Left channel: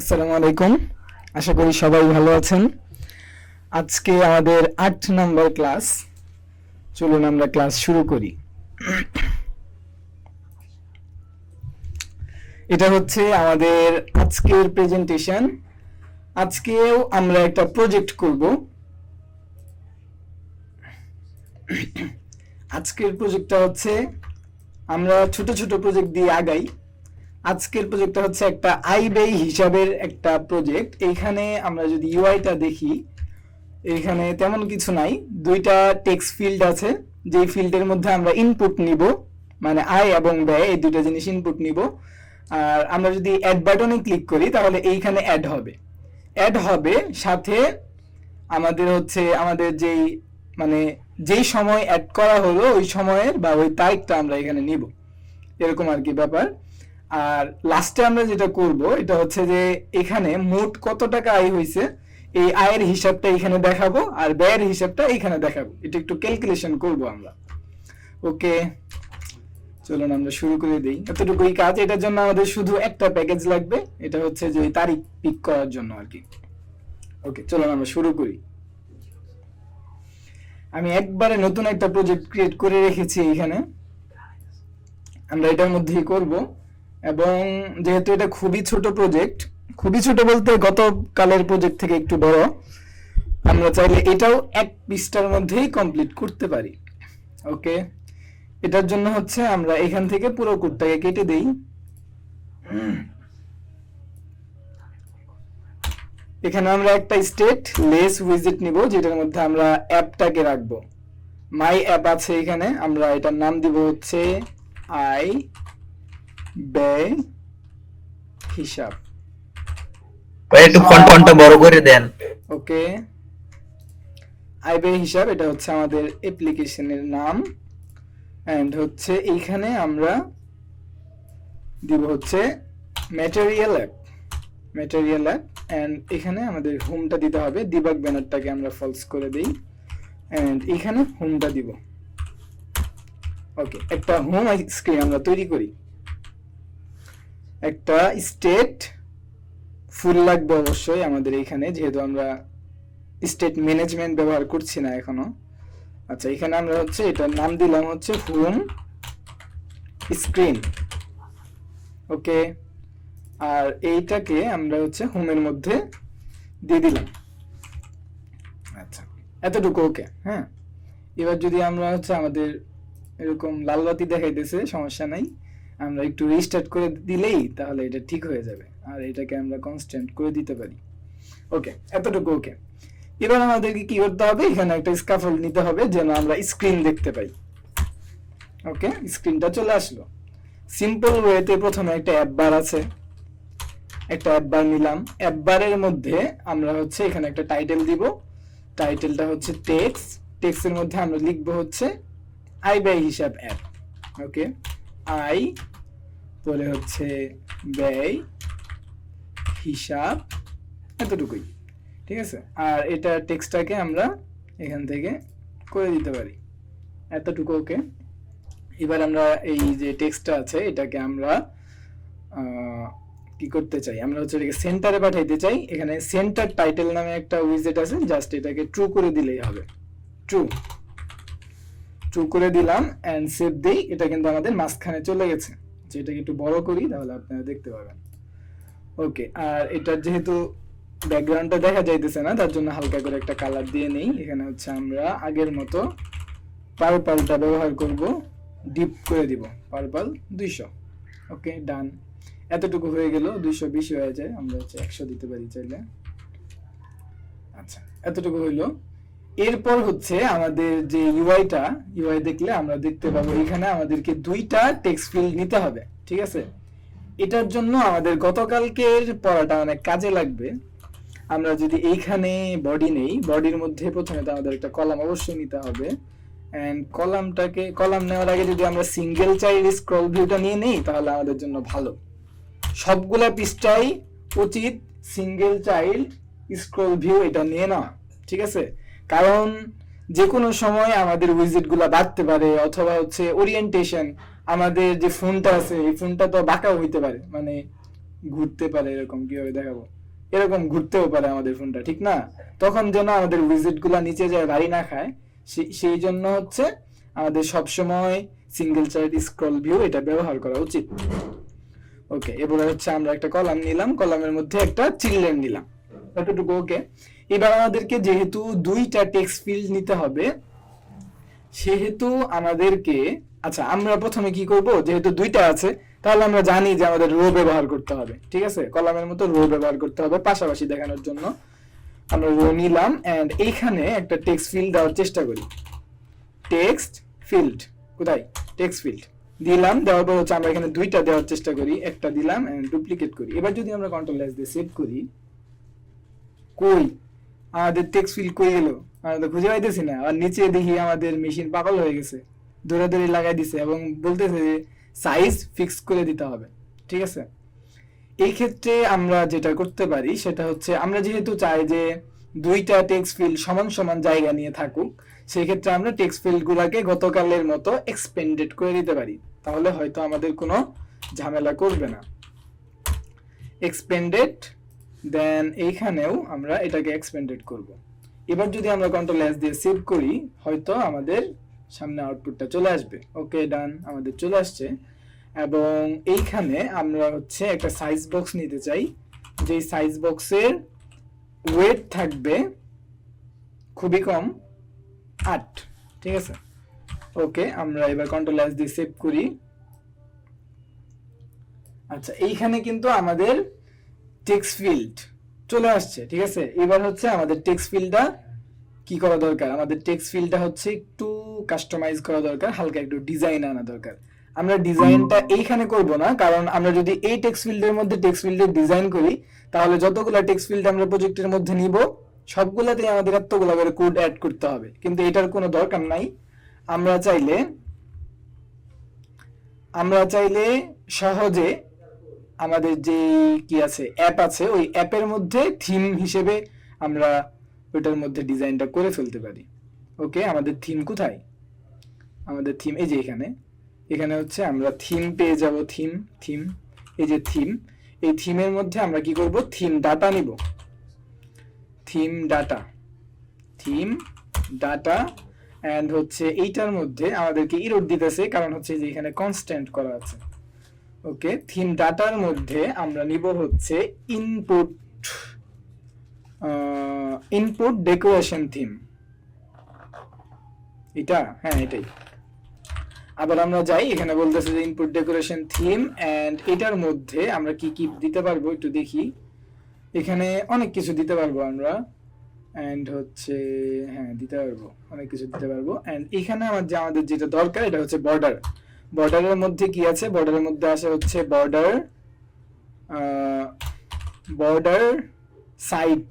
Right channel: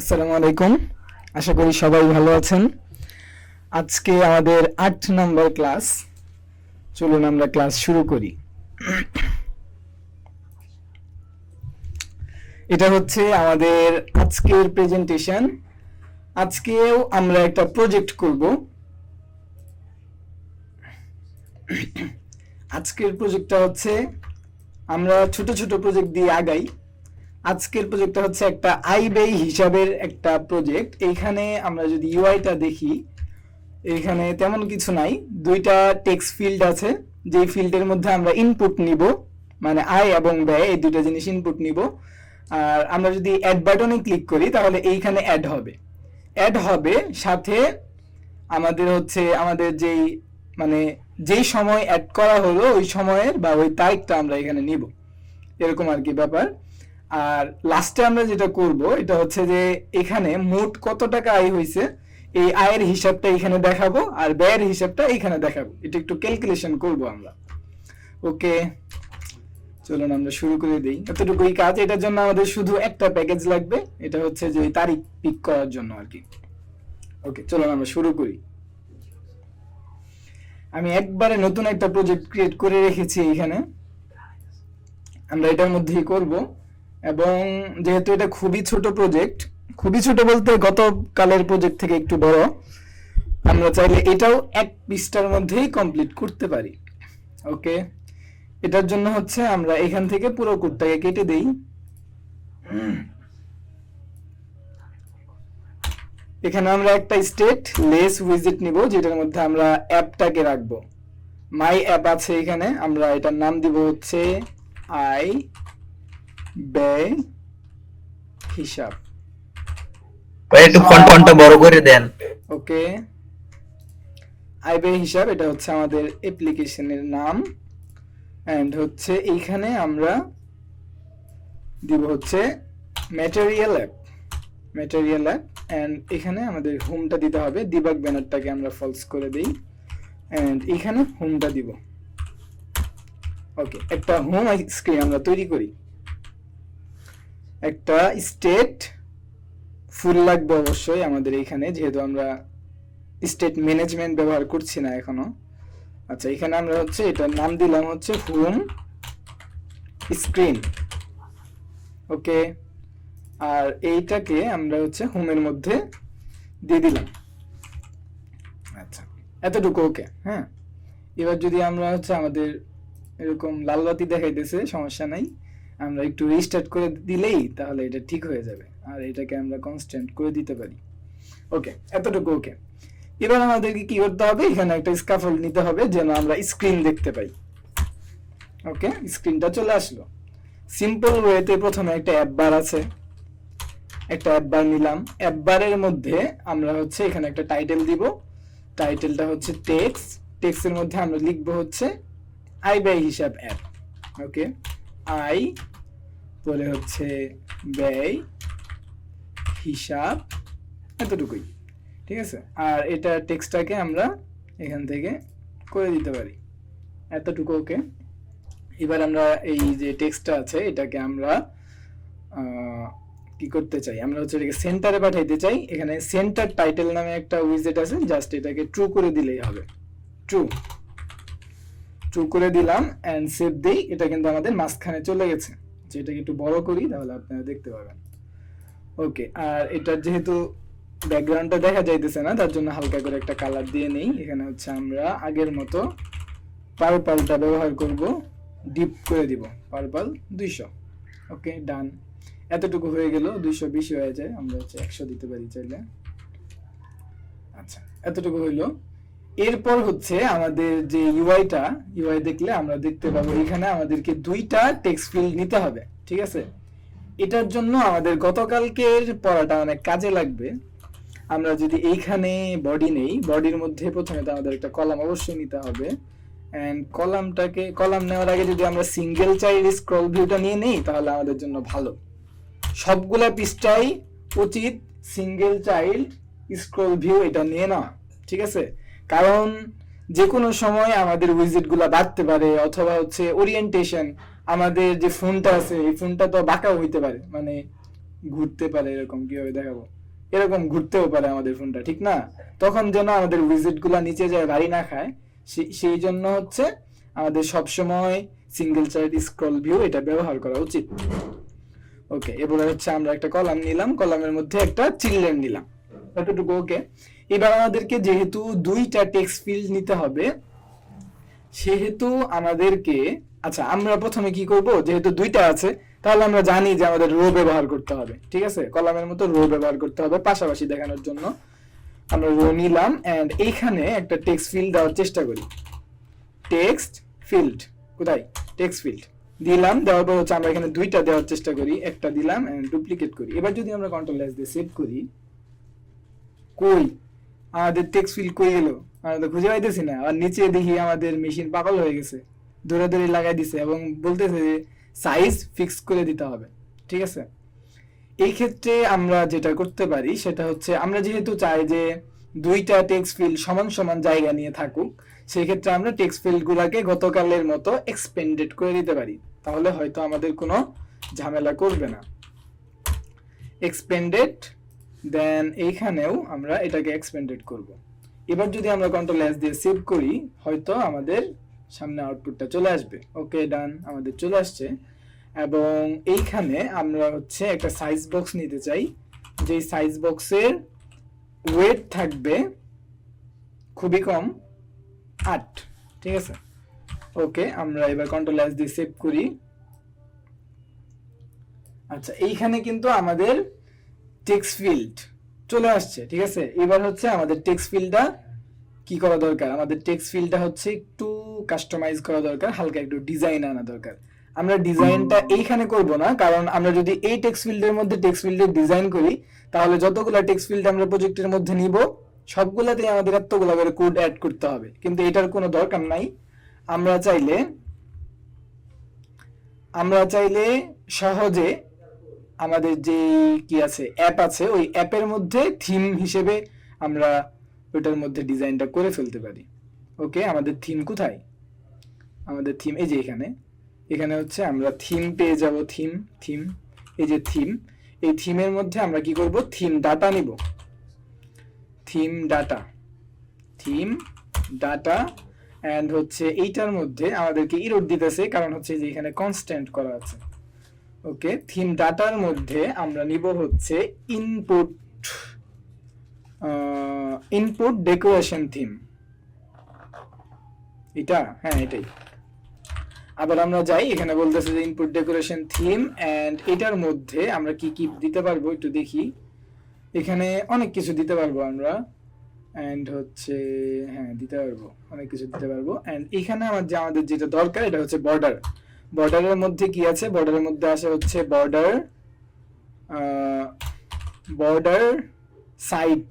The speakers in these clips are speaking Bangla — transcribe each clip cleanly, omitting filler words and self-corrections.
আসসালামু আলাইকুম। আশা করি সবাই ভালো আছেন। আজকে আমাদের ৮ নম্বর ক্লাস। চলুন আমরা ক্লাস শুরু করি। এটা হচ্ছে আমাদের আজকের প্রেজেন্টেশন। আজকেও আমরা একটা প্রজেক্ট করব। আজকের প্রজেক্টটা হচ্ছে, আমরা ছোট ছোট প্রজেক্ট দিয়ে আগাই। আজকের প্রজেক্টটা হচ্ছে একটা আই ব্যয় হিসাবের একটা প্রজেক্ট। এইখানে আমরা যদি ইউআইটা দেখি, এখানে তেমন কিছু নাই। দুইটা টেক্সট ফিল্ড আছে, যেই ফিল্ডের মধ্যে আমরা ইনপুট নিব, মানে আয় এবং ব্যয়, এই দুইটা জিনিস ইনপুট নিব। আর আমরা যদি অ্যাড বাটনে ক্লিক করি তাহলে এইখানে অ্যাড হবে সাথে আমাদের হচ্ছে আমাদের যেই মানে যেই সময় অ্যাড করা হলো ওই সময়ের বা ওই তারিখটা আমরা এখানে নিব, এরকম আর কি ব্যাপার। আর লাস্টে আমরা যেটা করব এটা হচ্ছে যে এখানে মোট কত টাকা আয় হয়েছে এই আয়ের হিসাবটা এখানে দেখাবো, আর ব্যয়ের হিসাবটা এখানে দেখাবো। এটা একটু ক্যালকুলেশন করব আমরা। ওকে, চলুন আমরা শুরু করে দিই। এতটুকুই কাজ। এটার জন্য আমাদের শুধু একটা প্যাকেজ লাগবে, এটা হচ্ছে যে তারিখ পিক করার জন্য আর কি। ওকে, চলুন আমরা শুরু করি। আমি একবারে নতুন একটা প্রজেক্ট ক্রিয়েট করে রেখেছি এখানে, আমরা এটার মধ্যেই করব। এবং যেহেতু এটা খুবই ছোট প্রজেক্ট, খুবই ছোট বলতে গতকালের প্রজেক্ট থেকে একটু বড়, আমরা চাইলে এটাও এক পৃষ্ঠার মধ্যেই কমপ্লিট করতে পারি। ওকে, এটার জন্য হচ্ছে আমরা এখান থেকে পুরো কোডটাকে কেটে দেই। এখানে আমরা একটা স্টেট লেস উইজেট নিব, যেটার মধ্যে আমরা অ্যাপটাকে রাখবো। মাই অ্যাপ আছে এখানে, আমরা এটার নাম দিব হচ্ছে আয় ব্যয় হিসাব। একটু ফন্টটা বড় করে দেন। ওকে, আয় ব্যয় হিসাব, এটা হচ্ছে আমাদের অ্যাপ্লিকেশনের নাম। এন্ড হচ্ছে এইখানে আমরা দিব হচ্ছে ম্যাটেরিয়াল অ্যাপ এন্ড এখানে আমাদের হোমটা দিতে হবে। ডিবাগ ব্যানারটাকে আমরা ফলস করে দেই এন্ড এখানে হোমটা দিব। ওকে, একটা হোম স্ক্রিন আমরা তৈরি করি। একটা স্টেট ফুল লাগবে অবশ্যই আমাদের এখানে, যেহেতু আমরা স্টেট ম্যানেজমেন্ট ব্যবহার করছি না এখনো। আচ্ছা, এখানে আমরা হচ্ছে এটার নাম দিলাম হচ্ছে হোম স্ক্রিন। ওকে, আর এইটাকে আমরা হচ্ছে হোমের মধ্যে দিয়ে দিলাম। আচ্ছা, এতটুকু ওকে। হ্যাঁ, এবার যদি আমরা হচ্ছে আমাদের এরকম লাল বাতি দেখাইতেছে, সমস্যা নাই, আমরা একটু রিস্টার্ট করে দিলেই তাহলে এটা ঠিক হয়ে যাবে। আর এটাকে আমরা কনস্ট্যান্ট করে দিতে পারি। ওকে, এতটুকু ওকে। এবার আমাদেরকে কি করতে হবে, এখানে একটা স্ক্যাফোল্ড নিতে হবে যেন আমরা স্ক্রিন দেখতে পাই। ওকে, স্ক্রিনটা চলে আসলো। সিম্পল ওয়েতে প্রথমে একটা অ্যাপ বার আছে, একটা অ্যাপ বার নিলাম। অ্যাপ বারের মধ্যে আমরা হচ্ছে এখানে একটা টাইটেল দিব। টাইটেলটা হচ্ছে টেক্সটের মধ্যে আমরা লিখবো হচ্ছে আয় ব্যয় হিসাব অ্যাপ। ওকে, আয় পরে হচ্ছে ব্যয় হিসাব, এতটুকুই। ঠিক আছে, আর এটা টেক্সটটাকে আমরা এখান থেকে করে দিতে পারি, এতটুকু। ওকে, এবার আমরা এই যে টেক্সটটা আছে এটাকে আমরা কি করতে চাই, আমরা হচ্ছে এটাকে সেন্টারে পাঠাইতে চাই। এখানে সেন্টার টাইটেল নামে একটা উইজেট আছে, জাস্ট এটাকে ট্রু করে দিলেই হবে। ট্রু করে দিলাম এন্ড সেভ দেই। এটা কিন্তু আমাদের মাঝখানে চলে গেছে। এটাকে একটু বড় করি তাহলে আপনারা দেখতে পাবেন। ওকে, আর এটা যেহেতু ব্যাকগ্রাউন্ডটা দেখা যাইতেছে না, তার জন্য হালকা করে একটা কালার দিয়ে নেই। এখানে হচ্ছে আমরা আগের মতো পার্পলটা ব্যবহার করব, ডিপ করে দিব পার্পল 200। ওকে, ডান। এতটুকু হয়ে গেল। 200 বেশি হয়ে যায়, আমরা হচ্ছে 100 দিতে পারি চাইলে। আচ্ছা, এতটুকু হইলো। এরপর হচ্ছে আমাদের যে ইউআই দেখলে আমরা দেখতে পাবো এখানে আমাদেরকে দুইটা টেক্সট ফিল্ড নিতে হবে। ঠিক আছে, এটার জন্য আমাদের গতকালকের পড়াটা অনেক কাজে লাগবে। আমরা যদি এইখানে বডি নেই, বডির মধ্যে প্রথমে তো আমাদের একটা কলাম অবশ্যই নিতে হবে। এন্ড কলাম নেওয়ার আগে যদি আমরা সিঙ্গেল চাইল্ড স্ক্রল ভিউটা নিয়ে নেই তাহলে আমাদের জন্য ভালো। সবগুলা পৃষ্ঠায় উচিত সিঙ্গেল চাইল্ড স্ক্রল ভিউ এটা নিয়ে নেওয়া। ঠিক আছে, কারণ যে কোনো সময় আমাদের উইজেট গুলা বাড়তে পারে, অথবা হচ্ছে ওরিয়েন্টেশন, আমাদের যে ফোনটা আছে এই ফোনটা তো বাঁকাও হইতে পারে, মানে ঘুরতে পারে, এরকম কিভাবে দেখাবো, এরকম ঘুরতেও পারে আমাদের ফোনটা, ঠিক না? তখন যেন আমাদের উইজেট গুলা নিচে যায় গাড়ি না খায়, সেই জন্য হচ্ছে আমাদের সবসময় সিঙ্গেল চাইল্ড স্ক্রল ভিউ এটা ব্যবহার করা উচিত। ওকে, এবারে হচ্ছে আমরা একটা কলাম নিলাম, কলামের মধ্যে একটা চিলড্রেন নিলাম, এতটুকু ওকে। এবার আমাদেরকে যেহেতু দুইটা টেক্সট ফিল্ড নিতে হবে, সেহেতু আমাদেরকে, আচ্ছা আমরা প্রথমে কি করব, যেহেতু দুইটা আছে তাহলে আমরা জানি যে আমাদের রো ব্যবহার করতে হবে, ঠিক আছে? কলামের মতো রো ব্যবহার করতে হবে পাশাপাশি দেখানোর জন্য। আমরা রো নিলাম এন্ড এইখানে একটা টেক্সট ফিল্ড দেওয়ার চেষ্টা করি। টেক্সট ফিল্ড কোথায়? টেক্সট ফিল্ড দিলাম, দেওয়ার পর হচ্ছে আমরা এখানে দুইটা দেওয়ার চেষ্টা করি, একটা দিলাম এন্ড ডুপ্লিকেট করি। এবার যদি আমরা কন্ট্রোল এস দিয়ে সেভ করি, কই আমাদের টেক্সট ফিল্ড কই গেল? আমরা তো খুঁজে পাইতেছি না। আর নিচে দেখি আমাদের মেশিন পাগল হয়ে গেছে, দৌড়াদৌড়ি লাগাই দিছে এবং বলতেছে যে সাইজ ফিক্স করে দিতে হবে, ঠিক আছে? এই ক্ষেত্রে আমরা যেটা করতে পারি সেটা হচ্ছে, আমরা যেহেতু চাই যে দুইটা টেক্সট ফিল্ড সমান সমান জায়গা নিয়ে থাকুক, সেই ক্ষেত্রে আমরা টেক্সট ফিল্ড গুলাকে গতকালের মতো এক্সপেন্ডেড করে দিতে পারি, তাহলে হয়তো আমাদের কোনো ঝামেলা করবে না। এক্সপেন্ডেড, দেন এইখানেও আমরা এটাকে এক্সপেন্ডেড করব। এবার যদি আমরা কন্ট্রোল এস দিয়ে সেভ করি, হয়তো আমাদের সামনে আউটপুটটা চলে আসবে। ওকে ডান, আমাদের চলে আসছে। এবং এইখানে আমরা হচ্ছে একটা সাইজ বক্স নিতে চাই, যে সাইজ বক্সের ওয়েট থাকবে খুবই কম 8, ঠিক আছে? ওকে, আমরা এবার কন্ট্রোল এস দিয়ে সেভ করি। আচ্ছা, এইখানে কিন্তু আমাদের টেক্সট ফিল্ড চলে আসছে, ঠিক আছে? এবার হচ্ছে আমাদের টেক্সট ফিল্ডটা কি করা দরকার, আমাদের টেক্সট ফিল্ডটা হচ্ছে একটু কাস্টমাইজ করা দরকার, হালকা একটু ডিজাইন আনা দরকার। আমরা ডিজাইনটা এইখানে করব না, কারণ আমরা যদি এই টেক্সট ফিল্ডের মধ্যে টেক্সট ফিল্ডের ডিজাইন করি, তাহলে যতগুলো টেক্সট ফিল্ড আমরা প্রজেক্টের মধ্যে নিব সবগুলাতে আমাদের এতগুলো করে কোড অ্যাড করতে হবে, কিন্তু এটার কোনো দরকার নাই। আমরা চাইলে সহজে আমাদের যে কি আছে অ্যাপ আছে, ওই অ্যাপের মধ্যে থিম হিসেবে আমরা ওটার মধ্যে ডিজাইনটা করে ফেলতে পারি। ওকে, আমাদের থিম কোথায়? আমাদের থিম এই যে এখানে হচ্ছে আমরা থিম পেয়ে যাব। থিম এই যে থিম, এই থিমের মধ্যে আমরা কি করব, থিম ডাটা নিব। থিম ডাটা এন্ড হচ্ছে এইটার মধ্যে আমাদেরকে ইরর দিতেছে, কারণ হচ্ছে যে এখানে কনস্ট্যান্ট করা আছে। ওকে, থিম ডাটার মধ্যে আমরা নিব হচ্ছে ইনপুট ডেকোরেশন থিম, এটা, হ্যাঁ এটাই। আবার আমরা যাই, এখানে বলতেছে যে ইনপুট ডেকোরেশন থিম এন্ড এটার মধ্যে আমরা কি কি দিতে পারবো একটু দেখি। এখানে অনেক কিছু দিতে পারবো আমরা, এন্ড হচ্ছে হ্যাঁ দিতে পারবো, অনেক কিছু দিতে পারবো। এন্ড এখানে আমাদের যেটা দরকার এটা হচ্ছে বর্ডার। বর্ডারের মধ্যে কি আছে? বর্ডারের মধ্যে আসে হচ্ছে বর্ডার সাইড।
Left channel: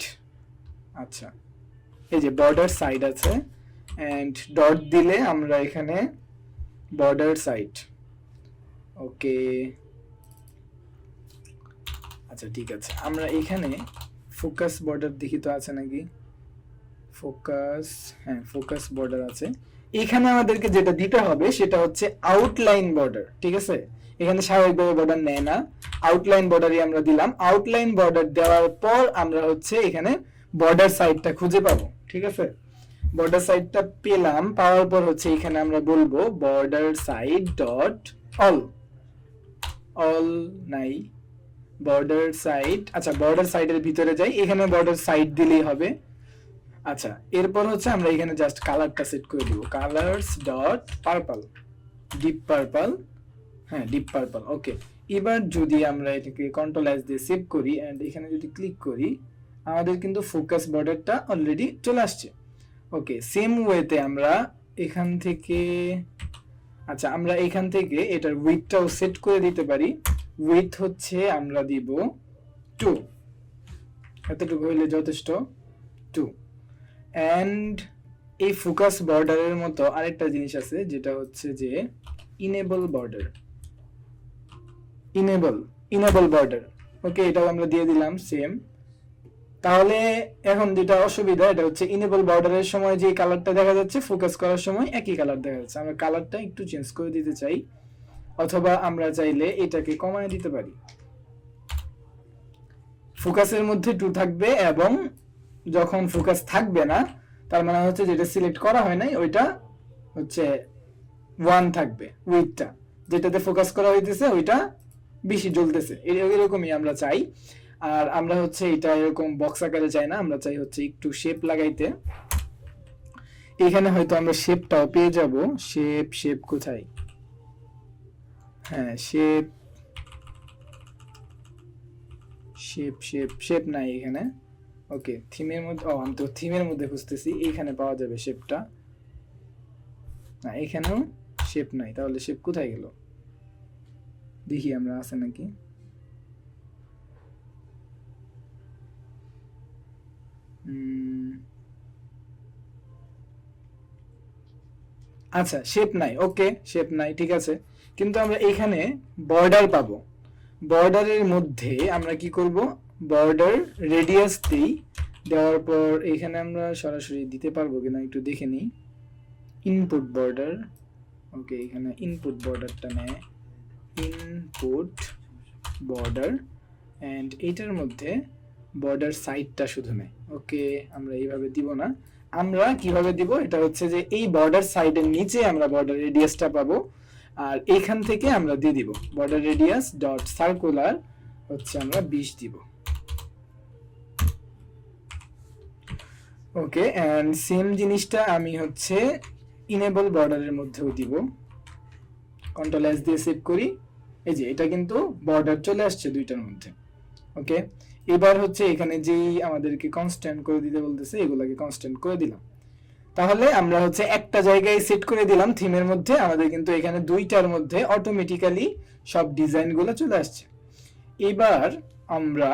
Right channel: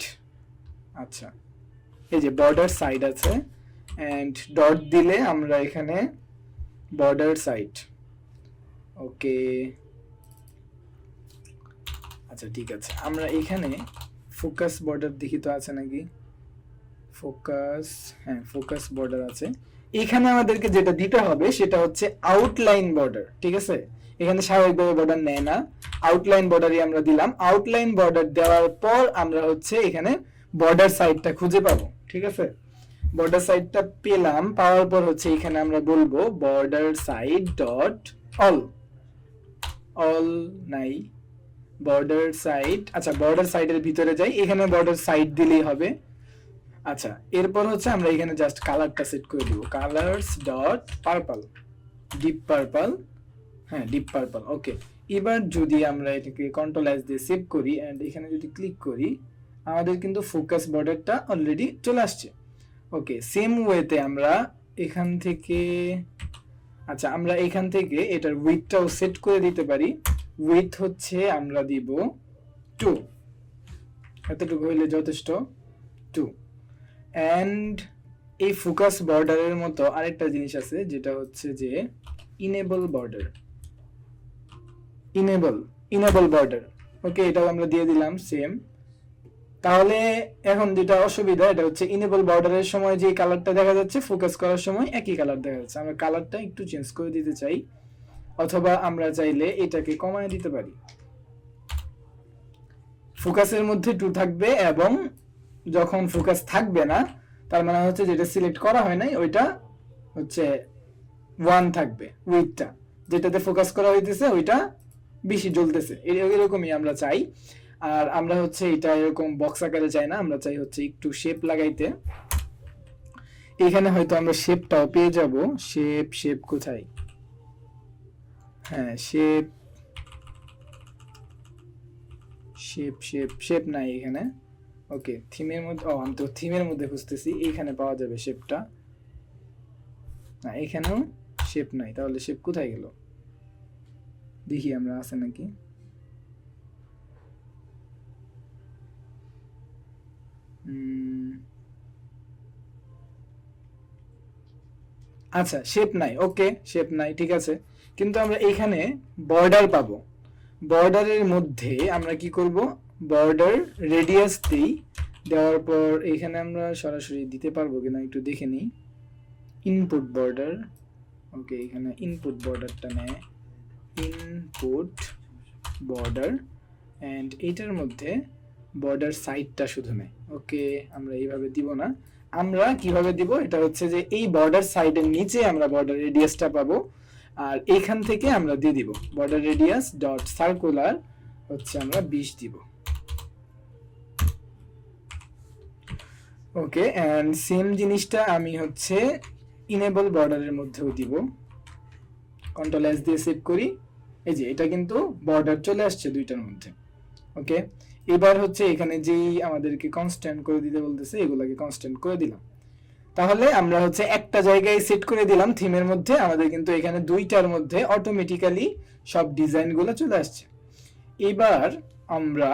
আচ্ছা, এই যে বর্ডার সাইড আছে এন্ড ডট দিলে আমরা এখানে বর্ডার সাইড। ওকে, আচ্ছা ঠিক আছে, আমরা এখানে ফোকাস বর্ডার দেখি তো আছে নাকি। ফোকাস, হ্যাঁ ফোকাস বর্ডার আছে। এখানে আমাদেরকে যেটা দিতে হবে সেটা হচ্ছে আউটলাইন বর্ডার, ঠিক আছে? এখানে স্বাভাবিকভাবে বর্ডার নেয় না, আউটলাইন বর্ডারই আমরা দিলাম। আউটলাইন বর্ডার দেওয়ার পর আমরা হচ্ছে এখানে বর্ডার সাইডটা খুঁজে পাবো, ঠিক আছে? বর্ডার সাইডটা পেলাম, পাওয়ার পর হচ্ছে এখানে আমরা বলবো বর্ডার সাইড ডট অল নাই, বর্ডার সাইড। আচ্ছা, বর্ডার সাইডের ভিতরে যাই, এখানে বর্ডার সাইড দিলেই হবে। আচ্ছা, এরপর হচ্ছে আমরা এখানে জাস্ট কালারটা সেট করে দিব, colours dot purple, deep purple, হ্যাঁ ডিপ পার্পল। ওকে, এবার যদি আমরা এটাকে কন্ট্রোল এস দিয়ে সেভ করি এন্ড এখানে যদি ক্লিক করি, আমাদের কিন্তু ফোকাস বর্ডারটা অলরেডি চলে আসছে। ওকে, সেম ওয়েতে আমরা এখান থেকে, আচ্ছা আমরা এখান থেকে এটার উইডথটাও সেট করে দিতে পারি। উইডথ হচ্ছে আমরা দিব 2, এতটুকু হইলে যথেষ্ট, 2। এন্ড এই ফোকাস বর্ডারের মতো আরেকটা জিনিস আছে যেটা হচ্ছে যে ইনেবল বর্ডার। ওকে, এটাও আমরা দিয়ে দিলাম সেম। তাহলে এখন যেটা অসুবিধা এটা হচ্ছে ইনেবল বর্ডারের সময় যে কালারটা দেখা যাচ্ছে, ফোকাস করার সময় একই কালার দেখা যাচ্ছে। আমরা কালারটা একটু চেঞ্জ করে দিতে চাই, অথবা আমরা চাইলে এটাকে কমায় দিতে পারি। ফোকাসের মধ্যে 2 থাকবে, এবং যখন ফোকাস থাকবে না তার মানে হচ্ছে যেটা সিলেক্ট করা হয় নাই ওইটা হচ্ছে 1 থাকবে, উইথটা যেটাতে ফোকাস করা হইতেছে ওইটা বেশি জ্বলতেছে, এরকমই আমরা চাই। আর আমরা হচ্ছে এটা এরকম বক্স আকারে চাই না, আমরা চাই হচ্ছে একটু শেপ লাগাইতে। এখানে হয়তো আমরা শেপটাও পেয়ে যাব। শেপ কোথায়? হ্যাঁ, শেপ নাই এখানে। ওকে, থিমের মধ্যে, আমি তো থিমের মধ্যে খুঁজতেছি, এইখানে পাওয়া যাবে শেপটা। না, এখানেও শেপ নাই, তাহলে শেপ কোথায় গেল? দেখি আমরা আছে নাকি। আচ্ছা, শেপ নাই। ওকে, শেপ নাই, ঠিক আছে। কিন্তু আমরা এখানে বর্ডার পাবো। বর্ডারের মধ্যে আমরা কি করব? বর্ডার রেডিয়াস দিই, দেওয়ার পর এখানে আমরা সরাসরি দিতে পারবো কিনা একটু দেখে নিই। ইনপুট বর্ডার, ওকে, এখানে ইনপুট বর্ডারটা নেয়, ইনপুট বর্ডার, এন্ড এটার মধ্যে বর্ডার সাইডটা শুধু নেয়। ওকে, আমরা এইভাবে দিব না, আমরা কিভাবে দিব? এটা হচ্ছে যে এই বর্ডার সাইডের নিচে আমরা বর্ডার রেডিয়াসটা পাবো, আর এইখান থেকে আমরা দিয়ে দিব বর্ডার রেডিয়াস ডট সার্কুলার হচ্ছে আমরা 20 দিব। ওকে, এন্ড সেম জিনিসটা আমি হচ্ছে ইনেবল বর্ডারের মধ্যেও দিব। কন্ট্রোল এস দিয়ে সেভ করি, এই যে এটা কিন্তু বর্ডার চলে আসছে দুইটার মধ্যে। ওকে, এবার হচ্ছে এখানে যেই আমাদেরকে কনস্ট্যান্ট করে দিতে বলতেছে এগুলোকে কনস্ট্যান্ট করে দিলাম। তাহলে আমরা হচ্ছে একটা জায়গায় সেট করে দিলাম থিমের মধ্যে, আমাদের কিন্তু এখানে দুইটার মধ্যে অটোমেটিক্যালি সব ডিজাইনগুলো চলে আসছে। এবার আমরা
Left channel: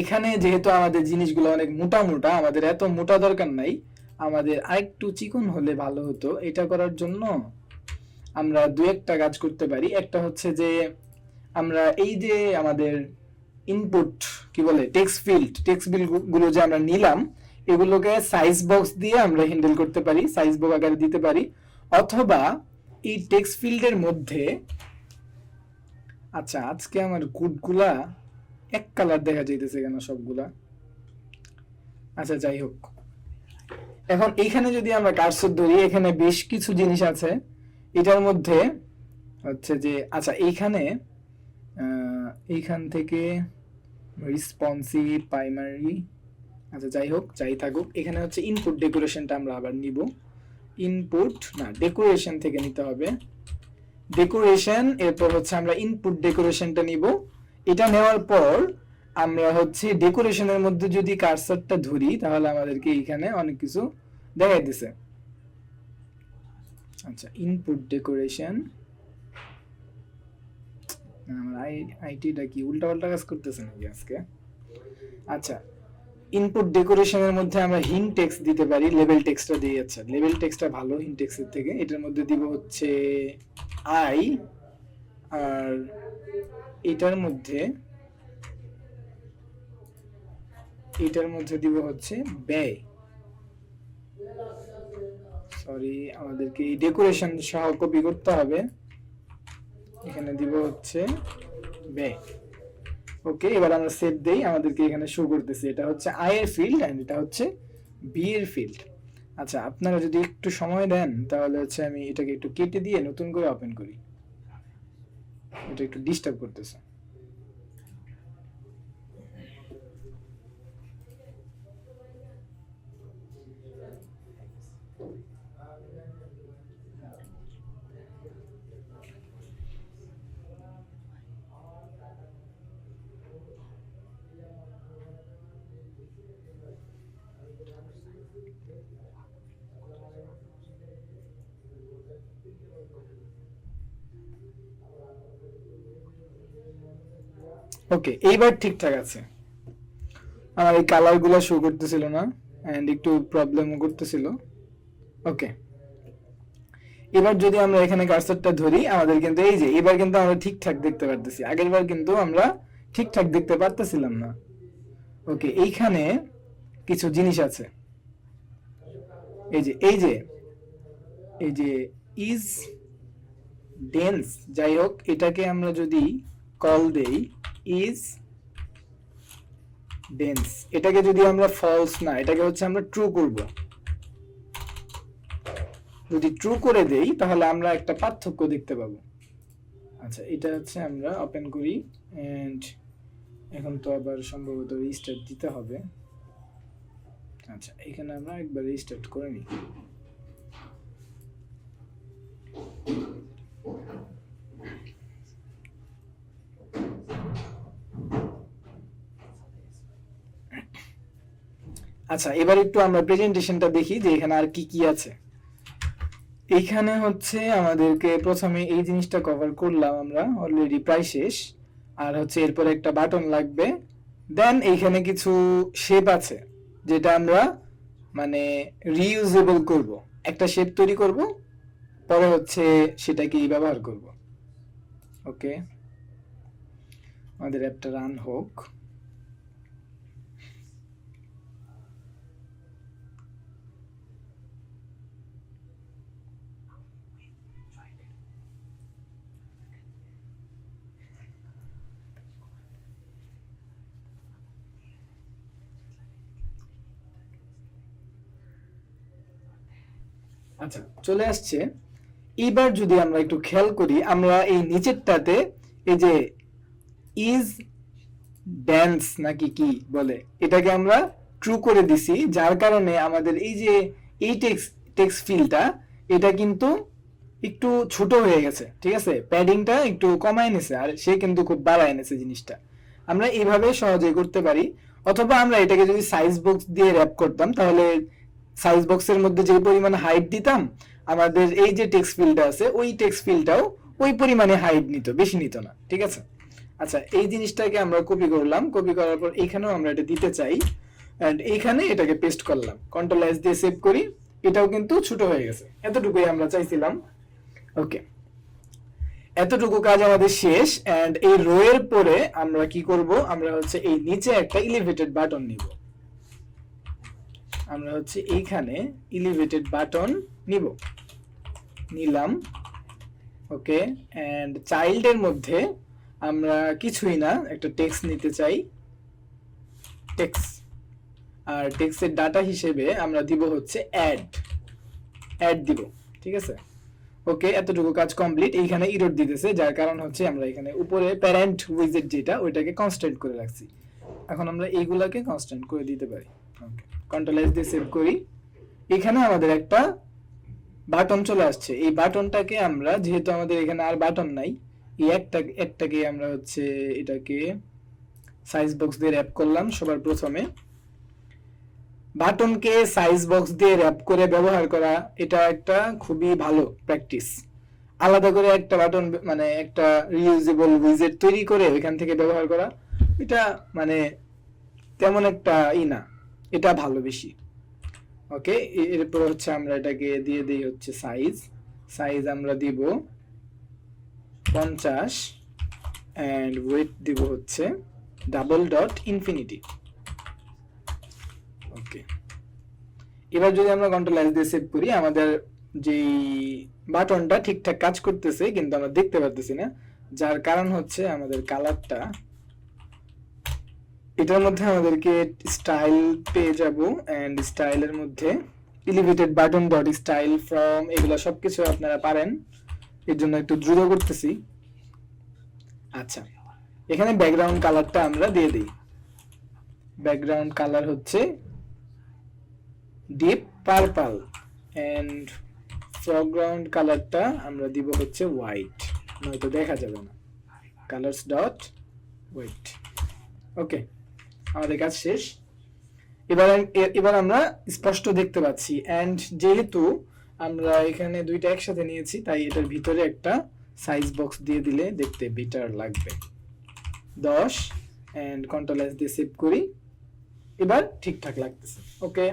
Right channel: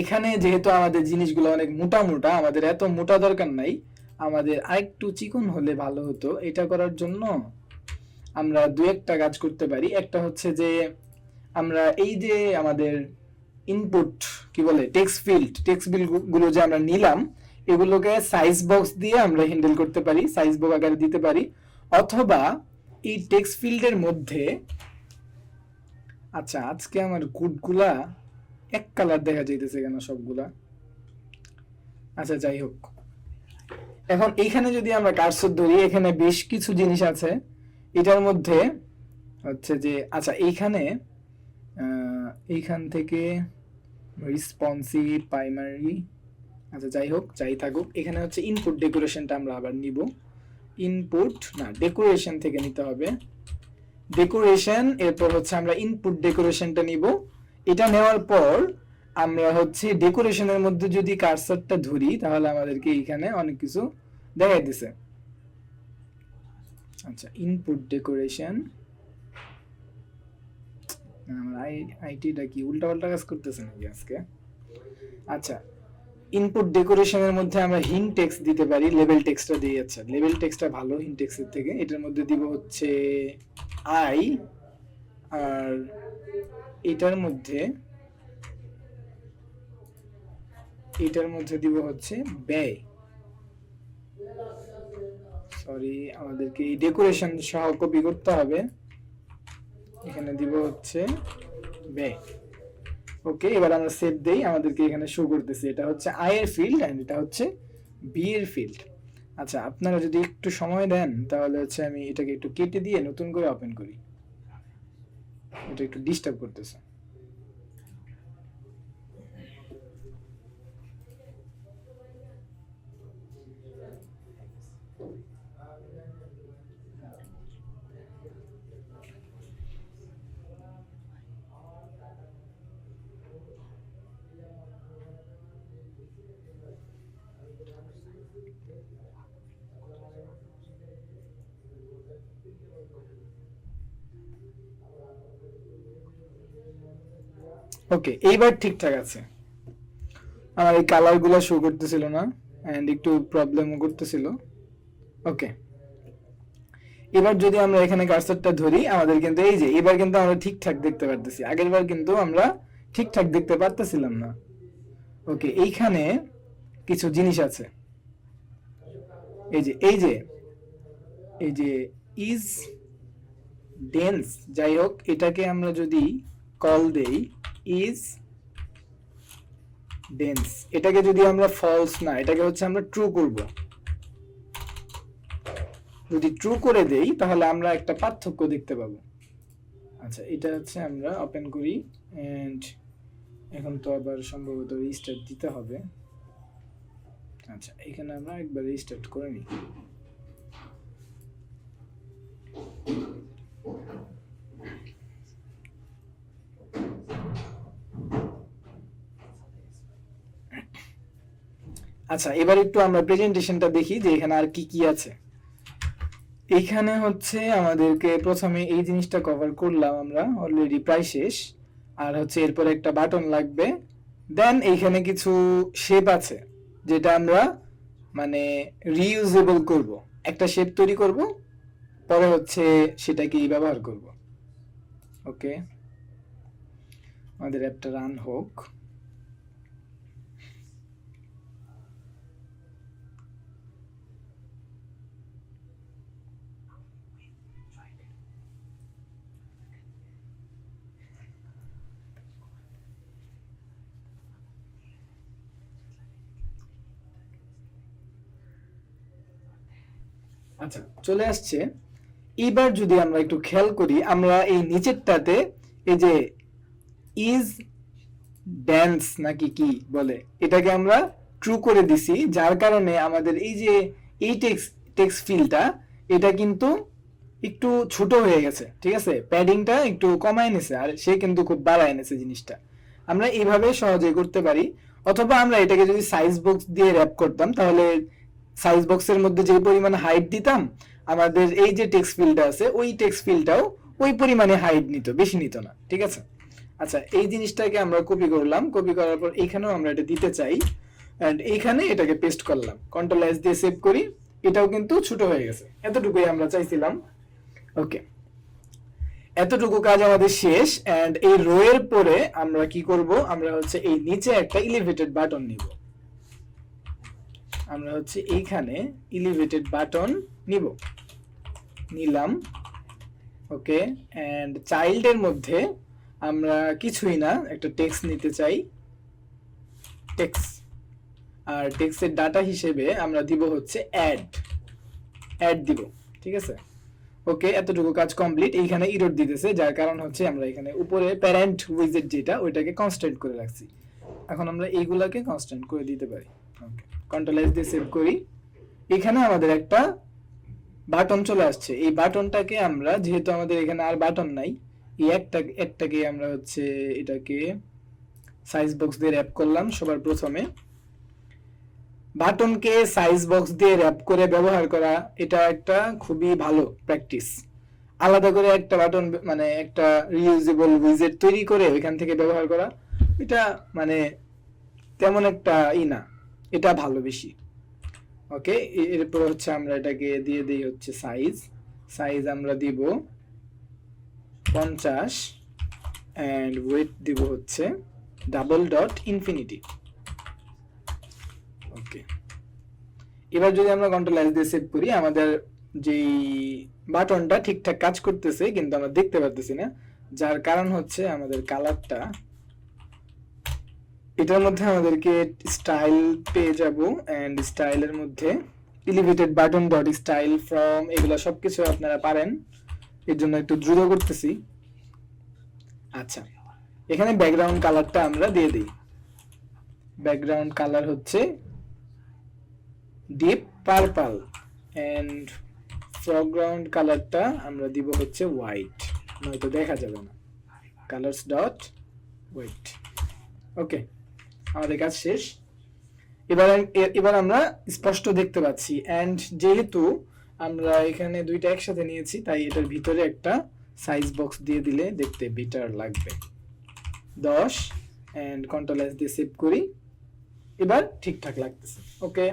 এখানে যেহেতু আমাদের জিনিসগুলো অনেক মোটা মোটা, আমাদের এত মোটা দরকার নাই, আমাদের আরেকটু চিকন হলে ভালো হতো। এটা করার জন্য আমরা দু একটা কাজ করতে পারি। একটা হচ্ছে যে আমরা এই যে আমাদের ইনপুট কি বলে টেক্সট ফিল্ড গুলো যে আমরা নিলাম, এগুলোকে সাইজ বক্স দিয়ে আমরা হ্যান্ডেল করতে পারি, সাইজ বক্স আকারে দিতে পারি। অথবা এই টেক্সট ফিল্ডের মধ্যে, আচ্ছা আজকে আমার কোডগুলা এক কালার দেখা যাইতেছে কেন সবগুলা? আচ্ছা, যাই হোক, এখন এইখানে যদি আমরা কার্সর ধরি, এখানে বেশ কিছু জিনিস আছে। এটার মধ্যে হচ্ছে যে, আচ্ছা এইখান থেকে রেসপন্সিভ প্রাইমারি, আচ্ছা যাই হোক, যাই থাকুক, এখানে হচ্ছে ইনপুট ডেকোরেশনটা আমরা আবার নিব। ইনপুট না, ডেকোরেশন থেকে নিতে হবে। ডেকোরেশন, এরপর হচ্ছে আমরা ইনপুট ডেকোরেশনটা নিব। এটা নেওয়ার পর আমরা হচ্ছে ডেকোরেশনের মধ্যে যদি কার্সারটা ধরি, তাহলে আমাদেরকে এখানে অনেক কিছু দেখাই দিছে। আচ্ছা, ইনপুট ডেকোরেশন, আমার আইটিটা কি উল্টা পাল্টা কাজ করতেছে নাকি আজকে? আচ্ছা, ইনপুট ডেকোরেশনের মধ্যে আমরা হিন্ট টেক্সট দিতে পারি, লেভেল টেক্সটটা দিয়ে। আচ্ছা, লেভেল টেক্সটটা ভালো হিন্ট টেক্সটের থেকে। এটার মধ্যে দিব হচ্ছে আই, আর এটার মধ্যে দিব হচ্ছে ব্যয়। সরি, আমাদেরকে এই ডেকোরেশন সহ কপি করতে হবে। এখানে দিব হচ্ছে ব্যয়। ওকে, এবার আমরা সেভ দেই, আমাদেরকে এখানে শো করতেছে এটা হচ্ছে আই এর ফিল্ড এন্ড এটা হচ্ছে বি এর ফিল্ড। আচ্ছা, আপনারা যদি একটু সময় দেন তাহলে হচ্ছে আমি এটাকে একটু কেটে দিয়ে নতুন করে ওপেন করি, এটা একটু ডিস্টার্ব করতেছে। ওকে, এইবার ঠিকঠাক আছে। আমার এই কালারগুলো শো করতেছিল না এন্ড একটু প্রবলেমও করতেছিল। ওকে, এবার যদি আমরা এখানে কার্সারটা ধরি, আমাদের কিন্তু এই যে এবার কিন্তু আমরা ঠিকঠাক দেখতে পারতেছি, আগেরবার কিন্তু আমরা ঠিকঠাক দেখতে পারতেছিলাম না। ওকে, এইখানে কিছু জিনিস আছে, এই যে ইজ ডেন্স, যাই হোক, এটাকে আমরা যদি কল দেই ইজ বেঞ্চ, এটাকে যদি আমরা ফলস না, এটাকে হচ্ছে আমরা ট্রু করব। যদি ট্রু করে দেই তাহলে আমরা একটা পার্থক্য দেখতে পাবো। আচ্ছা, এটা হচ্ছে আমরা ওপেন করি এন্ড এখন তো আবার সম্ভবত রিস্টার্ট দিতে হবে। আচ্ছা, এখানে আমরা একবার রিস্টার্ট করে নিই। আচ্ছা, এবার একটু আমরা প্রেজেন্টেশনটা দেখি যে এখানে আর কি কি আছে। এখানে হচ্ছে আমাদেরকে প্রথমে এই জিনিসটা কভার করলাম আমরা অলরেডি, প্রায় শেষ। আর হচ্ছে এরপরে একটা বাটন লাগবে, দেন এইখানে কিছু শেপ আছে যেটা আমরা মানে রিইউজেবল করব। একটা শেপ তৈরি করব, পরে হচ্ছে সেটাকেই ব্যবহার করব। ওকে, আমাদের অ্যাপটা রান হোক। আচ্ছা, চলে আসছে। এবার যদি আমরা একটু খেয়াল করি, আমরা এই নিচেরটাতে এই যে ইজ ড্যান্স নাকি কি বলে, এটাকে আমরা ট্রু করে দিছি, যার কারণে আমাদের এই যে এই টেক্সট ফিল্ডটা এটা কিন্তু একটু ছোট হয়ে গেছে। ঠিক আছে, প্যাডিংটা একটু কমায় এনেছে, আর সে কিন্তু খুব বাড়ায় এনেছে জিনিসটা। আমরা এইভাবে সহজে করতে পারি। অথবা আমরা এটাকে যদি সাইজ বক্স দিয়ে র্যাপ করতাম, তাহলে সাইজ বক্সের মধ্যে যে পরিমাণে হাইট দিতাম, আমাদের এই যে টেক্সট ফিল্ডটা আছে ওই টেক্সট ফিল্ডটাও ওই পরিমাণে হাইট নিত, বেশি নিত না। ঠিক আছে, আচ্ছা, এই জিনিসটাকে আমরা কপি করলাম। কপি করার পর এখানেও আমরা এটা দিতে চাই, এন্ড এইখানে এটাকে পেস্ট করলাম। কন্ট্রোল এস দিয়ে সেভ করি, এটাও কিন্তু ছোট হয়ে গেছে। এতটুকুই আমরা চাইছিলাম। ওকে, এতটুকু কাজ আমাদের শেষ। এন্ড এই রো এর পরে আমরা কি করব, আমরা হচ্ছে এই নিচে একটা এলিভেটেড বাটন নিব। আমরা হচ্ছে এইখানে এলিভেটেড বাটন নিলাম। ওকে, এন্ড চাইল্ডের মধ্যে আমরা কিছুই না, একটা টেক্সট নিতে চাই, টেক্সট। আর টেক্সটের ডাটা হিসেবে আমরা দিব হচ্ছে অ্যাড দিব। ঠিক আছে, ওকে, এতটুকু কাজ কমপ্লিট। এইখানে এরর দিতেছে, যার কারণ হচ্ছে আমরা এখানে উপরে প্যারেন্ট উইজেট যেটা ওইটাকে কনস্ট্যান্ট করে রাখছি। এখন আমরা এইগুলাকে কনস্ট্যান্ট করে দিতে পারি। ওকে, কন্ট্রোল এস দিয়ে সেভ করি। এখানে আমাদের একটা বাটন চলে আসছে। এই বাটনটাকে আমরা, যেহেতু আমাদের এখানে আর বাটন নাই, এই একটাকে আমরা হচ্ছে এটাকে সাইজ বক্স দিয়ে র্যাপ করলাম সবার প্রথমে। বাটনকে সাইজ বক্স দিয়ে র্যাপ করে ব্যবহার করা, এটা একটা খুবই ভালো প্র্যাকটিস। আলাদা করে একটা বাটন মানে একটা রিইউজেবল উইজেট তৈরি করে এখান থেকে ব্যবহার করা, এটা মানে তেমন একটা না, এটা ভালো বেশি। ওকে, এরপর হচ্ছে আমরা এটাকে দিয়ে দিই হচ্ছে সাইজ আমরা দিব 50 এন্ড ওয়েট দিব হচ্ছে $.infinity। ওকে, এবার যদি আমরা কন্ট্রোল এস দিয়ে সেভ করি, আমাদের যেই বাটনটা ঠিকঠাক কাজ করতেছে কিন্তু আমরা দেখতে পারতেছি না, যার কারণ হচ্ছে আমাদের কালারটা, এটার মধ্যে আমাদেরকে স্টাইল পেয়ে যাব। এন্ড স্টাইলের মধ্যে elevated button dot style from, এগুলা সবকিছু আপনারা পারেন, এর জন্য একটু দ্রুত করতেছি। আচ্ছা, এখানে ব্যাকগ্রাউন্ড কালারটা আমরা দিয়ে দিই। ব্যাকগ্রাউন্ড কালার হচ্ছে ডিপ পার্পল এন্ড ফরগ্রাউন্ড কালারটা আমরা দিব হচ্ছে হোয়াইট, নয়তো দেখা যাবে না। Colors dot white. ওকে, আমাদের কাজ শেষ। এবার আমরা স্পষ্ট দেখতে পাচ্ছি। এন্ড যেহেতু আমরা এখানে দুইটা একসাথে নিয়েছি, তাই এটার ভিতরে একটা সাইজ বক্স দিয়ে দিলে দেখতে বেটার লাগবে। 10 এন্ড কন্ট্রোল এস দিয়ে সেভ করি। এবার ঠিকঠাক লাগতেছে। ওকে,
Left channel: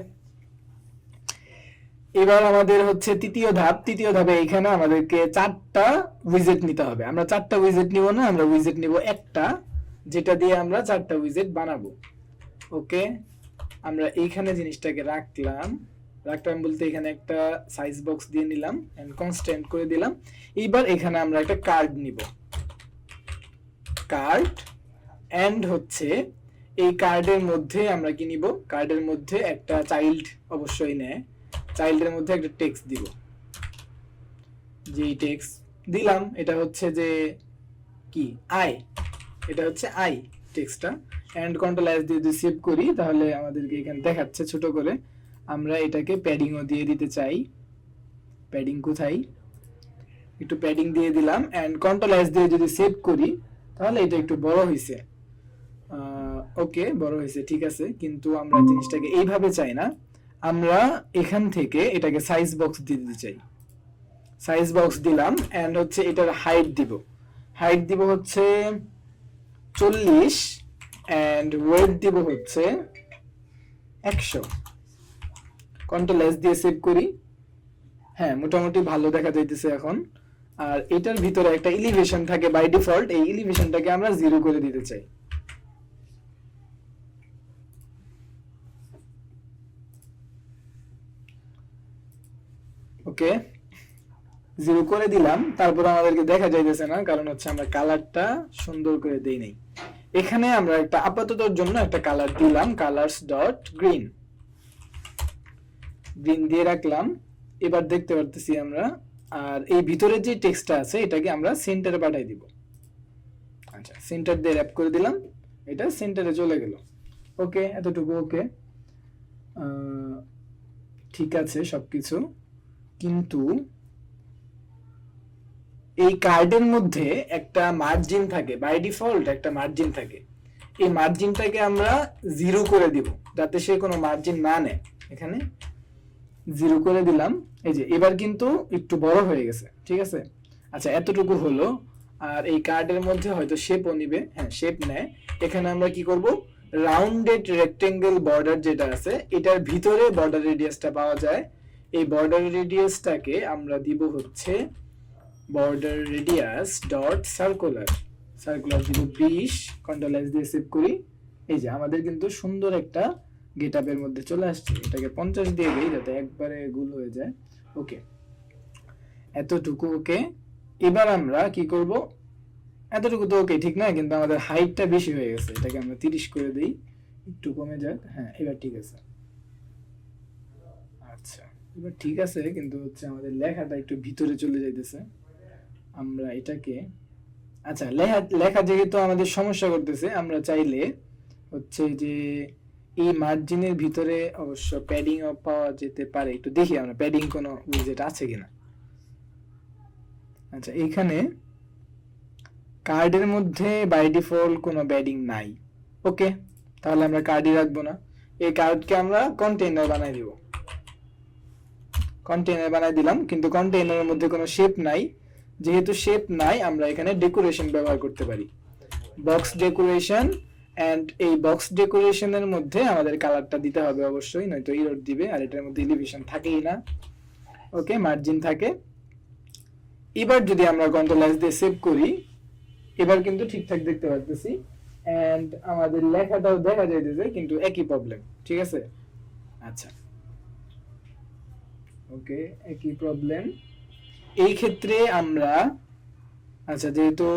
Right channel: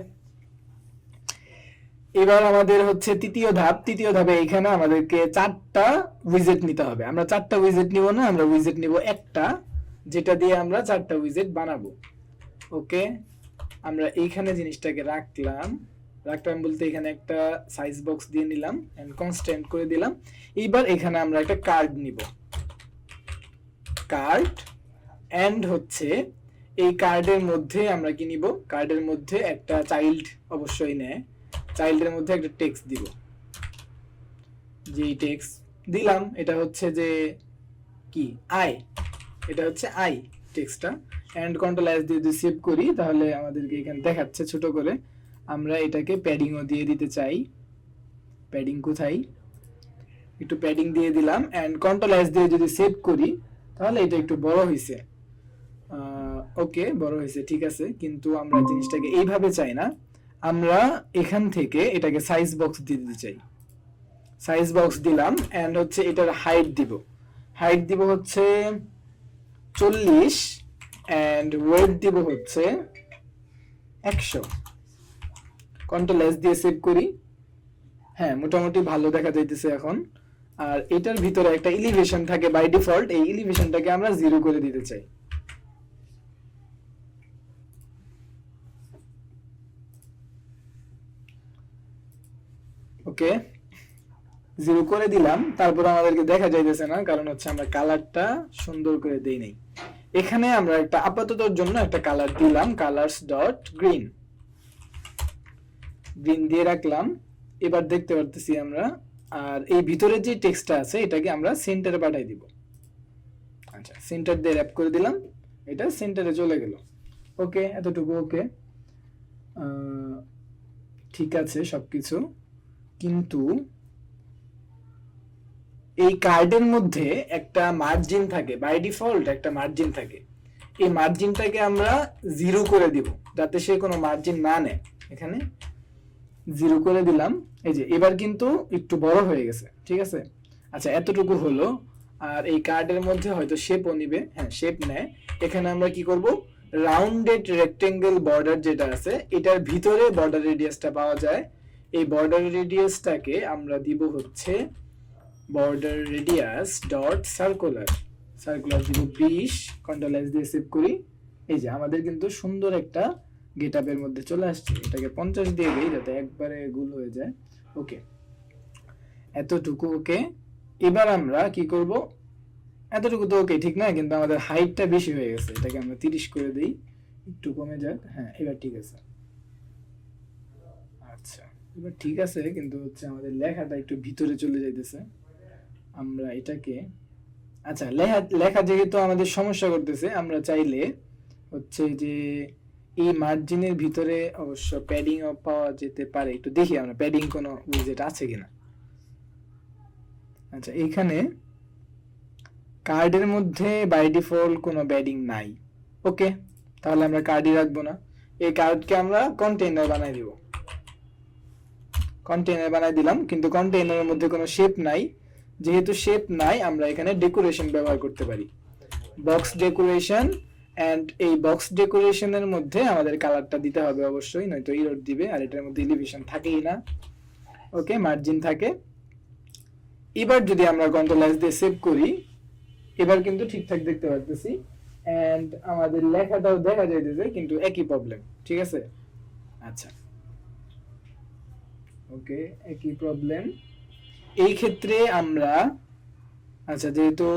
এবার আমাদের হচ্ছে তৃতীয় ধাপে এখানে আমাদেরকে 4টা উইজেট নিতে হবে। আমরা 4টা উইজেট নিব না, আমরা উইজেট নিব একটা, যেটা দিয়ে আমরা 4টা উইজেট বানাবো। ওকে, আমরা এইখানে জিনিসটাকে রাখলাম বলতে এখানে একটা সাইজ বক্স দিয়ে নিলাম এন্ড কনস্ট্যান্ট করে দিলাম। এইবার এখানে আমরা একটা কার্ড নিব, কার্ড এন্ড হচ্ছে এই কার্ডের মধ্যে আমরা কি নিব, কার্ডের মধ্যে একটা চাইল্ড অবশ্যই নেয়, চাইল্ডের মধ্যে একটা টেক্সট দিব, যেই টেক্সট দিলাম এটা হচ্ছে যে কি আই, এটা হচ্ছে আই টেক্সটটা। এন্ড কন্ট্রোল এস দিয়ে যদি সেভ করি তাহলে আমাদেরকে এখানে দেখাচ্ছে ছোট করে। আমরা এটাকে প্যাডিংও দিয়ে দিতে চাই, প্যাডিং কোথায়, একটু প্যাডিং দিয়ে দিলাম। এন্ড কন্ট্রোল এস দিয়ে যদি সেভ করি তাহলে এটা একটু বড় হয়েছে, ওকে বড় হয়েছে ঠিক আছে, কিন্তু আমরা জিনিসটাকে এইভাবে চাই না, আমরা এখান থেকে এটাকে সাইজ বক্স দিয়ে দিতে চাই। সাইজ বক্স দিলাম এন্ড হচ্ছে এটার হাইট দিব, হাইট দিব হচ্ছে 40 এন্ড ওয়েট দিব হচ্ছে 100। কন্ট্রোল এস দিয়ে সেভ করি, হ্যাঁ মোটামুটি ভালো দেখা যাইতেছে এখন। আর এটার ভিতরে একটা এলিভেশন থাকে বাই ডিফল্ট, এই এলিভেশনটাকে আমরা 0 করে দিতে চাই। ওকে 0 করে দিলাম, তারপর আমাদেরকে দেখা যাইতেছে না, কারণ হচ্ছে আমরা কালারটা সুন্দর করে দেই নাই। এখানে আমরা একটা আপাততর জন্য একটা কালার দিলাম, কালারস ডট গ্রিন, গ্রিন দিয়ে রাখলাম। এবার দেখতে পারতেছি আমরা, আর এই ভিতরে যে টেক্সটটা আছে এটাকে আমরা সেন্টারে পাঠিয়ে দিব। আচ্ছা সেন্টার দিয়ে র‍্যাপ করে দিলাম, এটা সেন্টারে চলে গেল। ওকে এতটুকু ওকে, ঠিক আছে সবকিছু, কিন্তু এই কার্ডের মধ্যে একটা মার্জিন থাকে, বাই ডিফল্ট একটা মার্জিন থাকে, এই মার্জিনটাকে আমরা 0 করে দিব যাতে সে কোনো মার্জিন না নেয়। এখানে 0 করে দিলাম, এই যে এবার কিন্তু একটু বড় হয়ে গেছে, ঠিক আছে। আচ্ছা এতটুকু হলো। আর এই কার্ডের মধ্যে হয়তো শেপও নিবে, হ্যাঁ শেপ নেয়। এখানে আমরা কি করব, রাউন্ডেড রেক্টেঙ্গেল বর্ডার যেটা আছে এটার ভিতরে বর্ডার রেডিয়াসটা পাওয়া যায়, এই বর্ডার রেডিয়াসটাকে আমরা দিব হচ্ছে border radius dot circular, circular দিব 20। কন্ট্রোল এস দিয়ে সেভ করি, এই যে আমাদের কিন্তু সুন্দর একটা গেটআপের মধ্যে চলে আসছে। এটাকে 50 দিয়ে দেই যাতে একবারে গুল হয়ে যায়। ওকে এতটুকু ওকে। এবার আমরা কি করব, এতটুকু তো ওকে ঠিক না, কিন্তু আমাদের হাইটটা বেশি হয়ে গেছে, এটাকে আমরা 30 করে দেই, একটু কমে যাক, হ্যাঁ এবার ঠিক আছে। আচ্ছা এবার ঠিক আছে, কিন্তু হচ্ছে আমাদের লেখাটা একটু ভিতরে চলে যাইতেছে। আমরা এটাকে, আচ্ছা লেখা যেহেতু আমাদের সমস্যা করতেছে, আমরা চাইলে হচ্ছে যে এই মার্জিনের ভিতরে অবশ্য প্যাডিং পাওয়া যেতে পারে, একটু দেখি আমরা প্যাডিং কোনো উইজেট আছে কিনা। আচ্ছা এখানে কার্ডের মধ্যে বাই ডিফল্ট কোনো প্যাডিং নাই, ওকে তাহলে আমরা কার্ডই রাখবো না, এই কার্ডকে আমরা কন্টেইনার বানাই দিব। কন্টেইনার বানাই দিলাম, কিন্তু কন্টেইনারের মধ্যে কোনো শেপ নাই, যেহেতু শেপ নাই আমরা এখানে ডেকোরেশন ব্যবহার করতে পারি, বক্স ডেকোরেশন। এন্ড এই বক্স ডেকোরেশনের মধ্যে আমাদের কালারটা দিতে হবে অবশ্যই, নয়তো এরর দিবে, আর এটার মধ্যে এলিভেশন থাকেই না, ওকে মার্জিন থাকে। এবার যদি আমরা কন্ট্রোল এস দিয়ে সেভ করি, এবার কিন্তু ঠিকঠাক দেখতে পাচ্ছি, এন্ড আমাদের লেখাটাও দেখা যাইতেছে, কিন্তু একই প্রবলেম, ঠিক আছে। আচ্ছা ওকে একই প্রবলেম এই ক্ষেত্রে আমরা, আচ্ছা যেহেতু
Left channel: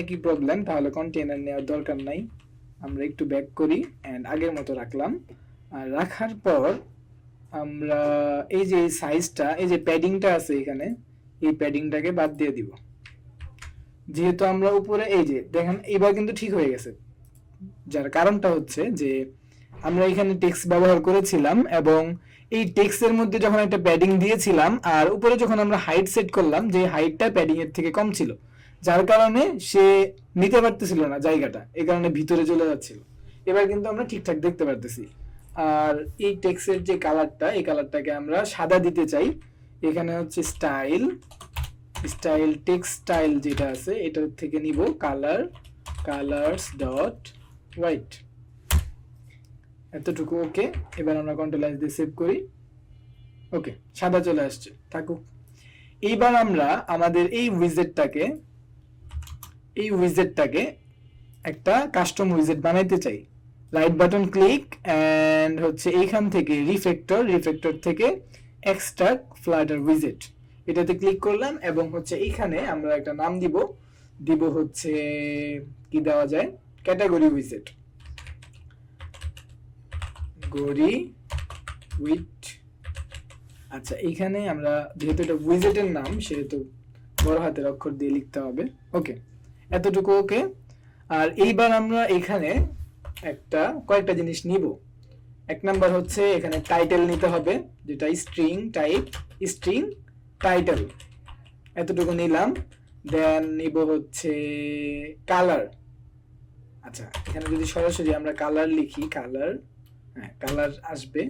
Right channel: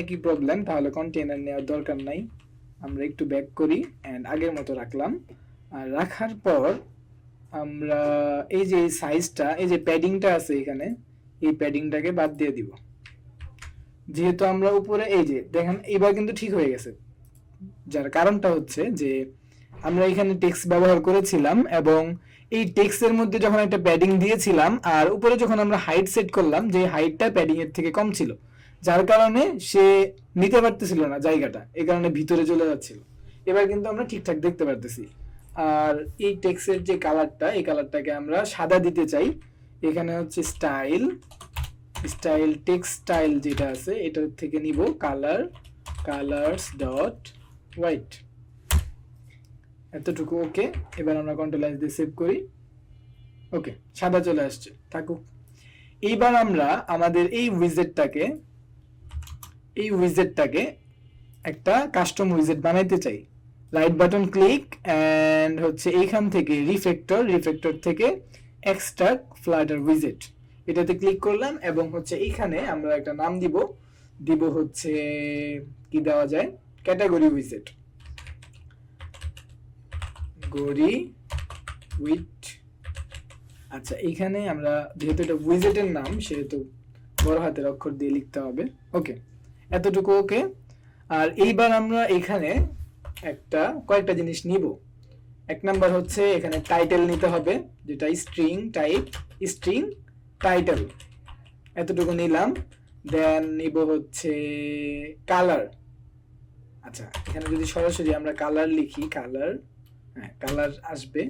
একই প্রবলেম তাহলে কন্টেইনার নেওয়ার দরকার নাই, আমরা একটু ব্যাক করি এন্ড আগের মতো রাখলাম। আর রাখার পর আমরা এই যে সাইজটা, এই যে প্যাডিংটা আছে এখানে, এই প্যাডিংটাকে বাদ দিয়ে দিব, যেহেতু আমরা উপরে এই যে দেখেন এবার কিন্তু ঠিক হয়ে গেছে। যার কারণটা হচ্ছে যে আমরা এখানে টেক্সট ব্যবহার করেছিলাম, এবং এই টেক্সটের মধ্যে যখন একটা প্যাডিং দিয়েছিলাম আর উপরে যখন আমরা হাইট সেট করলাম, যে হাইটটা প্যাডিং এর থেকে কম ছিল, যার কারণে সে নিতে পারতেছিল না জায়গাটা, এই কারণে ভিতরে চলে যাচ্ছিল। এবার কিন্তু আমরা ঠিকঠাক দেখতে পারতেছি। আর এই টেক্সটের যে কালারটা, এই কালারটাকে আমরা সাদা দিতে চাই। এখানে হচ্ছে স্টাইল, স্টাইল টেক্সটাইল যেটা আছে এটার থেকে নিব কালার, কালারস ডট হোয়াইট, এতটুকু ওকে। এবার আমরা কন্ট্রোল এস দিয়ে সেভ করি, ওকে সাদা চলে আসছে, থাকুক। এইবার আমরা আমাদের এই উইজেটটাকে একটা কাস্টম উইজেট বানাইতে চাই। রাইট বাটন ক্লিক এন্ড হচ্ছে এইখান থেকে রিফ্যাক্টর থেকে এক্সট্রাক্ট ফ্লাটার উইজেট, এটাতে ক্লিক করলাম, এবং হচ্ছে এইখানে আমরা একটা নাম দিব হচ্ছে কি দেওয়া যায়, ক্যাটাগরি উইজেট। গড়ি উইথ, আচ্ছা এখানে আমরা যেহেতু এটা উইজেটের নাম সেহেতু বড় হাতের অক্ষর দিয়ে লিখতে হবে। ওকে, এতটুকু ওকে। আর এইবার আমরা এখানে কয়েকটা জিনিস নিব। এক নাম্বার হচ্ছে এখানে টাইটেল নিতে হবে, যেটা স্ট্রিং টাইপ, স্ট্রিং টাইটেল, এতটুকু নিলাম। দেন নিব হচ্ছে কালার। আচ্ছা এখানে যদি সরাসরি আমরা কালার লিখি, কালার, হ্যাঁ কালার আসবে,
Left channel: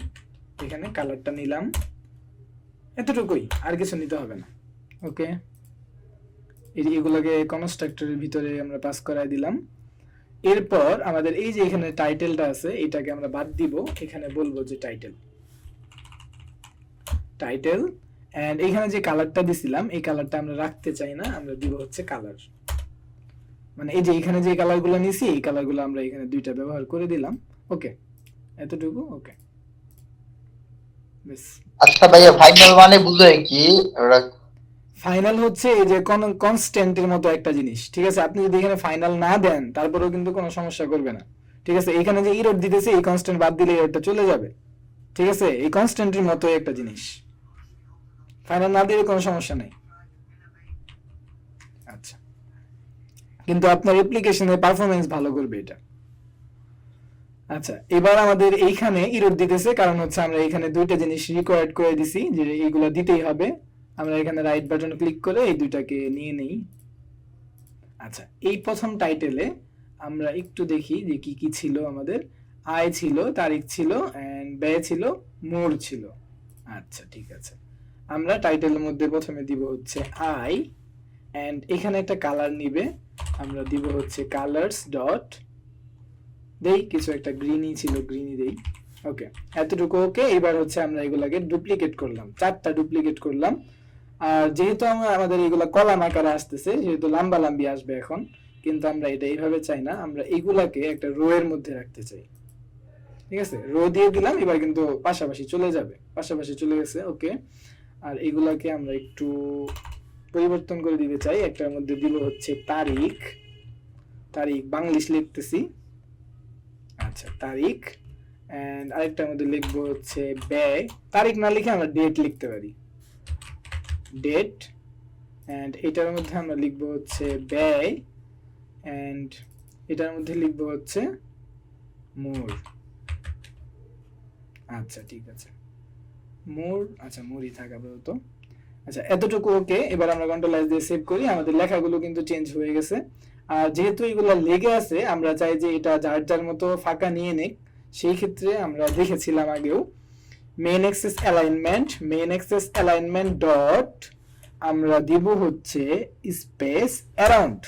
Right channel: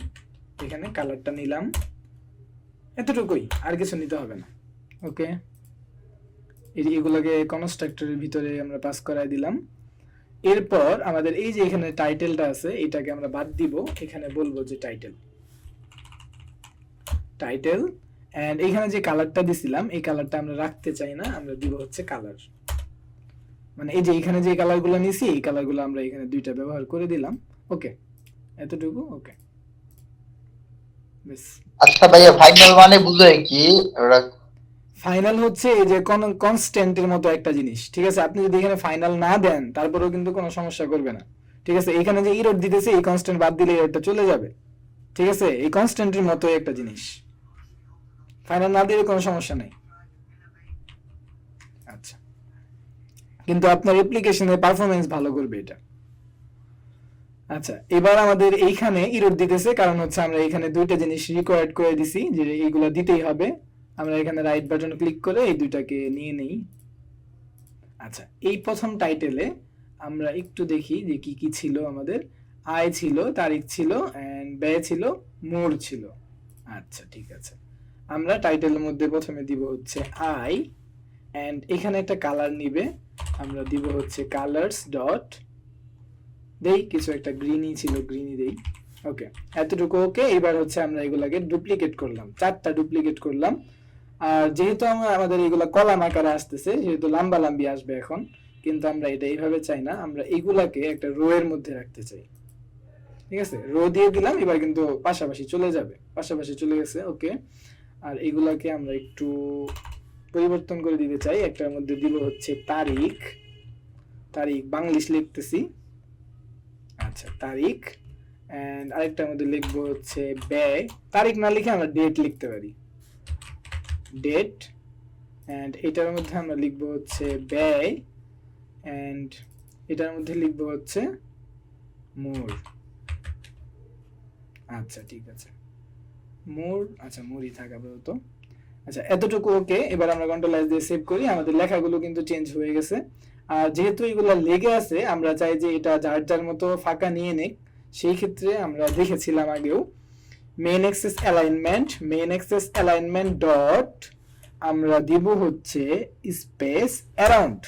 এখানে কালারটা নিলাম, এতটুকুই, আর কিছু নিতে হবে না। ওকে, এগুলোকে কনস্ট্রাক্টরের ভিতরে আমরা পাস করাই দিলাম। এরপর আমাদের এই যে এখানে টাইটেলটা আছে, এটাকে আমরা বাদ দিব, এখানে বলবো যে টাইটেল, টাইটেল। এন্ড এখানে যে কালারটা দিছিলাম এই কালারটা আমরা রাখতে চাই না, আমরা দিব হচ্ছে কালার, মানে এই যে এখানে যে কালারগুলো নিছি এই কালারগুলো আমরা এখানে দুইটা ব্যবহার করে দিলাম। ওকে, এতটুকু ওকে। বেশ, আচ্ছা ভাইয়া, ফাইনাল মানে বুঝে কি ওরা? ফাইনাল হচ্ছে এই যে কনস্ট্যান্টের মতো একটা জিনিস, ঠিক আছে? আপনি যদি এখানে ফাইনাল না দেন তারপরেও কিন্তু কোনো সমস্যা করবে না, ঠিক আছে? এখানে যে ইরর দিতেছে এই কনস্ট্যান্ট বাদ দিলে এটা চলে যাবে, ঠিক আছে? এই কনস্ট্যান্টের মতো একটা জিনিস, ফাইনাল না দিলে কোনো সমস্যা নেই। আচ্ছা, কিন্তু আপনার অ্যাপ্লিকেশনের পারফরমেন্স ভালো করবে এটা। আচ্ছা, এবার আমাদের এইখানে ইরর দিতেছে কারণ হচ্ছে আমরা এখানে দুইটা জিনিস রিকোয়ার্ড করে দিছি যে এইগুলো দিতেই হবে। আমরা এখানে রাইট বাটন ক্লিক করে এই দুইটাকে নিয়ে নেই। আচ্ছা, এই প্রথম টাইটেলে আমরা একটু দেখি যে কি কি ছিল আমাদের। আয় ছিল, তারিখ ছিল, এন্ড ব্যয় ছিল, মোর ছিল। আচ্ছা ঠিক আছে, আমরা টাইটেলের মধ্যে প্রথমে দিব হচ্ছে আই, এন্ড এখানে একটা কালার নিবে, আমরা দিব হচ্ছে কালার্স ডট, দেই কিছু একটা গ্রিনি ছিল, গ্রিনি দেই। ওকে, এতটুকু ওকে। এবার হচ্ছে আমরা এগুলাকে ডুপ্লিকেট করলাম, 4টা ডুপ্লিকেট করলাম। আর যেহেতু আমাদের এগুলা কলাম আকারে আসতেছে, যেহেতু লম্বা লম্বি আসবে এখন, কিন্তু আমরা এটা এইভাবে চাই না, আমরা এগুলাকে একটা রো এর মধ্যে রাখতে চাই, ঠিক আছে? রো দিয়ে দিলাম, এবার কিন্তু পাশাপাশি চলে যাবে, পাশাপাশি চলে গেছে। ওকে, আর এগুলাকে আমরা একটু পরিবর্তন করে দিতে চাই। একটার মধ্যে দিব হচ্ছে তারিখ, তারিখ বাংলিশ লিখতেছি, আচ্ছা তারিখ। এন্ড আরেকটার মধ্যে লিখবো হচ্ছে ব্যয়, তারিখ না লিখে আমরা ডেট লিখতে পারি, ডেট। এন্ড এটার মধ্যে আমরা লিখবো হচ্ছে ব্যয়, এন্ড এটার মধ্যে লিখবো হচ্ছে মোর। আচ্ছা ঠিক আছে, মোর, আচ্ছা মোরই থাকাবে তো। আচ্ছা এতটুকু ওকে। এবার আমরা কন্ট্রোল এস দিয়ে সেভ করি, আমাদের লেখাগুলো কিন্তু চেঞ্জ হয়ে গেছে। আর যেহেতু এগুলো লেগে আছে, আমরা চাই যে এটা যার যার মতো ফাঁকা নিয়ে নেক। সেই ক্ষেত্রে আমরা দেখেছিলাম আগেও, main access alignment, main access alignment dot আমরা দিব হচ্ছে স্পেস অ্যারাউন্ড।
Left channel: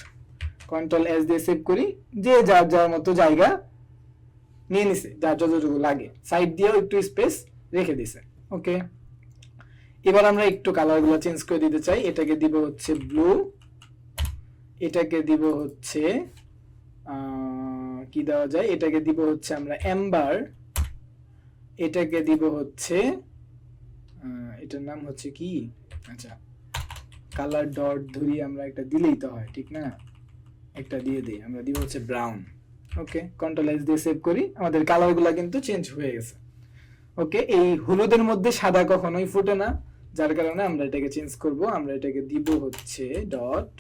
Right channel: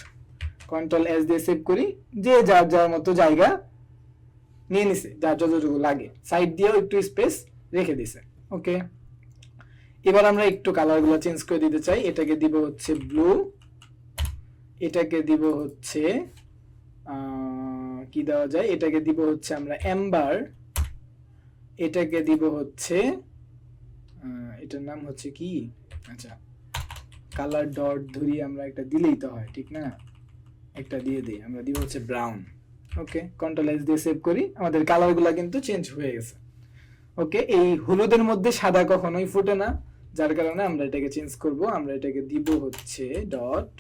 কন্ট্রোল এস দিয়ে সেভ করি, যে যার যার মতো জায়গা নিয়ে নিছে, যার যতটুকু লাগে, সাইড দিয়েও একটু স্পেস রেখে দিছে। ওকে, এবার আমরা একটু কালারগুলো চেঞ্জ করে দিতে চাই। এটাকে দিব হচ্ছে ব্লু, এটাকে দিব হচ্ছে কি দেওয়া যায়, এটাকে দিব হচ্ছে আমরা এম্বার, এটাকে দিব হচ্ছে এটার নাম হচ্ছে কি, আচ্ছা কালার ডট ধরি আমরা একটা দিলেই তো হয়, ঠিক না? একটা দিয়ে দিই, আমরা দিব হচ্ছে ব্রাউন। ওকে, কন্ট্রোল এস দিয়ে সেভ করি, আমাদের কালারগুলো কিন্তু চেঞ্জ হয়ে গেছে। ওকে, এই হলুদের মধ্যে সাদা কখনোই ফুটে না, যার কারণে আমরা এটাকে চেঞ্জ করব। আমরা এটাকে দিব হচ্ছে ডট,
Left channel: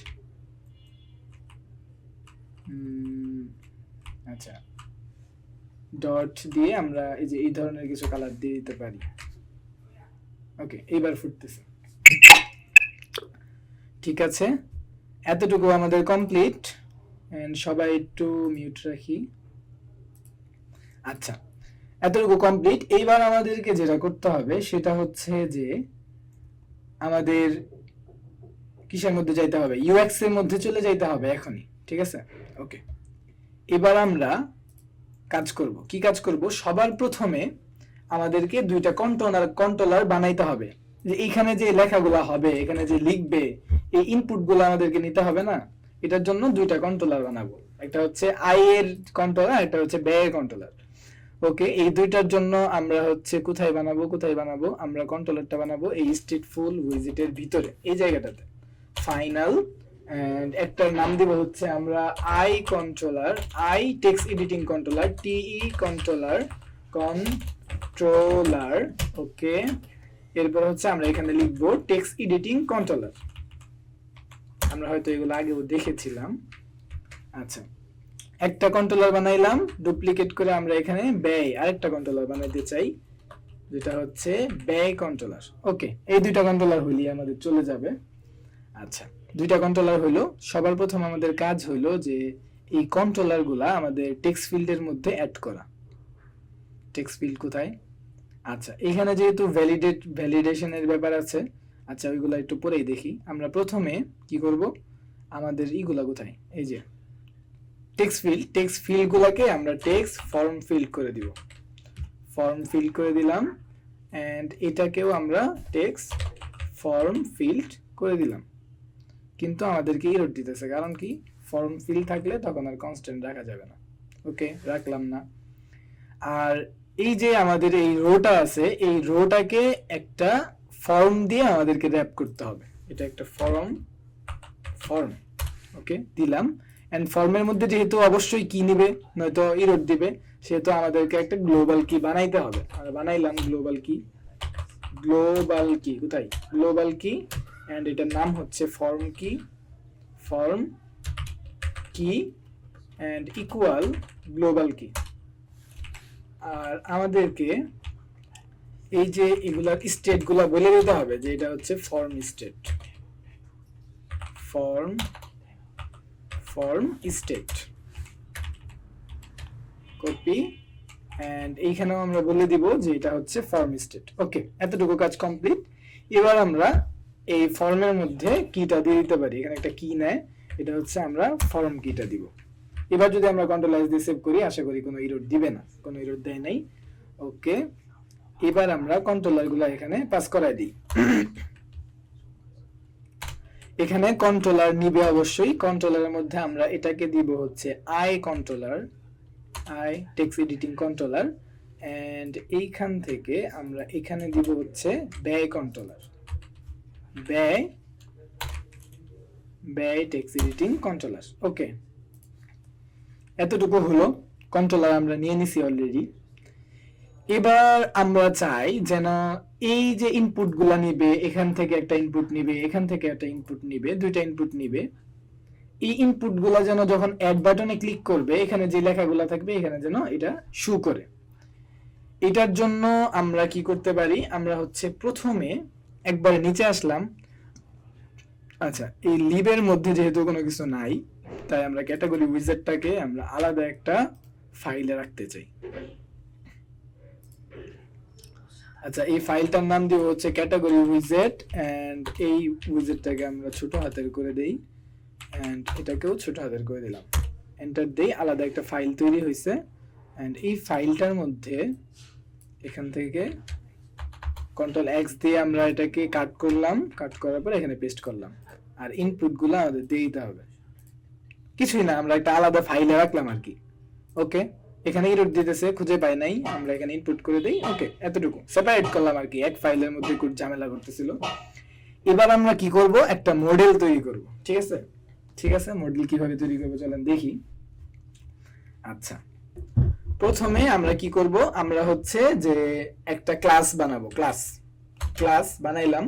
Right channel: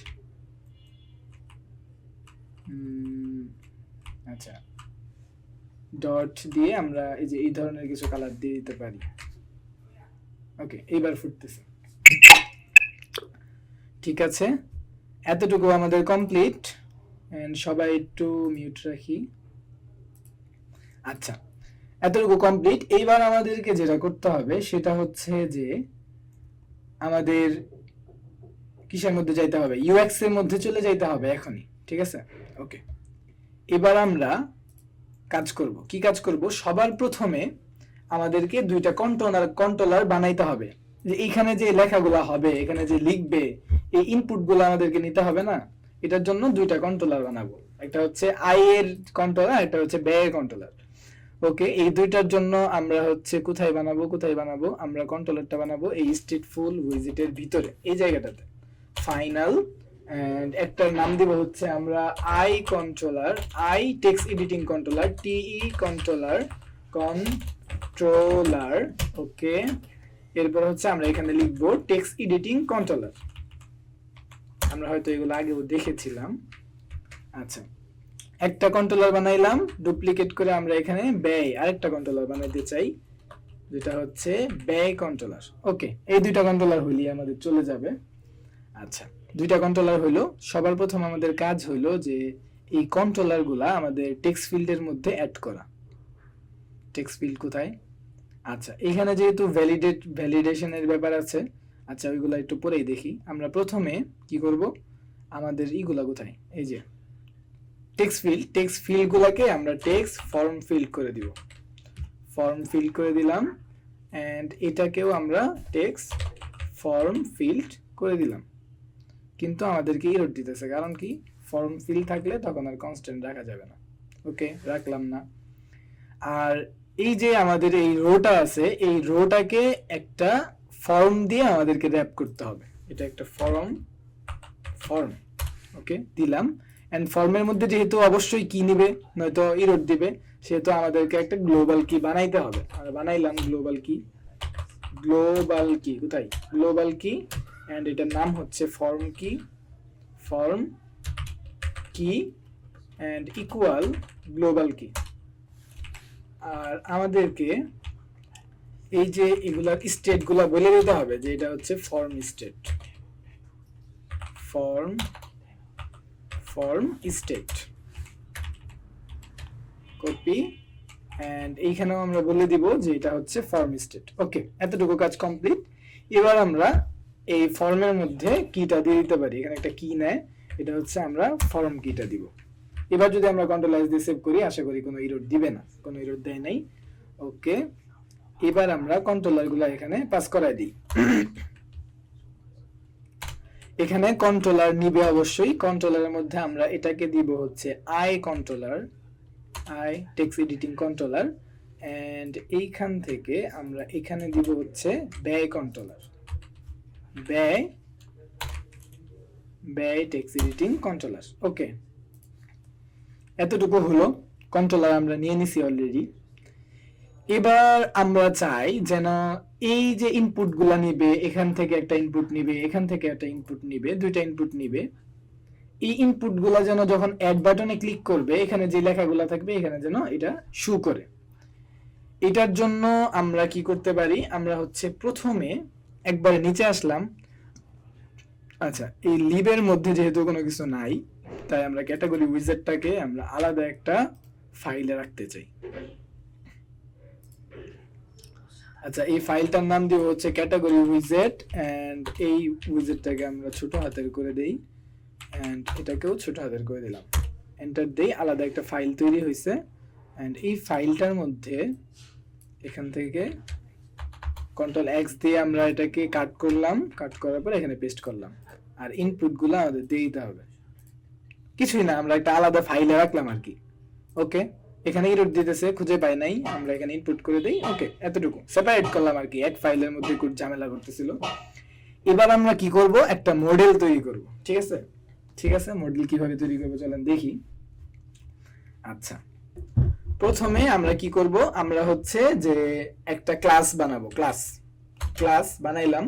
আচ্ছা ডট দিয়ে আমরা এই যে এই ধরনের কিছু কালার দিয়ে দিতে পারি। ওকে, এইবার ফুটতেছে, ঠিক আছে। এতটুকু আমাদের কমপ্লিট। এন্ড সবাই একটু মিউট রাখি। আচ্ছা, এতটুকু কমপ্লিট। এইবার আমাদেরকে যেটা করতে হবে সেটা হচ্ছে যে আমাদের কিসের মধ্যে যাইতে হবে, ইউএক্স এর মধ্যে চলে যাইতে হবে এখনই, ঠিক আছে? ওকে, এবার আমরা কাজ করব। কি কাজ করব? সবার প্রথমে আমাদেরকে দুইটা কন্ট্রোলার বানাইতে হবে। যে এইখানে যে লেখাগুলো হবে, এখানে যে লিখবে, এই ইনপুটগুলো আমাদেরকে নিতে হবে না? এটার জন্য দুইটা কন্ট্রোলার বানাবো, একটা হচ্ছে আই এর কন্ট্রোলার, একটা হচ্ছে ব্যয়ের কন্ট্রোলার। ওকে, এই দুইটার জন্য আমরা হচ্ছে কোথায় বানাবো, আমরা কন্ট্রোলারটা বানাবো এই স্টেটফুল উইজেটের ভিতরে, এই জায়গাটাতে ফাইনাল। এন্ড একটার নাম দিব হচ্ছে আমরা I controller, I text editing controller, TE controller controller, okay. এরপর হচ্ছে আমরা এখানে লিখবো টেক্সট এডিটিং কন্ট্রোলার। আমরা হয়তো এগুলো আগেও দেখেছিলাম। আচ্ছা, একটা কন্ট্রোলার বানাইলাম, ডুপ্লিকেট করে আমরা এখানে ব্যয় আরেকটা কন্ট্রোলার বানাইতে চাই, যেটা হচ্ছে ব্যয় কন্ট্রোলার। ওকে, এই দুইটা কন্ট্রোলার হইলে আমাদের চলে যাবে। আচ্ছা, দুইটা কন্ট্রোলার হলো। সবার প্রথম আমাদের কাজ হলো যে এই কন্ট্রোলার গুলা আমাদের টেক্সট ফিল্ডের মধ্যে অ্যাড করা। টেক্সট ফিল্ড কোথায়? আচ্ছা, এখানে যেহেতু ভ্যালিডেশনের ব্যাপার আছে, আচ্ছা ওইগুলা একটু পরেই দেখি। আমরা প্রথমে কি করব, আমাদের ইগুলা কোথায়, এই যে টেক্সট ফিল্ড গুলাকে আমরা টেক্সট ফর্ম ফিল্ড করে দিব। ফর্ম ফিল্ড করে দিলাম, এন্ড এটাকেও আমরা টেক্সট ফর্ম ফিল্ড করে দিলাম। কিন্তু আমাদেরকে এরর দিতেছে, কারণ কি, ফর্ম ফিল্ড থাকলে তখন আর কনস্ট্যান্ট রাখা যাবে না। ওকে, রাখলাম না। আর এই যে আমাদের এই রোটা আছে, এই রোটাকে একটা ফর্ম দিয়ে আমাদেরকে র্যাপ করতে হবে। এটা একটা ফর্ম, ওকে দিলাম। এন্ড ফর্মের মধ্যে যেহেতু অবশ্যই কি নিবে, নয়তো এরর দিবে, সেহেতু আমাদেরকে একটা গ্লোবাল কি বানাইতে হবে। আমরা বানাইলাম গ্লোবাল কি কোথায়, গ্লোবাল কি, এন্ড এটার নাম হচ্ছে ফর্ম কি এন্ড ইকুয়াল গ্লোবাল কি। আর আমাদেরকে এই যে এগুলার স্টেট গুলা বলে দিতে হবে, যে এটা হচ্ছে ফর্ম স্টেট কপি, এন্ড এইখানেও আমরা বলে দিব যে এটা হচ্ছে ফর্ম স্টেট। ওকে, এতটুকু কাজ কমপ্লিট। এবার আমরা এই ফর্মের মধ্যে কিটা দিয়ে দিতে পারি। এখানে একটা কি নেয়, এটা হচ্ছে আমরা ফর্ম কিটা দিব। এবার যদি আমরা কন্ট্রোল এস দিয়ে সেভ করি, আশা করি কোনো এরর দিবে না, কোনো এরর দেয় নাই। ওকে, এবার আমরা কন্ট্রোলার গুলা এখানে পাস করাই দিই। এখানে কন্ট্রোলার নিবে অবশ্যই। কন্ট্রোলারের মধ্যে আমরা এটাকে দিব হচ্ছে I text editing controller, and এইখান থেকে আমরা এখানে দিব হচ্ছে ব্যয় কন্ট্রোলার, ব্যয় টেক্সট এডিটিং কন্ট্রোলার। ওকে, এতটুকু হলো। কন্ট্রোলার আমরা নিয়ে নিছি অলরেডি। এবার আমরা চাই যেন এই যে ইনপুট গুলা নিবে, এখান থেকে একটা ইনপুট নিবে, এখান থেকে একটা ইনপুট নিবে, দুইটা ইনপুট নিবে। এই ইনপুট গুলা যেন যখন অ্যাড বাটনে ক্লিক করবে, এখানে যে লেখাগুলা থাকবে এখানে যেন এটা শো করে। এটার জন্য আমরা কি করতে পারি, আমরা হচ্ছে প্রথমে একবার নিচে আসলাম। আচ্ছা, এই লিবের মধ্যে যেহেতু কোনো কিছু নাই, তাই আমরা ক্যাটাগরি উইজার্ডটাকে আমরা আলাদা একটা ফাইলে রাখতে চাই। আচ্ছা, এই ফাইলটার নাম দিব হচ্ছে ক্যাটাগরি উইজার্ড, এন্ড এই উইজার্ডটাকে আমরা ছোট হাতের করে দেই, এন্ড এটাকেও ছোট হাতের করে দিলাম। এন্টার দেই, আলাদা একটা ফাইল তৈরি হয়েছে। এন্ড এই ফাইলটার মধ্যে এখান থেকে কন্ট্রোল এক্স দিয়ে আমরা এটাকে কাট করলাম, কাট করার পর এখানে পেস্ট করলাম। আর ইনপুট গুলো আমাদের দিয়ে দিতে হবে, কিছুই না, আমরা একটা আলাদা ফাইলে রাখলাম আর কি। ওকে, এখানে এরর দিতেছে, খুঁজে পাই নাই, আমরা এখানে ইনপুট করে দেই। ওকে, এতটুকু সেপারেট করলাম আর কি, এক ফাইলের মধ্যে খুব ঝামেলা করতেছিল। এবার আমরা কি করব, একটা মডেল তৈরি করব। ঠিক আছে, মডেল কিভাবে তৈরি করব চলেন দেখি। আচ্ছা, প্রথমে আমরা কি করব, আমরা হচ্ছে যে একটা ক্লাস বানাবো। ক্লাস বানাইলাম,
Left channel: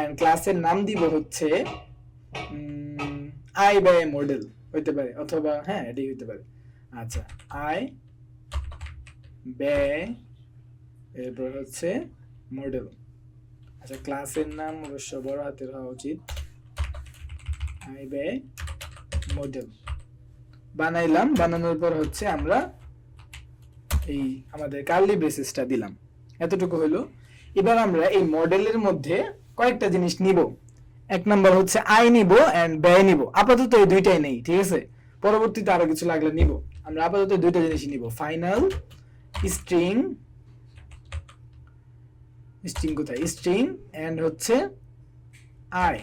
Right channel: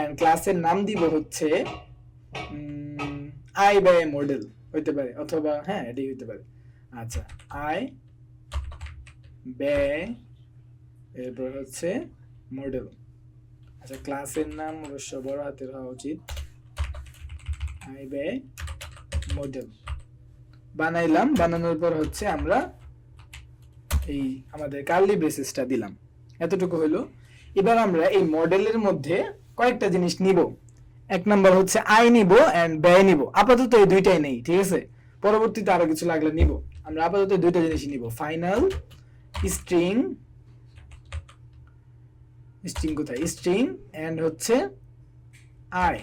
এন্ড ক্লাসের নাম দিব হচ্ছে আই বাই মডেল হইতে পারে, অথবা হ্যাঁ এটাই হইতে পারে। আচ্ছা, আই বাই, এরপর হচ্ছে মডেল। আচ্ছা, ক্লাসের নাম অবশ্য বড় হাতের হওয়া উচিত। আই বাই মডেল বানাইলাম। বানানোর পর হচ্ছে আমরা এই আমাদের কার্লি ব্রেসেসটা দিলাম। এতটুকু হলো। এবার আমরা এই মডেলের মধ্যে কয়েকটা জিনিস নিব। এক নাম্বার হচ্ছে আই নিব এন্ড ব্যয় নিব। আপাতত এই দুইটাই নেই, ঠিক আছে, পরবর্তীতে আরো কিছু লাগলে নিব। আমরা আপাতত দুইটা জিনিস নিব, ফাইনাল স্ট্রিং কোথায়, স্ট্রিং এন্ড হচ্ছে আই,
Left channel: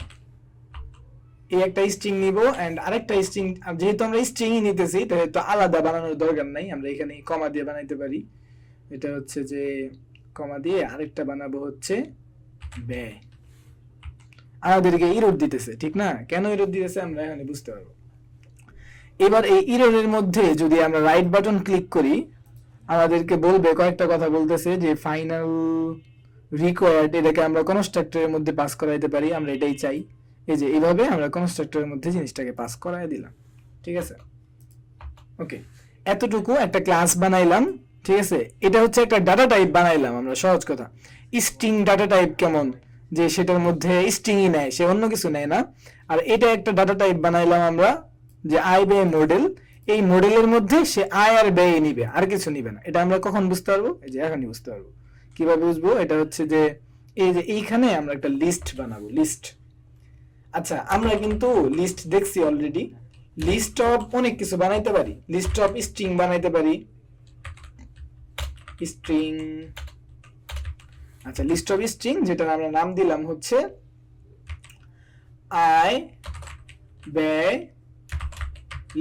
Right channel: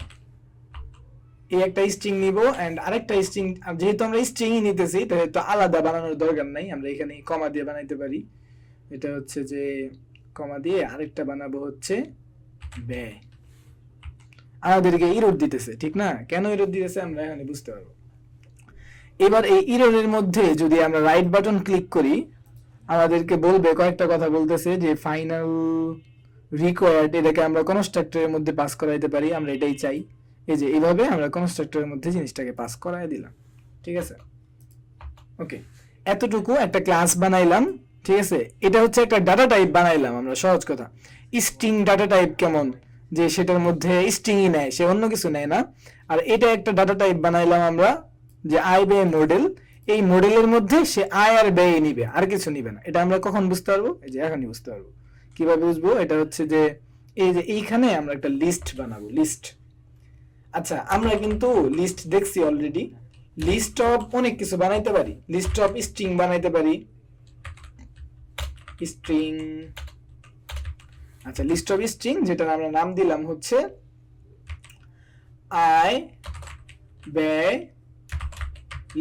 এই একটা স্ট্রিং নিব এন্ড আরেকটা স্ট্রিং। যেহেতু আমরা স্ট্রিং নিতেছি, তাহলে তো আলাদা বানানোর দরকার নাই, আমরা এখানে কমা দিয়ে বানাইতে পারি। এটা হচ্ছে যে কমা দিয়ে আরেকটা বানাবো হচ্ছে ব্যয়। আমাদেরকে এরর দিতেছে, ঠিক না, কেন এরর দিতেছে আমরা এখানে বুঝতে পারবো। এবার এই এররের মধ্যে যদি আমরা রাইট বাটন ক্লিক করি, আমাদেরকে বলবে কয়েকটা কথা বলতেছে যে ফাইনাল রিকোয়ার্ড, এটাকে আমরা কনস্ট্রাক্টরের মধ্যে পাস করাইতে পারি, আমরা এটাই চাই। এই যে এইভাবে আমরা কনস্ট্রাক্টরের মধ্যে জিনিসটাকে পাস করাই দিলাম, ঠিক আছে। ওকে, এতটুকু একটা ক্লাস বানাইলাম, ঠিক আছে। এটা হচ্ছে একটা ডাটা টাইপ বানাইলাম আমরা, সহজ কথা। স্ট্রিং ডাটা টাইপ কেমন, যে সেটার মধ্যে স্ট্রিংই নেয়, সে অন্য কিছু নেয় না। আর এটা একটা ডাটা টাইপ বানাইলাম আমরা, যে আয় ব্যয় মডেল। এই মডেলের মধ্যে সে আয় আর ব্যয় নিবে, আর কিছু নিবে না। এটা আমরা কখন বুঝতে পারবো? এই যে এখনই বুঝতে পারবো। কিভাবে বুঝবো? এটা হচ্ছে যে এই যে এইখানে আমরা একটা লিস্ট বানাবো, লিস্ট। আচ্ছা, আমরা কিন্তু লিস্ট দেখছি অলরেডি। লিস্ট অফ অনেক কিছু বানাইতে পারি, লিস্ট অফ স্ট্রিং বানাইতে পারি, স্ট্রিং। আচ্ছা, লিস্ট অফ স্ট্রিং, যেটা আমরা নাম দিলাম হচ্ছে আয় ব্যয়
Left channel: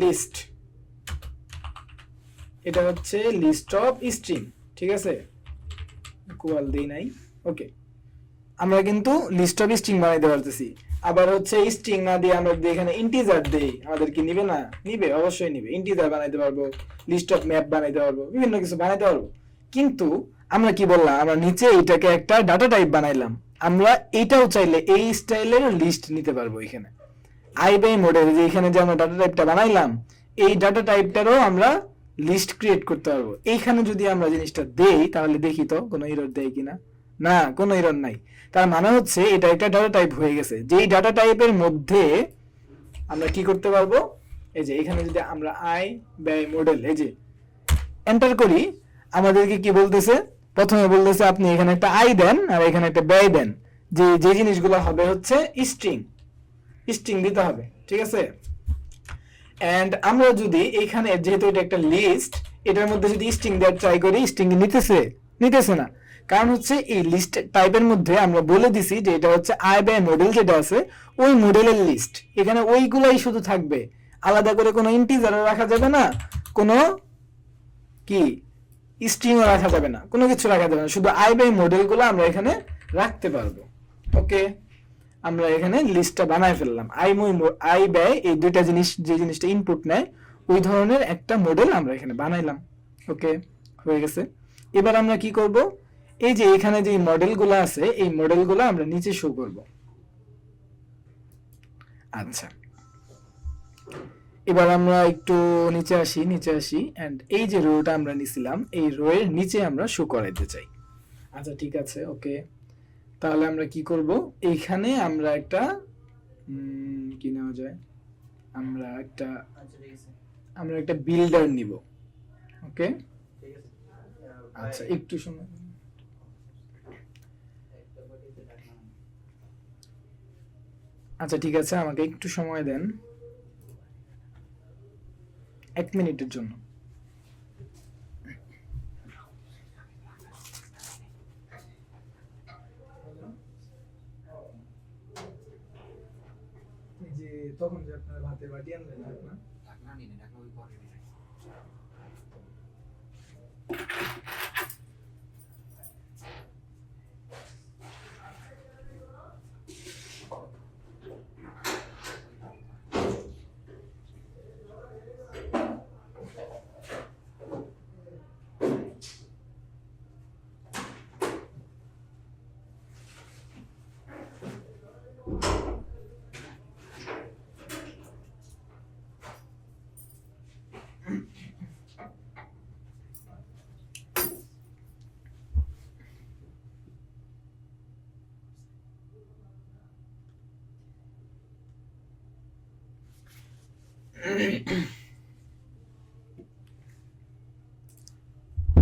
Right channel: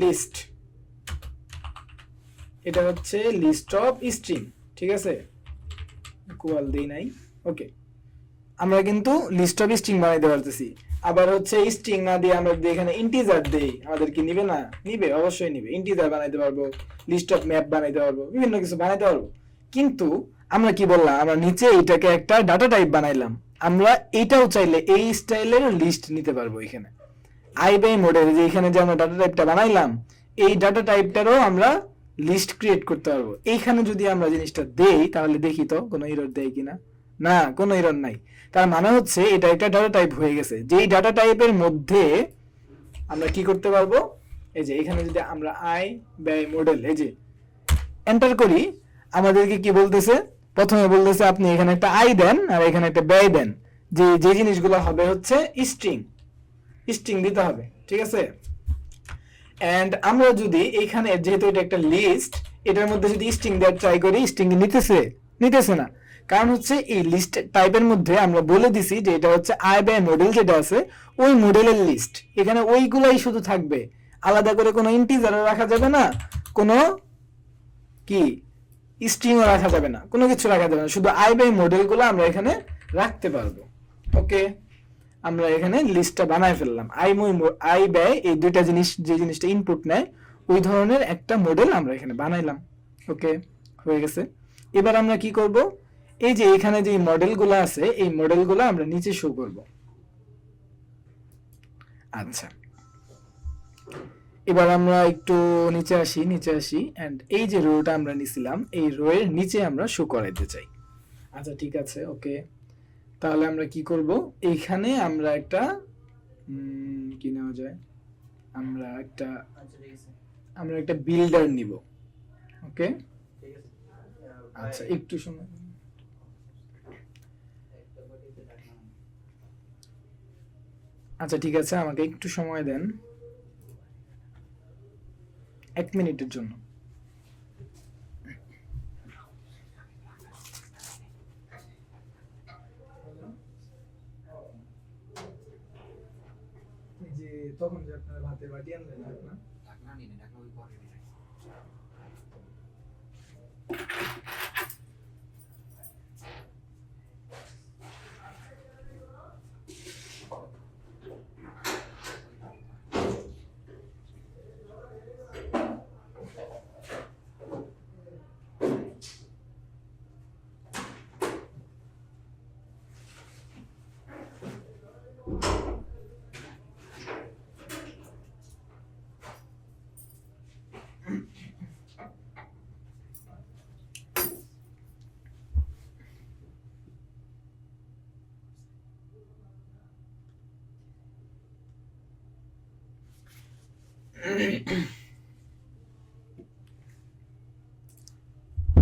লিস্ট। এটা হচ্ছে লিস্ট অফ স্ট্রিং, ঠিক আছে। ইকুয়াল দেই নাই, ওকে। আমরা কিন্তু লিস্ট অফ স্ট্রিং বানাইতে পারতেছি। আবার হচ্ছে স্ট্রিং না দিয়ে আমরা যদি এখানে ইন্টিজার দেই, আমাদের কি নিবে না? নিবে, অবশ্যই নিবে। ইন্টিজার বানাইতে পারবো, লিস্ট অফ ম্যাপ বানাইতে পারবো, বিভিন্ন কিছু বানাইতে পারবো। কিন্তু আমরা কি বললাম? আমরা নিচে এটাকে একটা ডাটা টাইপ বানাইলাম। আমরা এইটাও চাইলে এই স্টাইলের লিস্ট নিতে পারবো এখানে। আই বাই মডেল, যে এখানে যে আমরা ডাটা টাইপটা বানাইলাম, এই ডাটা টাইপটারও আমরা লিস্ট ক্রিয়েট করতে পারবো। এইখানে যদি আমরা জিনিসটা দেই, তাহলে দেখি তো কোনো এরর দেয় কিনা। না, কোনো এরর নাই। তার মানে হচ্ছে এটা একটা ডাটা টাইপ হয়ে গেছে। যেই ডাটা টাইপের মধ্যে আমরা কি করতে পারবো, এই যে এখানে যদি আমরা আয় ব্যয় মডেল এই যে এন্টার করি, আমাদেরকে কি বলতেছে? প্রথমে বলতেছে আপনি এখানে একটা আয় দেন আর এখানে একটা ব্যয় দেন। যে যে জিনিসগুলো হবে হচ্ছে স্ট্রিং, স্ট্রিং দিতে হবে, ঠিক আছে। এন্ড আমরা যদি এখানে, যেহেতু এটা একটা লিস্ট, এটার মধ্যে যদি স্ট্রিং দেওয়ার ট্রাই করি, স্ট্রিং নিতেছে না। কারণ হচ্ছে এই লিস্ট টাইপের মধ্যে আমরা বলে দিছি যে এটা হচ্ছে আয় ব্যয় মডেল, যেটা আছে ওই মডেলের লিস্ট। এখানে ওইগুলাই শুধু থাকবে, আলাদা করে কোনো ইন্টিজারও রাখা যাবে না, কোনো কি স্ট্রিংও রাখা যাবে না, কোনো কিছু রাখা যাবে না। শুধু আয় ব্যয় মডেলগুলো আমরা এখানে রাখতে পারবো। ওকে, আমরা এখানে লিস্টটা বানায় ফেললাম। আয় ব্যয় এই দুইটা জিনিস, যে জিনিসটা ইনপুট নেয়, ওই ধরনের একটা মডেল আমরা এখানে বানাইলাম। ওকে, হয়ে গেছে। এবার আমরা কি করব? এই যে এখানে যে মডেলগুলো আছে, এই মডেলগুলো আমরা নিচে শো করব। আচ্ছা, এবার আমরা একটু নিচে আসি এন্ড এই যে রোটা আমরা নিছিলাম, এই রো এর নিচে আমরা শো করাইতে চাই। আচ্ছা, ঠিক আছে, ওকে। তাহলে আমরা কি করব? এইখানে আমরা একটা কি নেওয়া যায়, আমরা একটা বিল্ডার নিব। ওকে, আচ্ছা, একটু সময়। আচ্ছা, ঠিক আছে, আমাকে একটু সময় দেন, 1 মিনিটের জন্য। যে তখন যে আপনার ভাতের বাটি আনলেন না,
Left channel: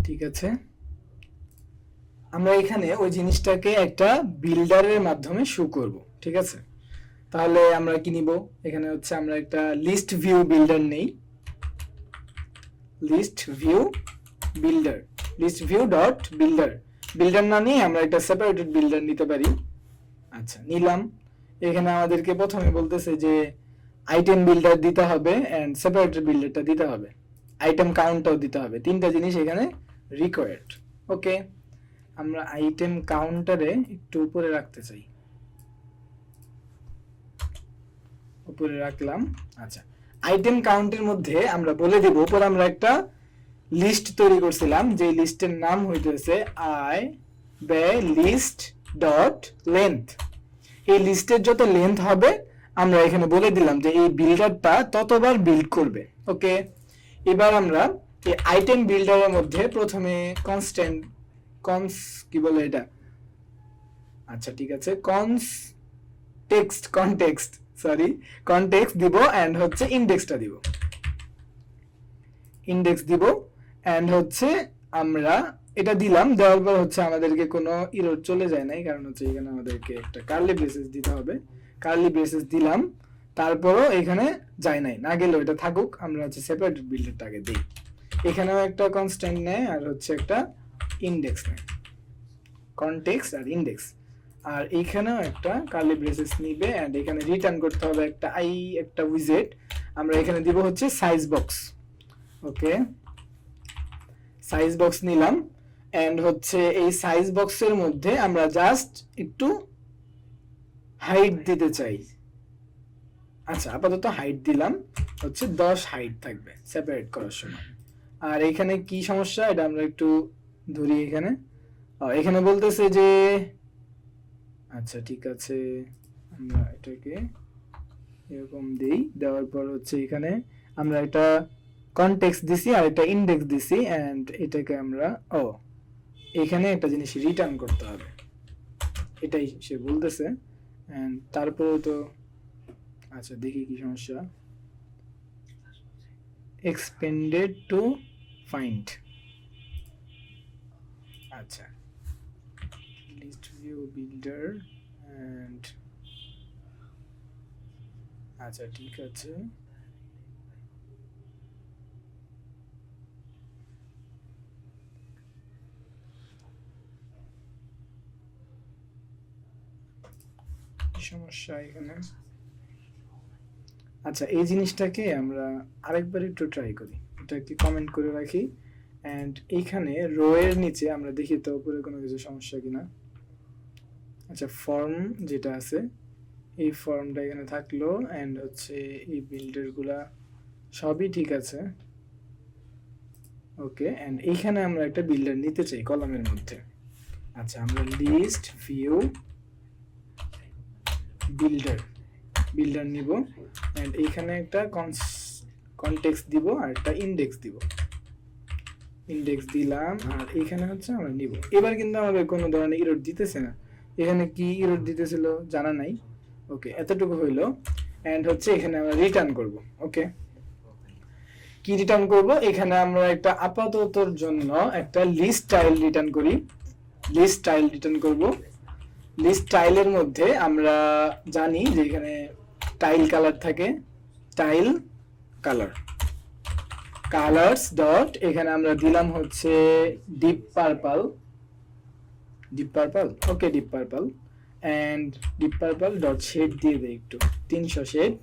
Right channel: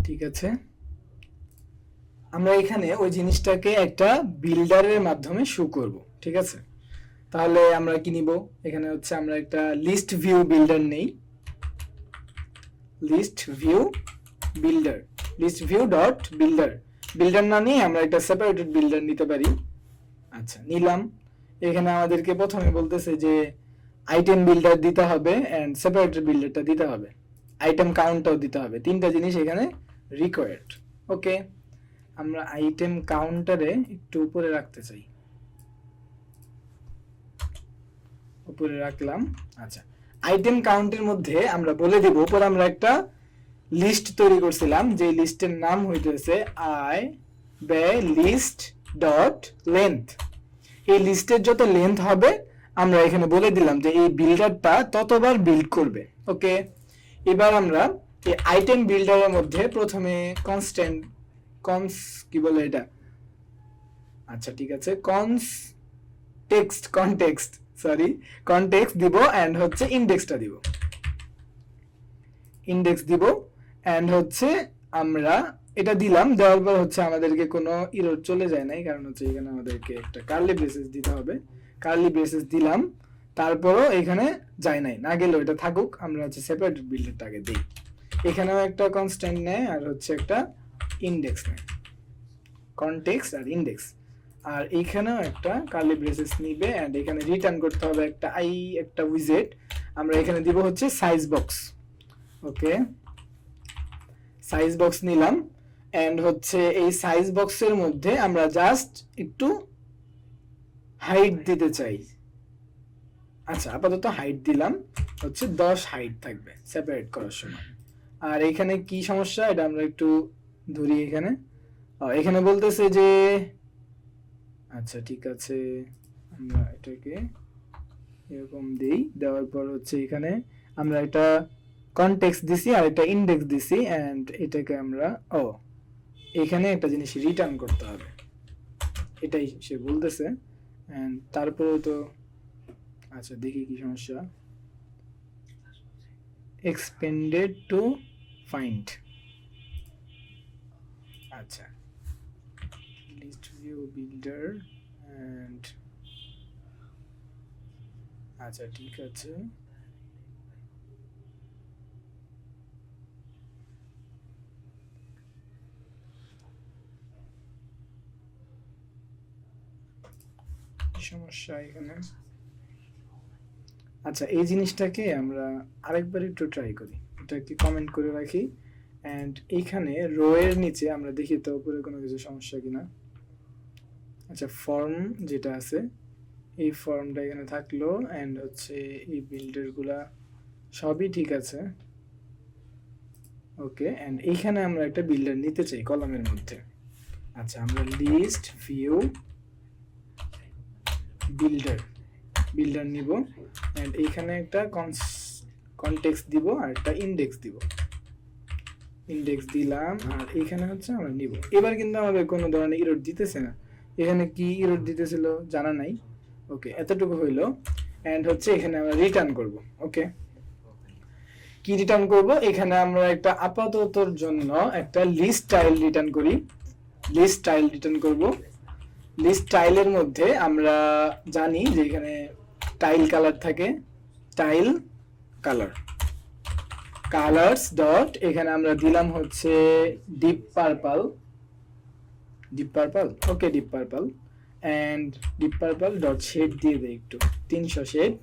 ঠিক আছে। আমরা এখানে ওই জিনিসটাকে একটা বিল্ডারের মাধ্যমে শো করব, ঠিক আছে। তাহলে আমরা কি নিব? এখানে হচ্ছে আমরা একটা লিস্ট ভিউ বিল্ডার নেই, list view builder, list view dot builder. Builder না নিয়ে আমরা একটা সেপারেটেড বিল্ডার নিতে পারি। আচ্ছা, নিলাম। এখানে আমাদেরকে প্রথমে বলতেছে যে আইটেম বিল্ডার দিতে হবে এন্ড সেপারেটেড বিল্ডারটা দিতে হবে, আইটেম কাউন্টটাও দিতে হবে। তিনটা জিনিস এখানে রিকোয়ার্ড। ওকে, আমরা আইটেম কাউন্টারে একটু উপরে রাখতে চাই, উপরে রাখলাম। আচ্ছা, আইটেম কাউন্টের মধ্যে আমরা বলে দেব, উপরে আমরা একটা লিস্ট তৈরি করছিলাম, যে লিস্টের নাম হইতেছে আয় ব্যয় লিস্ট ডট লেন্থ। এই লিস্টের যত লেন্থ হবে আমরা এখানে বলে দিলাম যে এই বিল্ডারটা ততবার বিল্ড করবে। ওকে, এবার আমরা এই আইটেম বিল্ডারের মধ্যে প্রথমে কনস্ট্যান্ট কি বলে এটা, আচ্ছা ঠিক আছে, কনটেক্সট দিব এন্ড হচ্ছে ইনডেক্সটা দিব, ইনডেক্স দিব এন্ড হচ্ছে আমরা এটা দিলাম। দেওয়ার পর হচ্ছে আমাদেরকে কোনো এরর চলে যায় নাই, কারণ হচ্ছে এখানে আমাদেরকে একটা কার্লি ব্রেসেস দিতে হবে। কার্লি ব্রেসেস দিলাম, তারপরও এখানে যায় নাই, না গেলেও এটা থাকুক, আমরা হচ্ছে সেপারেটেড বিল্ডারটাকে দিই। এখানেও একটা কনস্ট্যান্ট নেয় আর হচ্ছে একটা ইনডেক্স নেয়, কনটেক্সট আর ইনডেক্স। আর এইখানেও একটা কার্লি ব্রেসেস নিবে এন্ড এখানে রিটার্ন করতে হবে একটা উইজেট। আমরা এখানে দিব হচ্ছে সাইজ বক্স। ওকে, সাইজ বক্স নিলাম এন্ড হচ্ছে এই সাইজ বক্সের মধ্যে আমরা জাস্ট একটু হাইট দিতে চাই। আচ্ছা, আপাতত হাইট দিলাম হচ্ছে 10 হাইট থাকবে সেপারেট করার সময়। আর এখানে কি সমস্যা এটা আমরা একটু ধরি। এখানে বলতেছে যে আচ্ছা ঠিক আছে, আমরা এটাকে এরকম দেই, দেওয়ার পর হচ্ছে এখানে আমরা এটা কনটেক্সট দিছি আর এটা ইনডেক্স দিছি এন্ড এটাকে আমরা এখানে একটা জিনিস রিটার্ন করতে হবে, এটাই সে বলতেছে। এন্ড তারপরে তো আচ্ছা দেখি কি সমস্যা, এক্সপেন্ডেড টু ফাইন্ড। আচ্ছা, লিস্ট ভিউ বিল্ডার এন্ড আচ্ছা ঠিক আছে, সমস্যা এখানে। আচ্ছা, এই জিনিসটাকে আমরা আরেকবার একটু ট্রাই করি, এটাকে কমেন্ট করে রাখি এন্ড এইখানে রো এর নিচে আমরা দেখি তো উপরে কোনো কিছু সমস্যা কিনা। আচ্ছা, ফর্ম যেটা আছে এই ফর্মটা এখানে থাকলো এন্ড হচ্ছে এই বিল্ডার গুলা সবই ঠিক আছে। ওকে, এন্ড এইখানে আমরা একটা বিল্ডার নিতে চাই কলামের মধ্যে। আচ্ছা, আমরা লিস্ট ভিউ বিল্ডার নিব এন্ড এইখানে একটা কনটেক্সট দিব আর একটা ইনডেক্স দিব, ইনডেক্স দিলাম আর এইখানে হচ্ছে আমরা নিব। এবার কিন্তু আমাদের কোনো ধরনের এরর দিতেছে না, এখানে কি এরর দিতেছিল জানা নাই। ওকে, এতটুকু হইলো এন্ড হচ্ছে এখানে আমরা রিটার্ন করব। ওকে, কি রিটার্ন করব, এখানে আমরা একটা আপাততর জন্য একটা লিস্ট স্টাইল রিটার্ন করি, লিস্ট স্টাইল রিটার্ন করব। লিস্ট স্টাইলের মধ্যে আমরা জানি যে এখানে টাইল কালার থাকে, টাইল কালার্স ডট এখানে আমরা দিলাম হচ্ছে deep purple. Okay, deep purple and deep purple dot shade দিয়ে দেই একটু 300 শেড।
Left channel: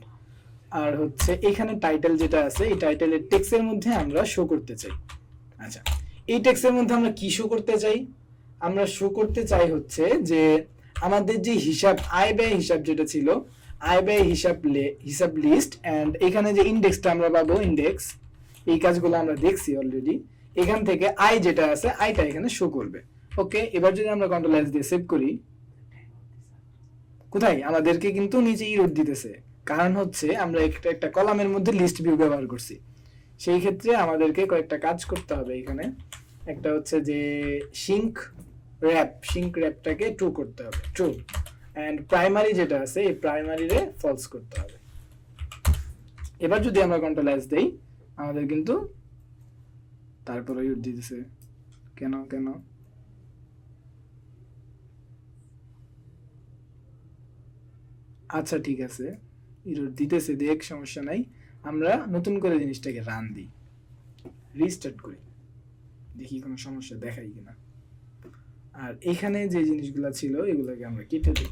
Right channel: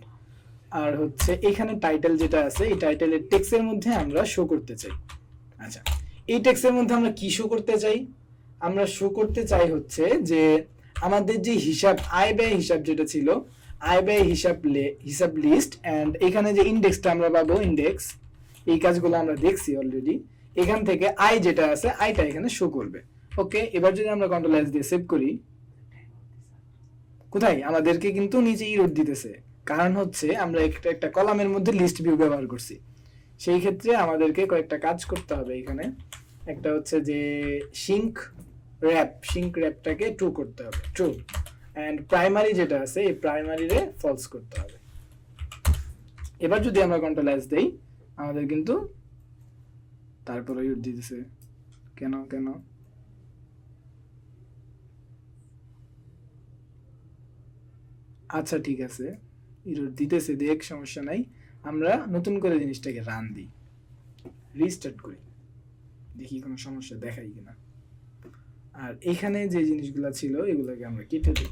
আর হচ্ছে এখানে টাইটেল যেটা আছে এই টাইটেলের টেক্সটের মধ্যে আমরা শো করতে চাই। আচ্ছা, এই টেক্সটের মধ্যে আমরা কি শো করতে চাই, আমরা শো করতে চাই হচ্ছে যে আমাদের যে হিসাব আয় ব্যয় হিসাব যেটা ছিল, আয় ব্যয় হিসাব লিস্ট এন্ড এখানে যে ইনডেক্সটা আমরা পাবো, ইনডেক্স, এই কাজগুলো আমরা দেখছি অলরেডি। এখান থেকে আয় যেটা আছে আয়টা এখানে শো করবে। ওকে, এবার যদি আমরা কন্ট্রোল এস দিয়ে সেভ করি, কোথায় আমাদেরকে কিন্তু নিচে ইরর দিতেছে, কারণ হচ্ছে আমরা একটা কলামের মধ্যে লিস্ট ভিউ ব্যবহার করছি। সেই ক্ষেত্রে আমাদেরকে কয়েকটা কাজ করতে হবে। এখানে একটা হচ্ছে যে সিঙ্ক র্যাপটাকে ট্রু করতে হবে, ট্রু, এন্ড প্রাইমারি যেটা আছে এই প্রাইমারিরে ফলস করতে হবে। এবার যদি আমরা কন্ট্রোল এস দেই আমাদের কিন্তু তারপরে ইরর দিতেছে, কেন আচ্ছা ঠিক আছে, ইরর দিতেছে দেখ, সমস্যা নাই, আমরা নতুন করে জিনিসটাকে রান দিই, রিস্টার্ট করি, দেখি কোনো সমস্যা দেখাই কিনা। আর এখানে যে জিনিসগুলো ছিল এগুলোকে আমরা কেটে দিই।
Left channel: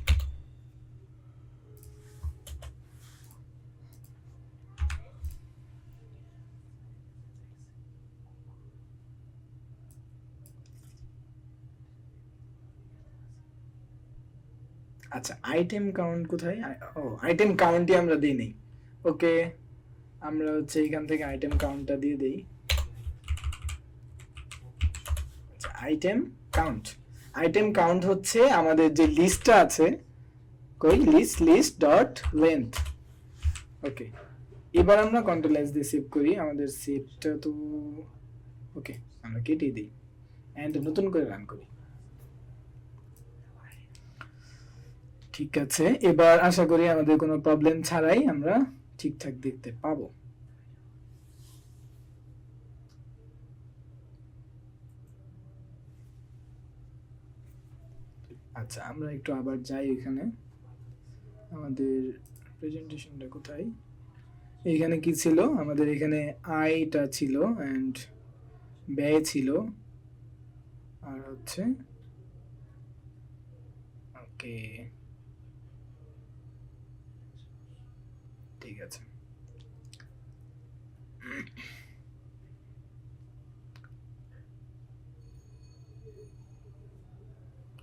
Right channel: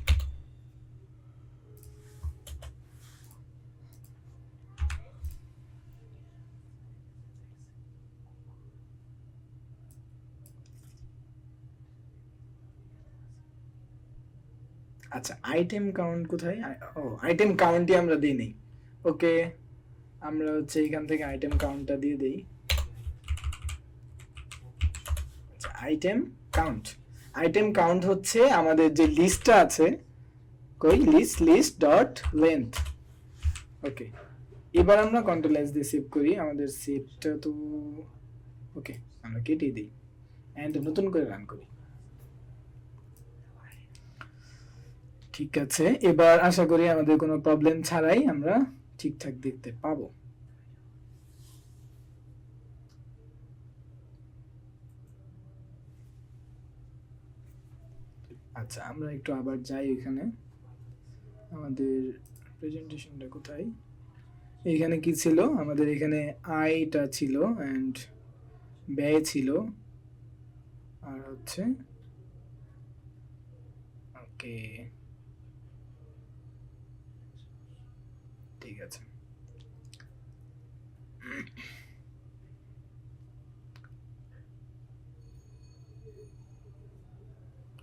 আচ্ছা, আইটেম কাউন্ট কোথায়, আইটেম কাউন্টই আমরা দিই নেই। ওকে, আমরা হচ্ছে এখান থেকে আইটেম কাউন্টটা দিয়ে দেই। আচ্ছা, আইটেম কাউন্ট হচ্ছে আমাদের যে লিস্টটা আছে, কই লিস্ট ডট লেন্থ। ওকে, এবার আমরা কন্ট্রোল এস দিয়ে সেভ করি। আমাদের সেভটা তো ওকে, আমরা কেটে দিই এন্ড নতুন করে রান করি। ঠিক আছে, এবার আশা করি আমাদের কোনো প্রবলেম ছাড়াই আমরা ঠিকঠাক দেখতে পাবো। আচ্ছা, আমরা একটু আবার যাই এখানে। আমাদের প্রেজেন্টেশনটা কোথায়? এখানে কি ছিল? আমাদের এখানে আয়টা ছিল এন্ড ব্যয় ছিল, আর হচ্ছে ওকে, ঠিক আছে।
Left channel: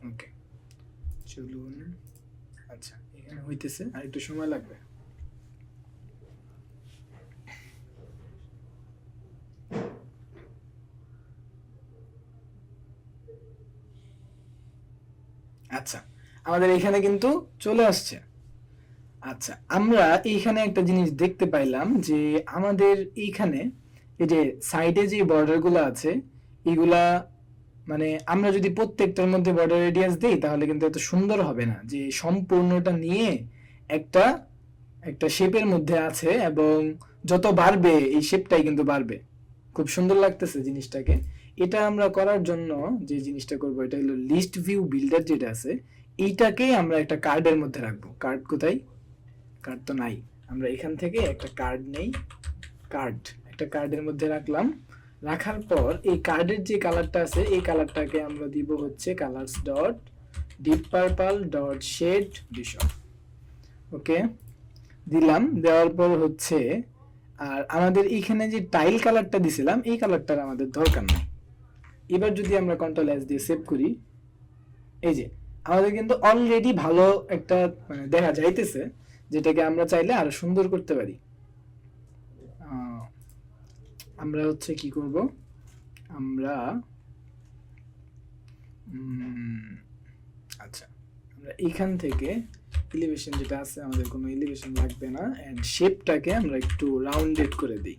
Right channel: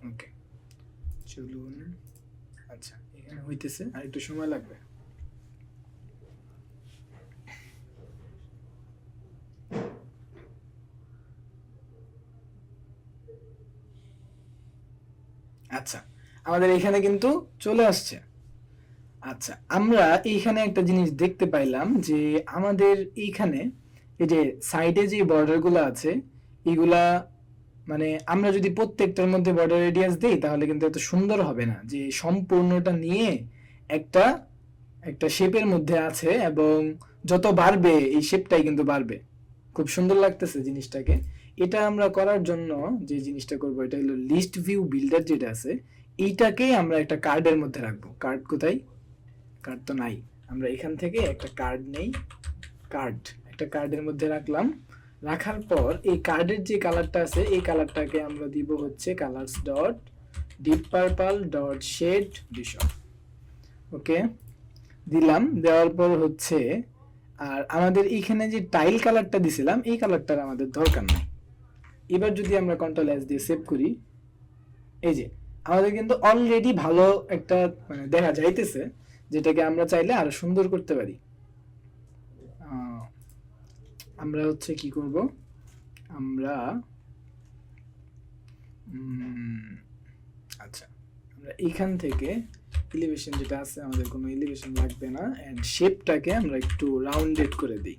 ওকে, চলুন। আচ্ছা, এখানে হইতেছে, আর একটু সময় লাগবে। আচ্ছা, আমাদের এখানে কিন্তু চলে আসছে। আচ্ছা, আমরা এইখানে একটা জিনিস দেখতে পাইলাম যে আমাদের এইখানে এই যে সাইডে যে বর্ডার গুলো আছে, এগুলা মানে আমরা যদি প্রত্যেকটার মধ্যে বর্ডার রেডিয়াস দেই তাহলে কিন্তু এত সুন্দর হবে না, যে সম্পূর্ণটা নিয়ে একটা একটা শেপের মধ্যে আছে এবং যত বাড়বে এই শেপটাই কিন্তু বাড়বে। খুব সুন্দর লাগতেছে জিনিসটাকে। এটা আমরা করার জন্য যে জিনিসটা করব, এটা হলো লিস্ট ভিউ বিল্ডার যেটা আছে, এইটাকে আমরা একটা কার্ডের মধ্যে রাখবো। কার্ড কোথায়? কার্ড তো নাই। আমরা এখান থেকে একটা কার্ড নেই, একটা কার্ডের মধ্যে রাখলাম। রাখার পর এই কার্ডের যে কালারটা আছে, এই কালারটাকে আমরা দিব হচ্ছে colours dot deep purple dot shade বিশপ। ওকে, দিলাম। দেওয়ার পর হচ্ছে আর আমাদের এইখানে যে টাইল কালারটা দিছিলাম, এই কালারটার আমাদের দরকার নাই। এবার যদি আমরা কন্ট্রোল এস দিয়ে সেভ করি, এই যে আমাদের কিন্তু অলরেডি ভালো একটা মানে দেখা যাইতেছে, যেটাকে আমরা চাইলে আরো সুন্দর করতে পারি। আমরা হচ্ছে কি করব, আমরা আচ্ছা, আমরা এখান থেকে এলিভেশন যেটা আছে, আমাদের কোনো এলিভেশন লাগবে না, এন্ড শেপটাকে আমরা একটু রাউন্ডেড করে দিই,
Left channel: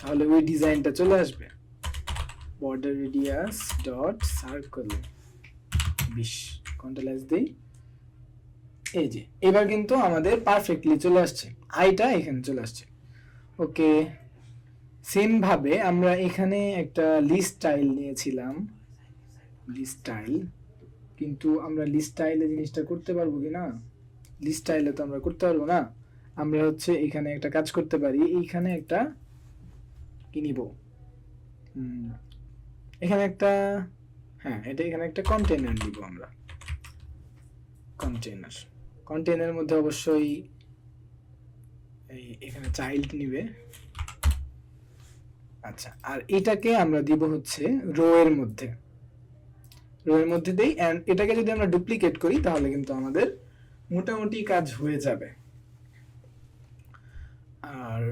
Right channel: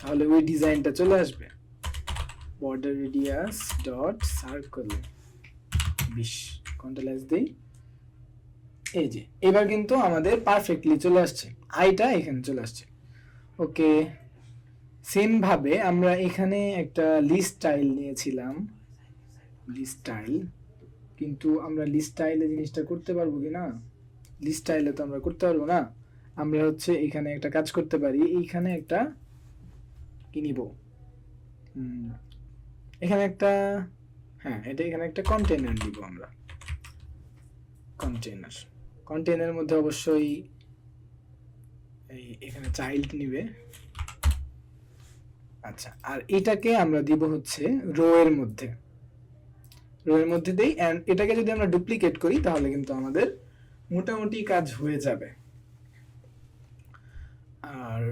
তাহলে ওই ডিজাইনটা চলে আসবে। Border radius dot circle 20, control S দেই। এই যে এবার কিন্তু আমাদের পারফেক্টলি চলে আসছে, আইটা এখানে চলে আসছে। ওকে, সেম ভাবে আমরা এখানে একটা লিস্ট স্টাইল নিয়েছিলাম, লিস্ট স্টাইল, কিন্তু আমরা লিস্ট স্টাইলে জিনিসটা করতে পারবো কিনা? লিস্ট স্টাইলে তো আমরা করতে পারবো না। আমরা হচ্ছে এখানে একটা কাজ করতে পারি, এইখানে একটা কি নিব, এখানে একটা, হ্যাঁ এটা এখানে একটা কন্টেইনার নিব আমরা। কন্টেইনারের মধ্যে অবশ্যই এখানে চাইল্ড নিবে। আচ্ছা, আর এটাকে আমরা দিব হচ্ছে রো এর মধ্যে দেই, এন্ড এটাকে যদি আমরা ডুপ্লিকেট করি তাহলে কিন্তু আমাদের মোটামুটি কাজ হয়ে যাবে। আর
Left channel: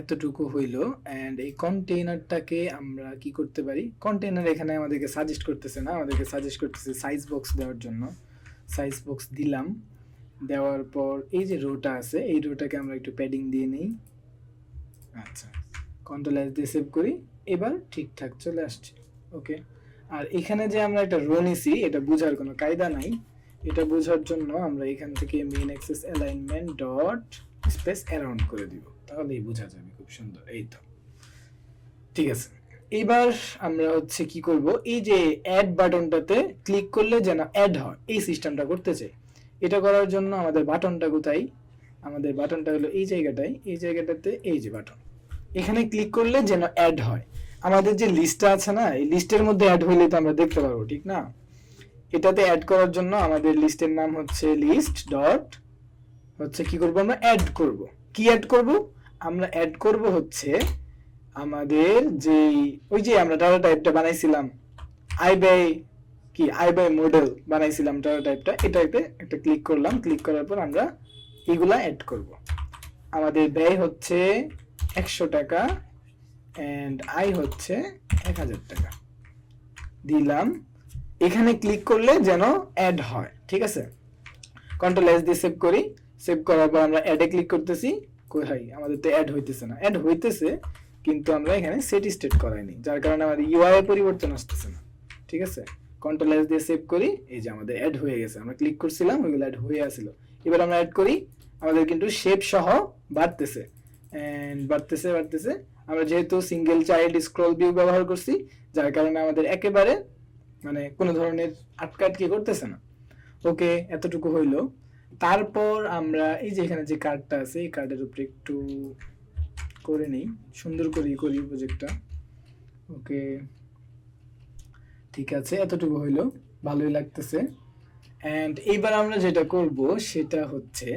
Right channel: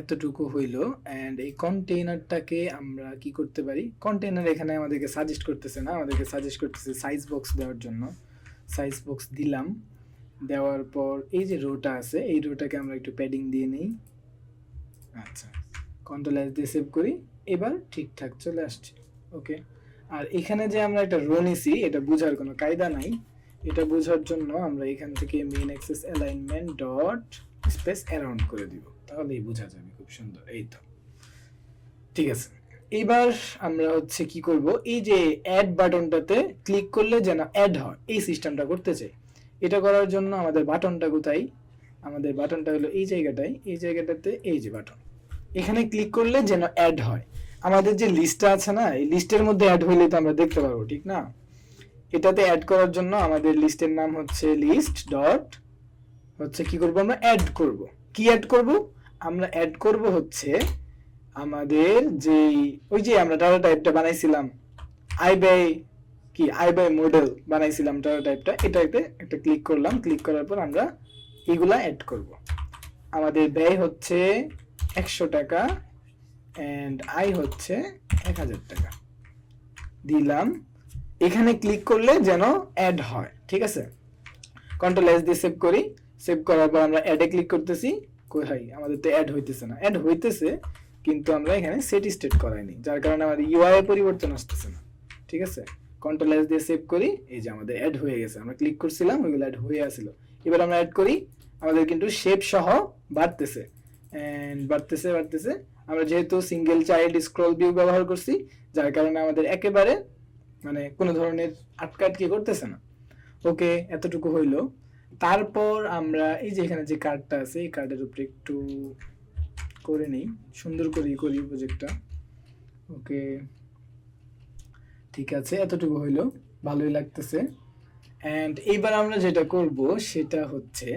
এতটুকু হইলো। এন্ড এই কন্টেইনারটাকে আমরা কি করতে পারি, কন্টেইনার এখানে আমাদেরকে সাজেস্ট করতেছে না, আমাদেরকে সাজেস্ট করতেছে সাইজ বক্স দেওয়ার জন্য। সাইজ বক্স দিলাম। দেওয়ার পর এই যে রোটা আছে, এই রোটাকে আমরা একটু প্যাডিং দিয়ে নিই। আচ্ছা, কন্ট্রোল এস দিয়ে সেভ করি। এবার ঠিকঠাক চলে আসছে। ওকে, আর এখানে যে আমরা একটা রো নিছি, এটা বোঝার কোনো কায়দা নাই। এটা বোঝার জন্য আমরা এখান থেকে main access alignment dot space around করে দিব, তাহলেই বোঝা যাবে। খুব সুন্দর, এই তো ঠিক আছে। এবার আমরা হচ্ছে কি করব, এই যে অ্যাড বাটনটাতে ক্লিক করলে যেন অ্যাড হয়, এই সিস্টেমটা করতে চাই। এটা করার জন্য আমাদের বাটনটা কোথায়? আমাদের বাটনটা হলো এই জায়গাটায়, এই জায়গাটাতে এই যে বাটন, এখানে ক্লিক করলে যেন অ্যাড হয়। আমাদের যে লিস্টটা আছে না, এই লিস্টের মধ্যে অ্যাড হইলে তো আমরা দেখতে পারবো, ঠিক না? এটাতে অ্যাড করার জন্য আমাদের লিস্টের নাম হচ্ছে লিস্ট ডট হচ্ছে কি করব, আমরা অ্যাড করব। কি অ্যাড করব? আমরা অ্যাড করব হচ্ছে আমাদের যে ওই যে আমরা ডাটা টাইপটা বানাইছিলাম, আই বাই মডেল বানাইছিলাম ডাটা টাইপটা, এটাতে একটা ক্লিক করলাম। ক্লিক করার পর আমরা এগুলা অ্যাড করব। আমাদের ব্যয় হচ্ছে 100 টাকা এন্ড আই হচ্ছে 1000 টাকা। দিলাম, এখানে ক্লিক করলে যেন অ্যাড হয়, ঠিক আছে। কন্ট্রোল এস দিয়ে সেভ করি, সেভ করার পর আমরা অ্যাডে ক্লিক করতেছি, কোথায় আমাদের তো অ্যাড হইতেছে না, অ্যাড হইতেছে কিন্তু আমরা এখানে সেট স্টেট করাইনি, যার কারণে আমাদের ইউআই পরিবর্তন আসতেছে না, ঠিক আছে। কন্ট্রোল এস দিয়ে সেভ করি, এই যে আমাদের অ্যাড হয়ে গেছে, আমরা ক্লিক করছিলাম ওইগুলো অ্যাড হয়ে আসছিল। এবার আমরা অ্যাড করি, আমাদের কিন্তু শেপ সহ বাড়তেছে এন্ড বাড়তেছে বাড়তেছে। আমরা যেহেতু সিঙ্গেল চাইল্ড স্ক্রল ভিউ ব্যবহার করছি, যার কারণে আমাদের একেবারে মানে কোনো ধরনের আটকাটকি করতেছে না। ওকে, এতটুকু হইলো। তারপর আমরা এই যে এখানে যে কার্ডটা আছে, এই কার্ডের উপরে একটু করে নেই, সুন্দর করে করি প্রজেক্টটা। ওকে, ঠিক আছে, এতটুকু হইলো, ভালোই লাগতেছে। এন্ড এইবার আমরা যেটা করব সেটা হচ্ছে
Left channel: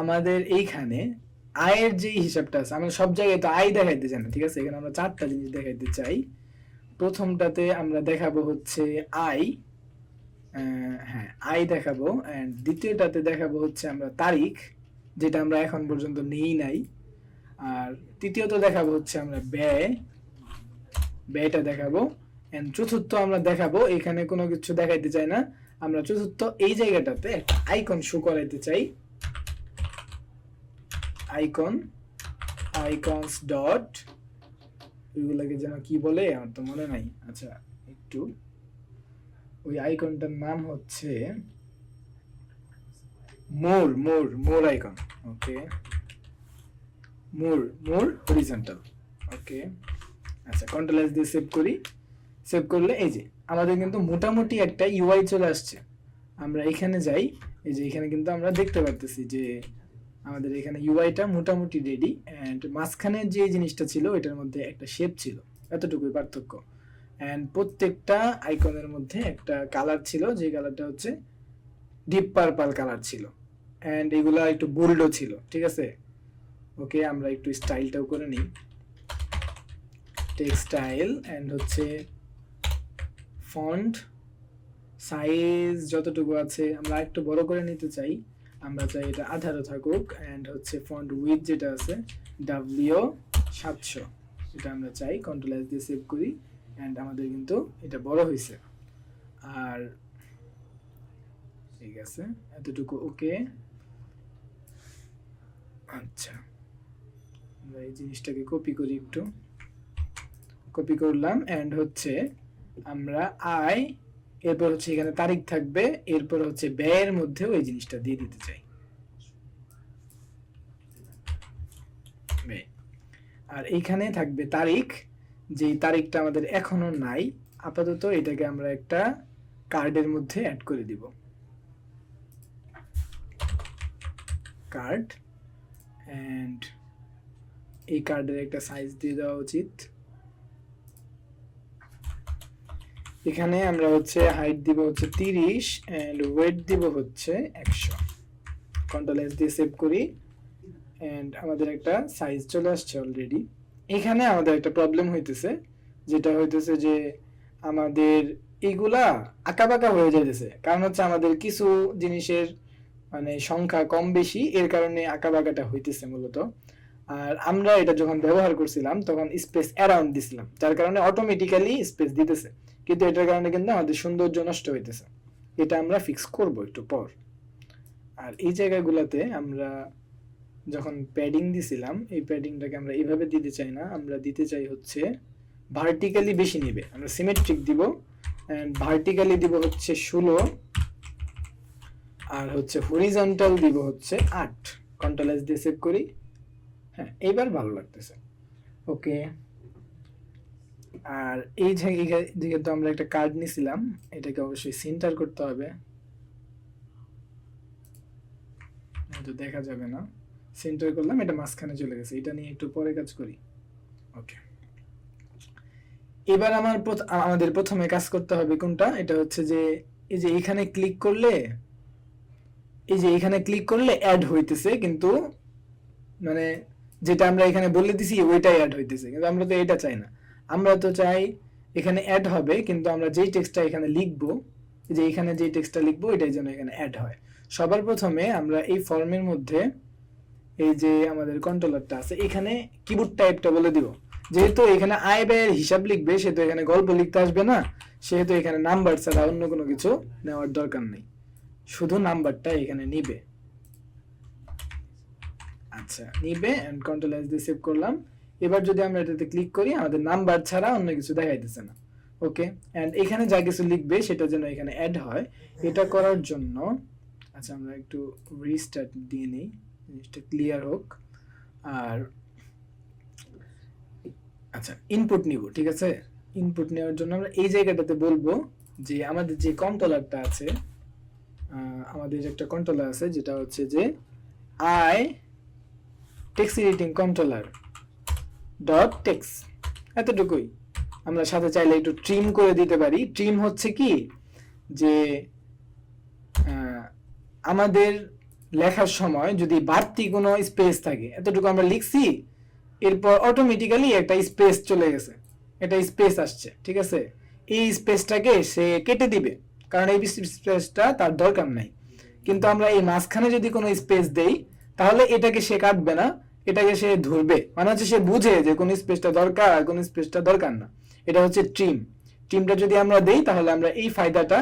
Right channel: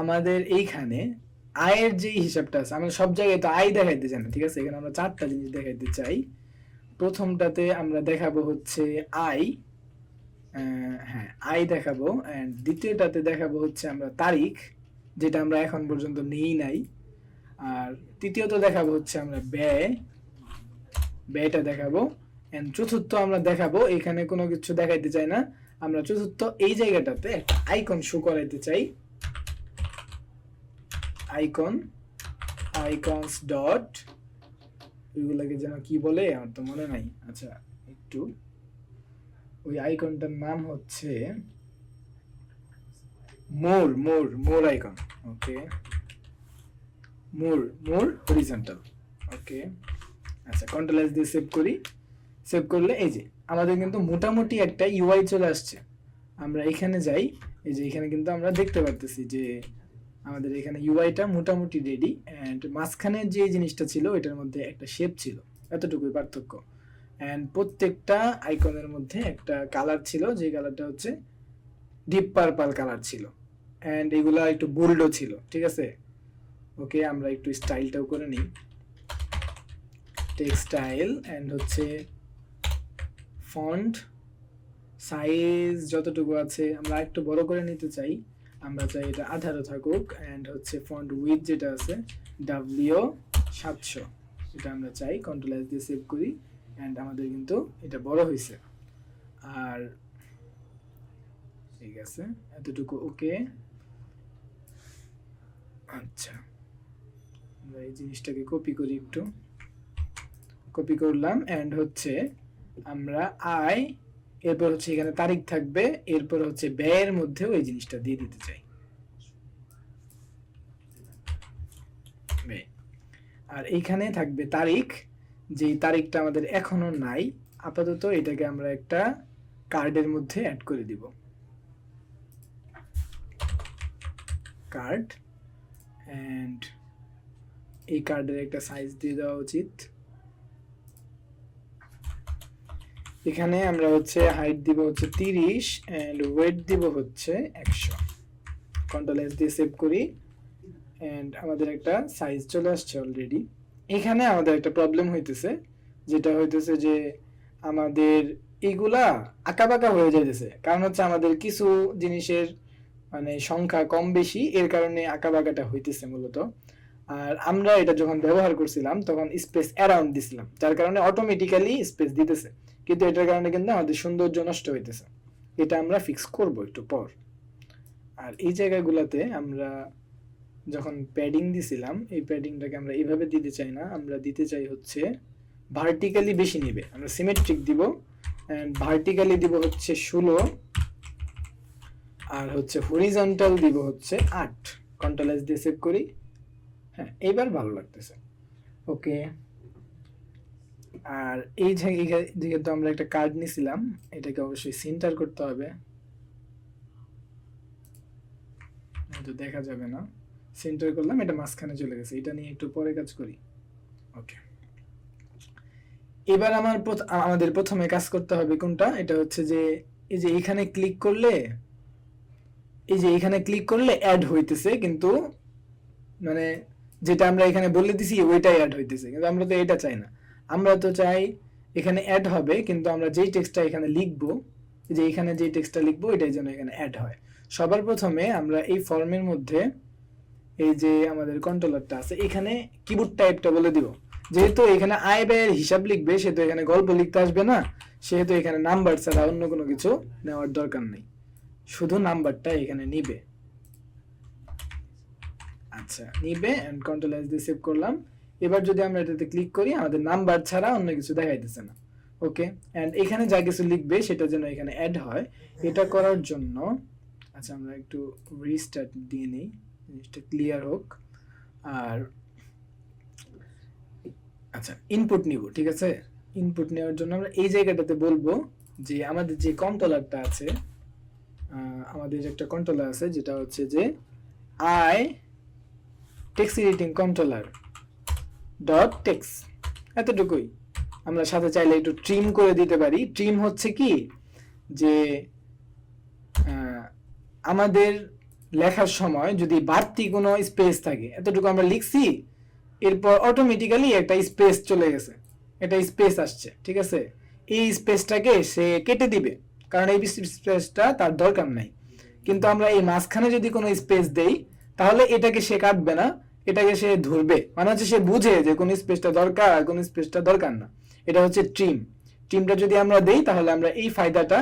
আমাদের এইখানে আয়ের যে হিসাবটা আছে, আমরা সব জায়গায় তো আয় দেখাইতে চাই না, ঠিক আছে। এখানে আমরা চারটা জিনিস দেখাইতে চাই। প্রথমটাতে আমরা দেখাবো হচ্ছে আয়, হ্যাঁ আয় দেখাবো। এন্ড দ্বিতীয়টাতে দেখাবো হচ্ছে আমরা তারিখ, যেটা আমরা এখন পর্যন্ত নেই নাই। আর তৃতীয়ত দেখাবো হচ্ছে আমরা ব্যয়, ব্যয়টা দেখাবো। এন্ড চতুর্থ আমরা দেখাবো, এখানে কোনো কিছু দেখাইতে চাই না, আমরা চতুর্থ এই জায়গাটাতে একটা আইকন শো করাইতে চাই। আইকন, আইকনস ডট, এগুলাকে যেন কি বলে আমার তো মনে নাই। আচ্ছা, একটু ওই আইকনটার নাম হচ্ছে মোর, মোর, মোর আইকন। ওকে, মোর, মোর হরিজন্টাল। ওকে, আচ্ছা, কন্ট্রোল এস দিয়ে সেভ করি। সেভ করলে এই যে আমাদের কিন্তু মোটামুটি একটা ইউআই চলে আসছে। আমরা এখানে যাই, এই যে এখানে কিন্তু আমরা দেখতে পারতেছি যে আমাদের এখানে ইউআইটা মোটামুটি রেডি। এন্ড মাঝখানে যে জিনিসটা ছিল এটার মধ্যে একটা শেপ ছিল, এতটুকুই পার্থক্য। এন্ড প্রত্যেকটা আইকনের মধ্যে একটা কালার ছিল, যে কালারটা হচ্ছে ডিপ পার্পল কালার ছিল। এন্ড এগুলা একটু বোল্ডও ছিল, ঠিক আছে। ওকে, আমরা একটু স্টাইলটাও করে নিই, টেক্সটাইল। এন্ড হচ্ছে ফন্ট সাইজ যতটুকু আছে আমরা একটু বড় করে নিতে চাই, আমরা চাই এটা 18 থাকুক। এন্ড হচ্ছে ফন্ট উইডথ যেটা আছে W700, এটা আমরা চাই। কন্ট্রোল এস দিয়ে সেভ করি। এন্ড আমাদের কিন্তু এটা বড় হয়েছে। আর ঠিক আছে, এতটুকু ওকে। আচ্ছা, আমরা এই জিনিসটাকে কপি করি, একটু কপি করলাম। এন্ড হচ্ছে আমরা আয়, এরপর হচ্ছে এখানে তারিখ থাকবে, এরপর হচ্ছে ব্যয়ের মধ্যে ওই জিনিসটা দিয়ে দিতে চাই, ব্যয়। আর এইখানে থাকবে তারিখ, যে তারিখটা আমাদের এখনো নাই আপাতত, এটাকে আমরা একটা কার্ডের মধ্যে অ্যাড করে দিব, কার্ড। এন্ড এই কার্ডের একটা সাইজ দিয়ে দেওয়া উচিত। এখানে আমরা হচ্ছে হাইট দিব হচ্ছে 30 এন্ড ওয়েট দিব হচ্ছে 100। কন্ট্রোল এস দিয়ে সেভ করি। এন্ড আমাদের একটা সাইজ চলে আসছে অলরেডি। এখানে আমাদের একটা প্রবলেম হইতেছে, যেটা হইতেছে যে আমাদের এগুলা আঁকাবাঁকা হয়ে যাইতেছে, কারণ হচ্ছে আমাদের কিছু জিনিসের মানে সংখ্যা কম বেশি, এর কারণে আঁকাবাঁকাটা হইতেছে মূলত। আর আমরা এটা যখন ব্যবহার করছিলাম তখন স্পেস অ্যারাউন্ড দিছিলাম, যার কারণে অটোমেটিক্যালি স্পেস দিতেছে, কিন্তু এটার কারণে কিন্তু আমাদের সৌন্দর্য নষ্ট হইতেছে। এটা আমরা ফিক্স করব একটু পর। আর এই জায়গাগুলোতে আমরা যখন প্যাডিং দিছিলাম, এই প্যাডিংটাকে আমরা এইভাবে দিতে চাই না, আমরা দিতে চাই হচ্ছে ভার্টিক্যালি বেশি নেবে, আমরা সিমেট্রিক দিব। এন্ড ভার্টিক্যালি দিব হচ্ছে 16, আর হচ্ছে হরিজন্টাল দিব হচ্ছে 8। কন্ট্রোল এস দিয়ে সেভ করি। হ্যাঁ, এইবার ভালো লাগতেছে। ওকে, আর এই জায়গায় যেহেতু আমরা একটা কার্ড নিছিলাম, এটাকে অবশ্যই সেন্টার করতে হবে, তো দেখা যাবে না। সেন্টার করলাম, এটা মাঝখানে চলে গেছে, এটা নিয়ে একটু পরে কাজ করি। ওকে, এবার আমাদের প্রথমে কাজ করতে হবে কোনটা, এটা হচ্ছে যে এই যে এখানে ক্লিক করলে, এই যে এখানে ক্লিক করলে অ্যাড হইতেছে, কিন্তু মানে যেটা আমরা এখানে বলে দিছি ওইটাই অ্যাড হইতেছে, কিন্তু আমরা তো এটা চাই না। আমরা তো চাই এখানে অ্যাড হবে, কিন্তু আমরা যেই টেক্সটটা এখানে লিখবো, যে এখানে যেই টেক্সটটা লিখবো এটাই যেন এখানে অ্যাড হয়। সবার প্রথমে আমরা এই ফর্মের মধ্যে এই যে আমাদের কন্ট্রোলারটা আছে, এখানে কিবোর্ড টাইপটা বলে দিব, যেহেতু এখানে আয় ব্যয়ের হিসাব লিখবে, সেহেতু এখানে গল্প লিখতে আসবে না, সেহেতু এখানে নাম্বার ছাড়া অন্য কোনো কিছু নেওয়ার দরকার নেই, শুধু নাম্বারটা এখানে নিবে। আচ্ছা, নিবে এন্ড কন্ট্রোল এস দিয়ে সেভ করলাম। এবার যদি আমরা এটাতে ক্লিক করি, আমাদের নাম্বার ছাড়া অন্য কিছু দেখাইতেছে না। ওকে, এন্ড এখানে যা কিছু লিখবে সেটা যেন এখানে অ্যাড হয়, এটা করার জন্য আচ্ছা আমরা একটু রিস্টার্ট দিয়ে নেই, জিনিসটা ক্লিয়ার হোক। আর আচ্ছা, ইনপুট নিব, ঠিক আছে। ইনপুট নেওয়ার জন্য আমরা এই জায়গাটাতে বলবো যে আমাদের যে কন্ট্রোলারটা আছে, আমাদের একটা কন্ট্রোলার আছে যেটা হচ্ছে যে I text editing controller dot text, এতটুকুই। আমরা সাথে চাইলে একটু ট্রিম করে দিতে পারি। ট্রিম হচ্ছে কি যে আমাদের লেখার সময় যদি বাড়তি কোনো স্পেস থাকে, এতটুকু আমরা লিখছি, এরপর অটোমেটিক্যালি একটা স্পেস চলে গেছে, একটা স্পেস আসছে, ঠিক আছে, এই স্পেসটাকে সে কেটে দিবে, কারণ এই স্পেসটা তার দরকার নাই। কিন্তু আমরা এই মাঝখানে যদি কোনো স্পেস দেই, তাহলে এটাকে সে কাটবে না, এটাকে সে ধরবে, মানে হচ্ছে সে বুঝে যে কোন স্পেসটা দরকার আর কোন স্পেসটা দরকার না। এটা হচ্ছে ট্রিম। ট্রিমটা যদি আমরা দেই, তাহলে আমরা এই ফায়দাটা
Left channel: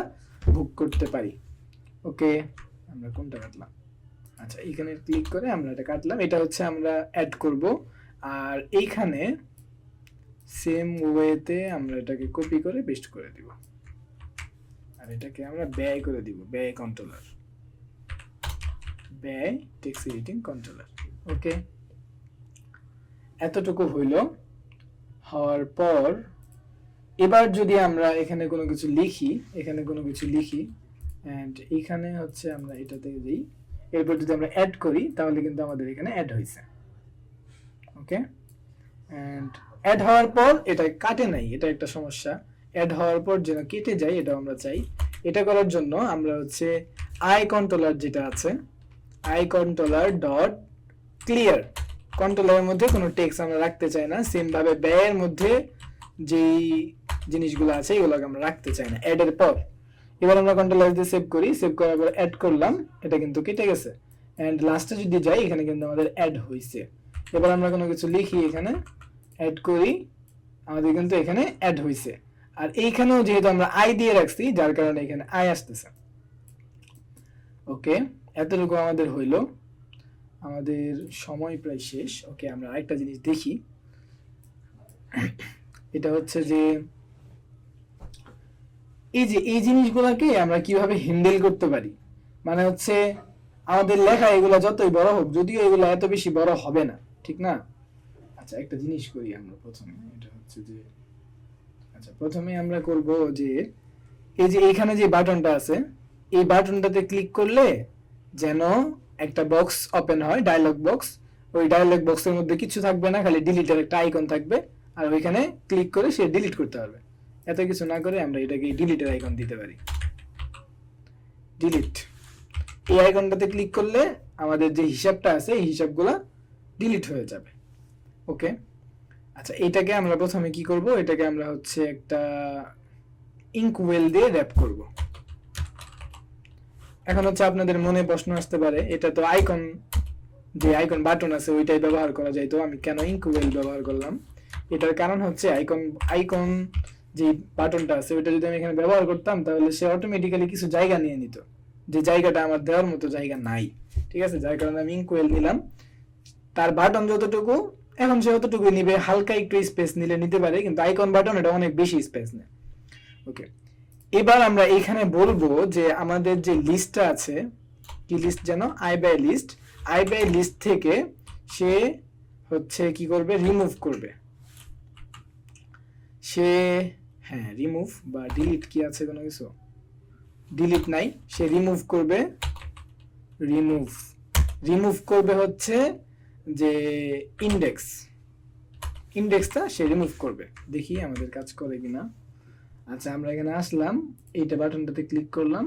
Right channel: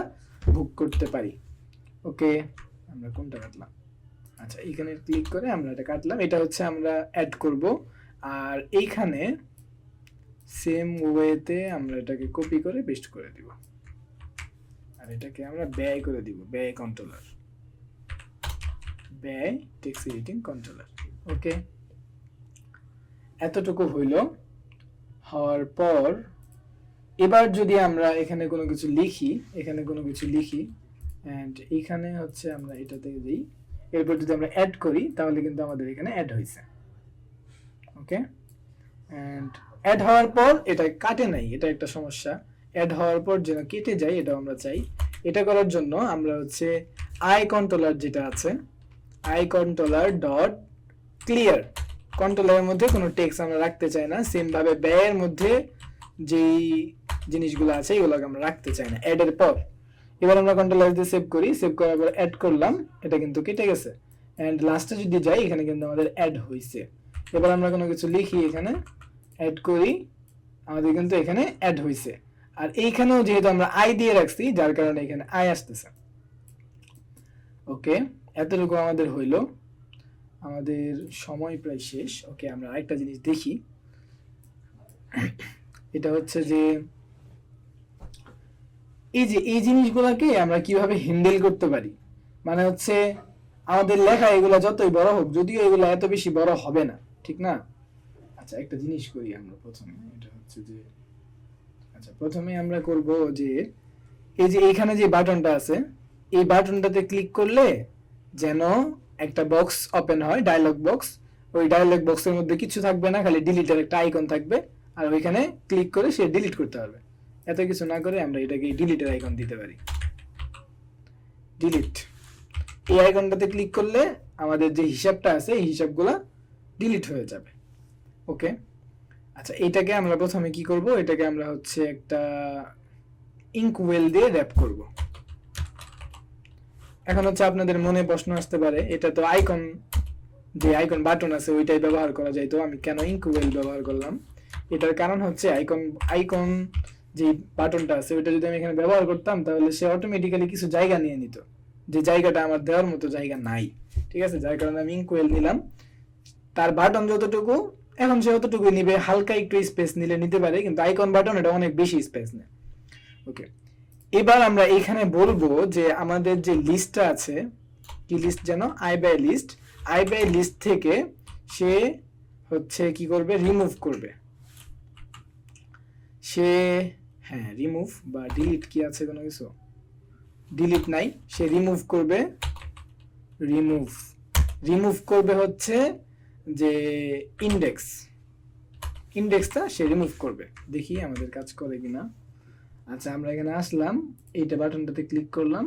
ভোগ করতে পারি। ওকে, আমরা কোনটা কাটলাম? আচ্ছা, এখানে ক্লিক করে আমরা এটা কাটলাম। এটা হচ্ছে আমরা অ্যাড করব, আর এইখানে সেম ওয়েতে আমরা এটাকে কপি করে পেস্ট করে দিব, আর এটাকে আমরা ব্যয় করে দিব, ব্যয় কন্ট্রোলার, ব্যয় টেক্সট এডিটিং কন্ট্রোলার। ওকে, এতটুকু হইল। হওয়ার পর এবার যদি আমরা এখানে কোনো কিছু লিখি, এখানে কোনো কিছু লিখি এন্ড এখানে হচ্ছে আমরা এটাতে দিই, এরপর যদি আমরা অ্যাড করি, তাহলে কিন্তু আমাদের এখানে অ্যাড হয়েছে। ওকে, এন্ড অ্যাড হওয়ার পর এটা কাটে নাই, এটা একটা সমস্যা। অ্যাড হওয়ার পর যেন কেটে যায়, এটা আমরা চাই। এটা করার জন্য আমরা হচ্ছে আই কন্ট্রোলার যেটা আছে, আই কন্ট্রোলার ডট ক্লিয়ার, কন্ট্রোলারের মধ্যে কোনো টেক্সট আমরা রাখতে চাই না। সেম ভাবে ব্যয়ের মধ্যে যেই জিনিসগুলো আছে এগুলোকে আমরা রাখতে চাই না অ্যাড এর পর। এবার আমরা কন্ট্রোলার দিয়ে সেভ করি, সেভ করার পর অ্যাড করলাম, এটা কিন্তু কেটে গেছে। এন্ড লাস্টে যদি যাই, এখানে কিন্তু আমাদের অ্যাড হয়েছে। এবার আমরা কোনো কিছু লিখি, এখানে অ্যাড করি, আমাদের কিন্তু এখানে অ্যাড হয়েছে। আর এইখানেও যেহেতু আমরা আই দিয়ে রাখছি, যার কারণে এখানে আই আসতেছে। ওকে, এতটুকু আমাদের হইলো। আমাদের সময় প্রায় শেষ। ওকে, আমরা আরেকটা জিনিস দেখি। এটা হচ্ছে যে এই যে এই জিনিসগুলোকে আমরা কিভাবে হ্যান্ডেল করতে পারি, মানে হচ্ছে আমাদের লেখা এগুলা যতই বড় হোক, যদিও এগুলো এত বেশি বড় হবে না, ঠিক না। আচ্ছা, একটা জিনিস করি আমরা প্রথমে, এটা হচ্ছে যে আচ্ছা প্রথমে আমরা করব যে এই যে এখানে যে বাটনটা আছে, এই বাটনটাতে ক্লিক করলে যেন একটা বক্স ওপেন হয়, ডায়লগ বক্স। ওই ডায়লগ বক্সের মধ্যে কিছু থাকবে না, খালি ডিলিটের একটা আইকন থাকবে, আর ওইখানে ক্লিক করে সে ডিলিট করতে পারবে। এত কিছু না করে আমরা এটাকে ডিলিটের আইকন দিতে পারি, ডিলিট। এই আইকনটাতে ক্লিক করলে আমাদের যে হিসাবটা আছে, এই হিসাবগুলো ডিলিট হয়ে যাবে। ওকে, আচ্ছা, এটাকে আমরা প্রথমে কি করব, এটাকে আমরা হচ্ছে একটা ইঙ্কওয়েল দিয়ে র‍্যাপ করব। এখন হচ্ছে আপনাদের মনে প্রশ্ন আসতে পারে, এটা তো আইকন, যে আইকন বাটন আছে ওইটাই ব্যবহার করা যায়, তো আমি কেন ইঙ্কওয়েল ব্যবহার করলাম? এটার কারণ হচ্ছে আইকন যে বাটনটা আছে ওইটা যদি আমি এখানে ব্যবহার করতাম, তাহলে সে অটোমেটিক্যালি কিছু জায়গা নিয়ে নিত, যে জায়গাটা আমার দেওয়ার মতো জায়গা নাই, ঠিক আছে। যার কারণে আমি ইঙ্কওয়েল নিলাম। তার বাটন যতটুকু, এখন সে অতটুকুই নিবে, হালকা একটু স্পেস নিলে নিতে পারে, কিন্তু আইকন বাটন এটা অনেক বেশি স্পেস নেয়। ওকে, এবার আমরা এখানে বলবো যে আমাদের যে লিস্টটা আছে, কি লিস্ট যেন, I by list, I by list থেকে সে হচ্ছে কি করবে, রিমুভ করবে। সে হ্যাঁ রিমুভ বা ডিলিট কি আছে কোনো কিছু, ডিলিট নাই, সে রিমুভ করবে। রিমুভ করবে হচ্ছে যে ইন্ডেক্সটা সে রিমুভ করবে। দেখি আমাদের কাজ করে কিনা। আচ্ছা, আমরা এখানে আসলাম, এইটা বাটনটাতে ক্লিক করলাম,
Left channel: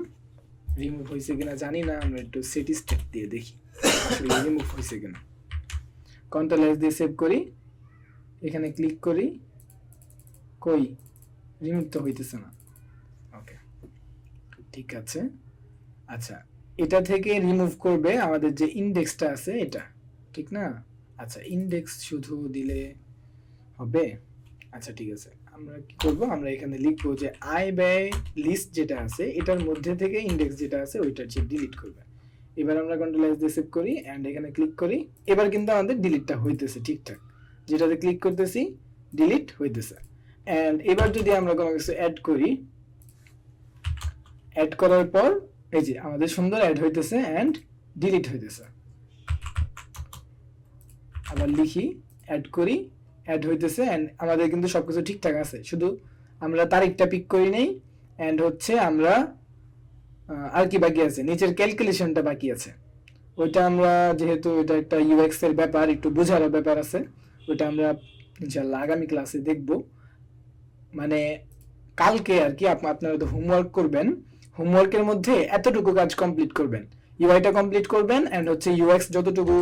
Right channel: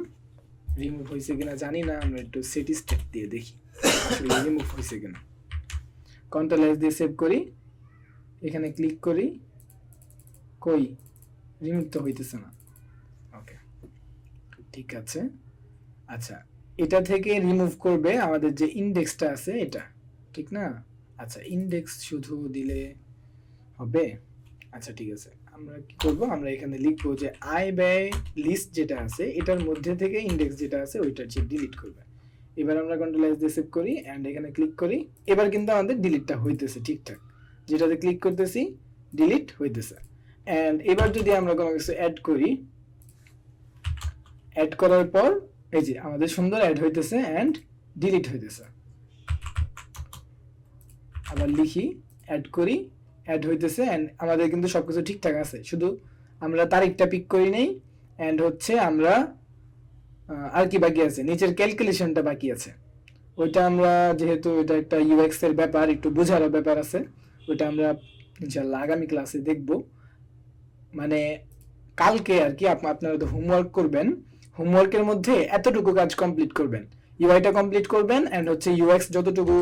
রিমুভ হয়েছে কিনা জানি না, আমরা একটু স্ট্যাটিস্টিক দিয়ে দেখি রিমুভ হয়েছে কিনা। কন্ট্রোল এস দিয়ে সেভ করি, এখানে ক্লিক করি, কই রিমুভ তো হইতেছে না। ওকে, ঠিক আছে। আচ্ছা, এটা থেকে রিমুভ করবে আমাদের যে ইন্ডেক্সটা আছে এটা, ঠিক না। আচ্ছা, ইন্ডেক্স শুধু দিলে হবে। আচ্ছা ঠিক আছে, আমরা কি করব, আমরা এখানে লিখবো যে আয় ব্যয় লিস্ট যেটা আছে এটার মধ্যে থেকে ইন্ডেক্স যেটা আছে ওইটা যে ডিলিট করবে। এবার আমরা কন্ট্রোল এস দিয়ে সেভ করি এন্ড এখানে ক্লিক করি। এবার কিন্তু আমাদের ডিলিটটা হইতেছে ঠিকঠাক, যেটাতে ক্লিক করতেছি ডিলিট হইতেছে। এন্ড এবার যদি আমরা কোনো কিছু অ্যাড করি, অ্যাড করার পর এই যে আমাদের সুন্দর অ্যাড হইতেছে এন্ড ডিলিট হইতেছে। আবার লিখি, অ্যাড করি, অ্যাড হইতেছে এন্ড আমাদের কিন্তু সবকিছু ঠিকঠাক আছে, শুধু আমরা তারিখটা পিক করি নেই এন্ড হচ্ছে আমরা আর কি বাকি আছে, নিচের ক্যালকুলেশনটা বাকি আছে। ওইটা আমরা যেহেতু এটা একটা ইউএক্স এর ব্যাপার, একটু বোঝার ব্যাপার আছে, ওইটা আমরা ইনশাআল্লাহ আগামী ক্লাসে দেখব। মানে কালকে আর কি আপনারা তো হোমওয়ার্ক করবেন, হোমওয়ার্কের মধ্যে এতটুকু কাজ কমপ্লিট করবেন, ইউআইটা কমপ্লিট করবেন এন্ড হচ্ছে ইউএক্স যতটুকু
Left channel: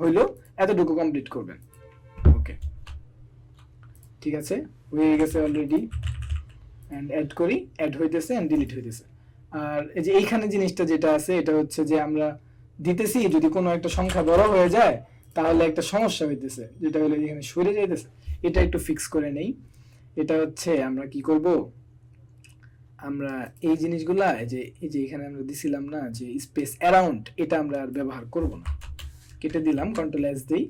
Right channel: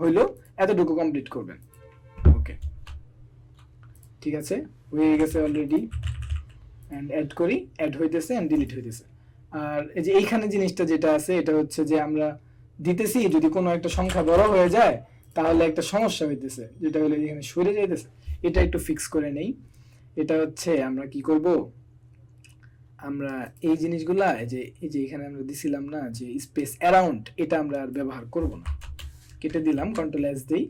হইলো এতটুকু কমপ্লিট করবেন। ওকে ঠিক আছে, হয়ে গেছে অলরেডি। এন্ড অ্যাড করি, অ্যাড হইতেছে এন্ড ডিলিট হইতেছে। আর এই যে এইখানে জিনিসটা যেটা আছে এটা হচ্ছে যে আমরা দিতেছি যদি কোনো একটা সংখ্যা বড় হয়ে যায় তাহলে একটা সমস্যা হইতেছে, যেটা হলো এখানে সরে যাইতেছে। এটা একটু ফিক্স করে নেই। এটা হচ্ছে আমরা কি করব, আমরা এই জিনিসগুলা এই যে এখানে আমরা দিছিলাম না যে স্পেস অ্যারাউন্ড, এটা আমরা আর ব্যবহার করব না, কেটে দিলাম, কন্ট্রোল এস দেই।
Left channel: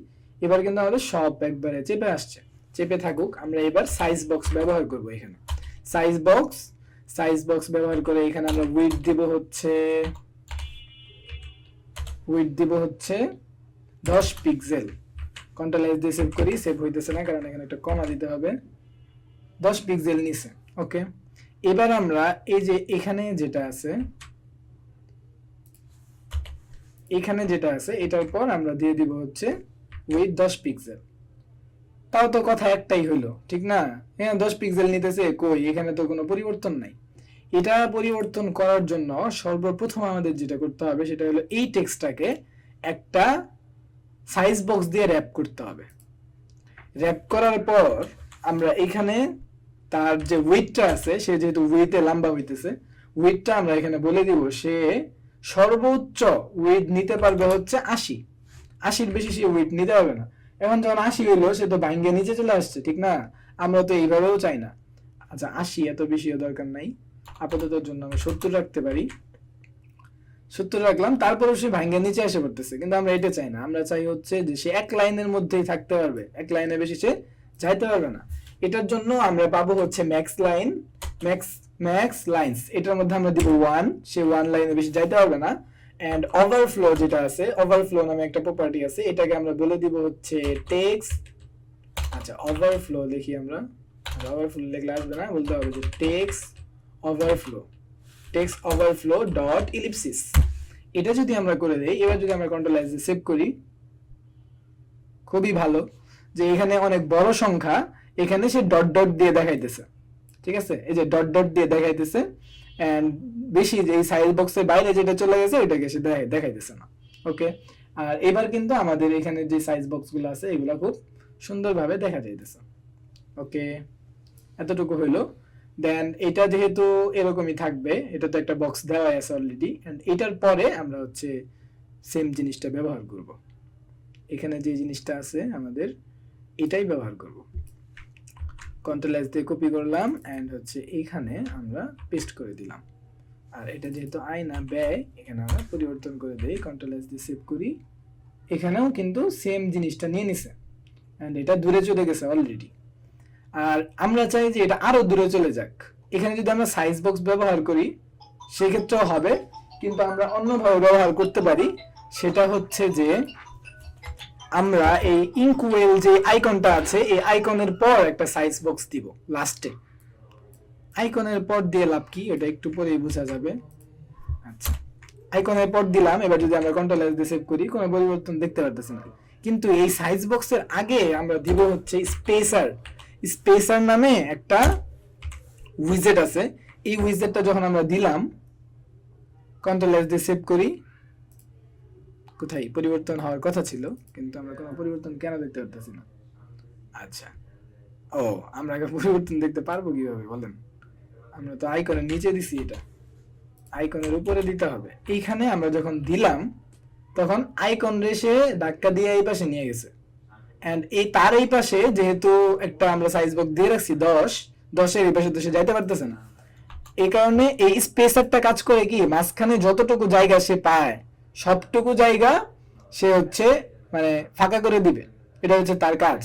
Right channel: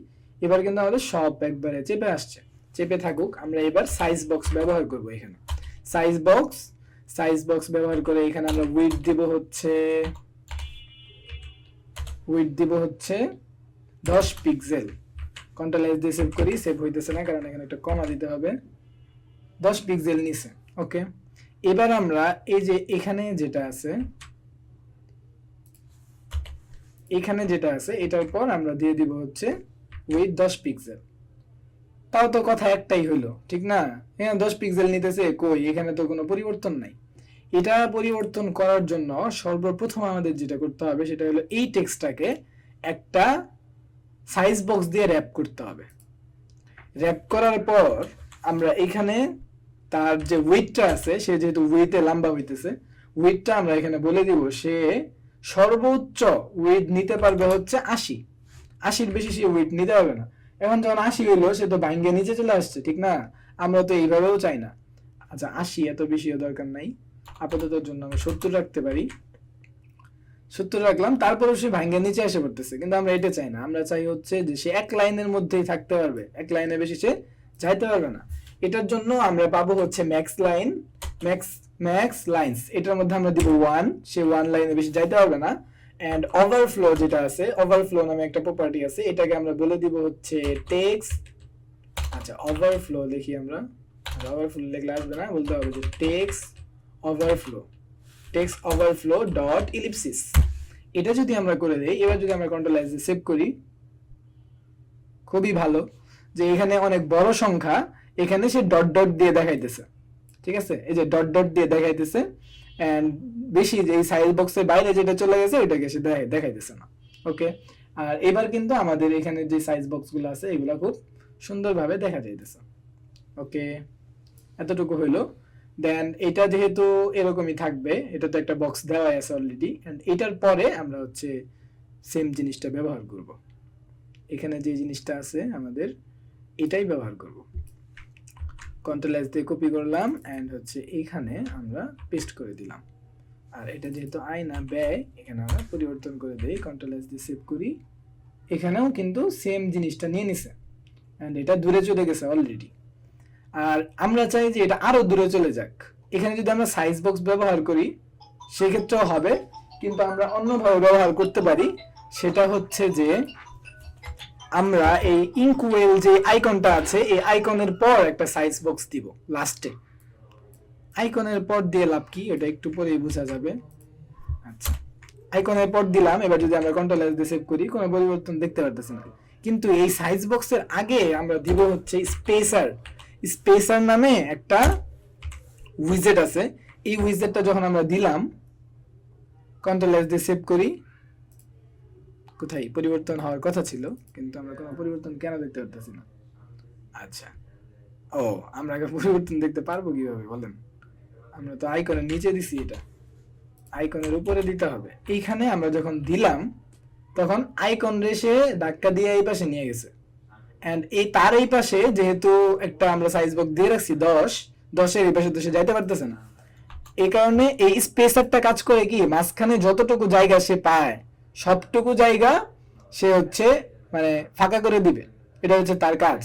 এবার কিন্তু আমাদের সব একবারে চেপে আসছে, চেপে থাকুক। আমরা এবার সাইজ বক্স ব্যবহার করব। এখানে সাইজ বক্স ব্যবহার করে এখানে আমরা উইডথ দিব হচ্ছে 10 পিক্সেল। কন্ট্রোল এস দিয়ে সেভ করি, সেভ হইতেছে না কারণ এখানে একটা কমা দিতে হবে। 10 পিক্সেল নিছে। ওকে, এবার আমরা এই যে এখানে যেটা আছে এটার পর আমরা দিয়ে দিব হচ্ছে উইথ 10 পিক্সেল। তাও তো কথা একটাই হলো, ঠিক না? হ্যাঁ 10 পিক্সেল নিতেছে, কই এখানে তো কোনো পরিবর্তন নাই। এটা পরিবর্তন করার জন্য সর্বপ্রথম আমাদের যেটা করতে হবে সেটা হলো এই টেক্সটটাকে একটা সাইজ বক্স দিয়ে র‍্যাপ করতে হবে। র‍্যাপ করার পর আমরা এখানে তার যে উইডথটা আছে, সে যেহেতু উইডথে লম্বা হইতেছে, উইডথটা আমরা এখানে বলে দিব সে সর্বোচ্চ উইডথ নিতে পারবে হচ্ছে 80। 80-র বেশি সে উইডথ নিতে পারবে না। এখন যখন 80 হইলো সে তো ভাঙ্গে নিচে চলে আসছে, ঠিক না? আমরা তো এইভাবেও চাই না। আচ্ছা 80 এত বেশিও দরকার নাই, আপাতত জন্য আমরা 70 রাখতে পারি। 70 রাখলাম, তারপরেও সে ভাঙ্গে নিচে এসে পড়তেছে, কিন্তু আমরা এটা চাই না। আমরা চাই হচ্ছে যে সে এক লাইনের মধ্যেই থাকতে পারবে, এক লাইনের বেশি সে যাইতে পারবে না। এটার জন্য আমরা পাবো হচ্ছে ম্যাক্স লাইনস, এটার মধ্যে আমরা দিব 1, সে 1 লাইনে বেশি যাইতে পারবে না। এন্ড ওভারফ্লো যেটা আছে, ওভারফ্লো নামে একটা প্রপার্টি আছে, এটাকে আমরা বলে দিব হচ্ছে টেক্সট। আচ্ছা ওভারফ্লো লিখি আমরা, ওভারফ্লো লিখলে আসবে না, বলতে হবে যে টেক্সট ওভারফ্লো ডট ইলিপসিস। এটা যদি আমরা করে দেই, এবার যদি আমরা কন্ট্রোল এস দিয়ে সেভ করি, খুবই ভালো যে এখানে অনেক বড় সংখ্যা এখানে সে ডট ডট দিয়ে দেখাইতেছে, ঠিক আছে? এই যে ডট ডট দিয়ে দেখাইতেছে এন্ড বেশি যে এই সাইজ বক্সের বাইরে যেটা চলে গেছে ওইটাকে সে দেখাইতেছে না। ওকে, আর এবার কিন্তু আমাদের এখানে যে সাইজ বক্সগুলো আছে এগুলো খুব সুন্দরভাবে দেখা যাইতেছে। ওকে, এতটুকু হইলো। দেন এটা যেহেতু এরকমই থাকবে, এটা তো একটা বক্স দেওয়া আছে অলরেডি, এন্ড এটার পরে আমরা হচ্ছে সেম জিনিসটা ব্যবহার করব। এখানে যে জিনিসটা আছে আমাদের এটাই ব্যবহার করব। কন্ট্রোল এস দিয়ে কপি করলাম এন্ড হচ্ছে এখানে আমরা পেস্ট করে দিলাম। আর এটা যেহেতু আয় না ব্যয়, এখানে আমরা পরিবর্তন করে দেই, কন্ট্রোল এস দিয়ে সেভ করি। এখানেও কিন্তু সেম জিনিসটা নিয়ে নিছে এন্ড এটা দূরে চলে গেছে অলরেডি। আর আমরা চাই যে এটা আরো দূরে চলে যাক। এখানে যদি আমরা সাইজ বক্স ব্যবহার করি সেক্ষেত্রেও হবে, কিন্তু আমরা অন্যভাবে ব্যবহার করতে পারি। সেটা হচ্ছে যে আমরা এই ইনকুয়েল যে আইকনটা আছে, এই আইকনের পর একটা সাইজ বক্স দিব লাস্টে। আইকনের পর দিয়ে লাভ কি, এটা একটু পরেই বোঝা যাবে। আচ্ছা আইকনের পর দিলাম, এবার যদি আমরা কন্ট্রোল এস দিয়ে সেভ করি কোনো পরিবর্তন দেখতে পারতেছি না। কিন্তু এই সাইজ বক্সের আগে আমরা দিব হচ্ছে স্পেসার নামে একটা উইজেট আছে। এই উইজেটটা যখন আমরা দিলাম, কন্ট্রোল এস দিয়ে সেভ করি, কোথায় পরিবর্তন হওয়ার কথা ছিল কিন্তু আমরা কোনো পরিবর্তন কেন দেখতে পারতেছি না? আচ্ছা ও, আমরা পরিবর্তন দেখতে পারবো কিভাবে বলেন? আমরা তো আইকনের নিচে দিছি, এটা আইকনের উপরে দিতে হবে। এইখানে আমরা যখন দিলাম তখন আইকন রেসে ধাক্কা দিয়ে এই পাশে নিয়ে গেছে এন্ড এই তার এই পাশে যেহেতু একটা আমরা সাইজ বক্স দিয়ে রাখছি 10 এই পাশে তো সে যাইতে পারতেছে না, এই কারণে এই স্পেসারটা কাজ করে কি, মাঝখানে যতটুকু জায়গা সে পায় সবটুকু জায়গা সে হচ্ছে মানে ফাঁকা করে দিবে, এটা হচ্ছে তার কাজ।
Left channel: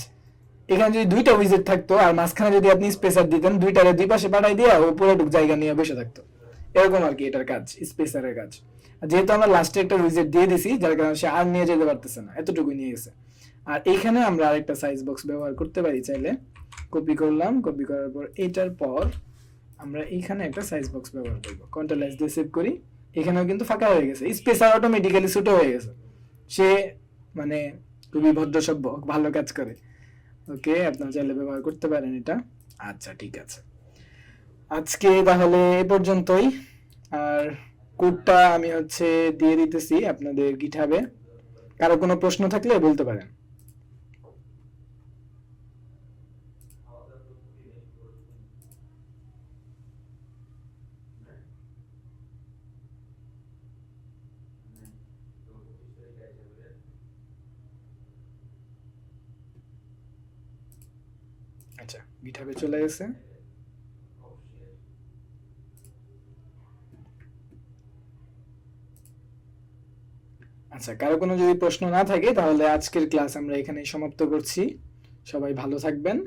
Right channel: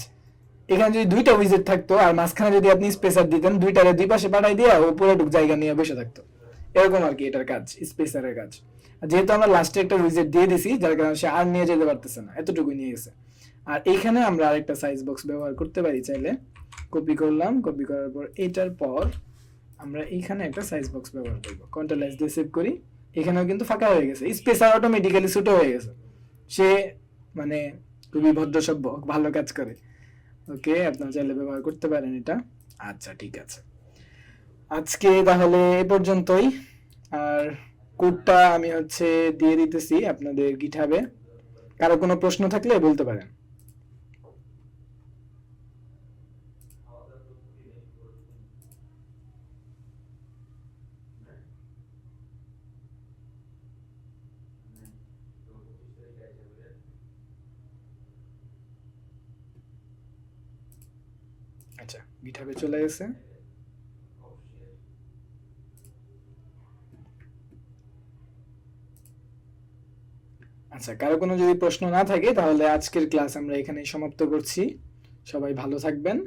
এখানে যদি দুইটা উইজেট থাকতো আর মাঝখানে যদি আপনি স্পেসার দিতেন, দুইটারে দুই পাশে পাঠাই দিয়ে পুরোটুকু জায়গা নিয়ে বসে থাকতো, এরকম আর কি এটার কাজ, স্পেসারের কাজ। আর যেহেতু আমরা লাস্টে একটা উইজেট দিয়ে দিছি যার কারণে সে আর নিয়ে যেতে পারতেছে না, এতটুকু নিয়ে গেছে। আর এইখানে আমরা আরেকটা সাইজ বক্স ব্যবহার করতে পারি চাইলে, কপি করলাম, কপি করার পর এটার পর আমরা এইখানে একটা সাইজ বক্স ব্যবহার করব, কন্ট্রোল এস দিয়ে সেভ করি। এখানেও কিন্তু ফাঁকা হয়ে গেছে, স্পেসার অটোমেটিক্যালি ছোট হয়ে গেছে, সে মানে খুবই ভদ্র সভ্য, ভালো কাজ করে। ওকে, আপনারা চাইলে ব্যবহার করতে পারেন এটা। আচ্ছা ঠিক আছে, আজকে তাহলে এ পর্যন্তই। আর কোডটা আমি হচ্ছে দিয়ে দিতেছি আপনাদের গিটহাবে, কারো কোনো প্রশ্ন থাকলে বলতে পারেন। আচ্ছা, গিটহাবে চলে গেছে। আচ্ছা, কারো কোনো যদি প্রশ্ন না থাকে তাহলে আজকের ক্লাস আমরা এখানেই সমাপ্ত করছি। সবাই ভালো থাকবেন,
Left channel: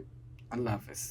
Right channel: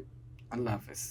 আল্লাহ হাফেজ।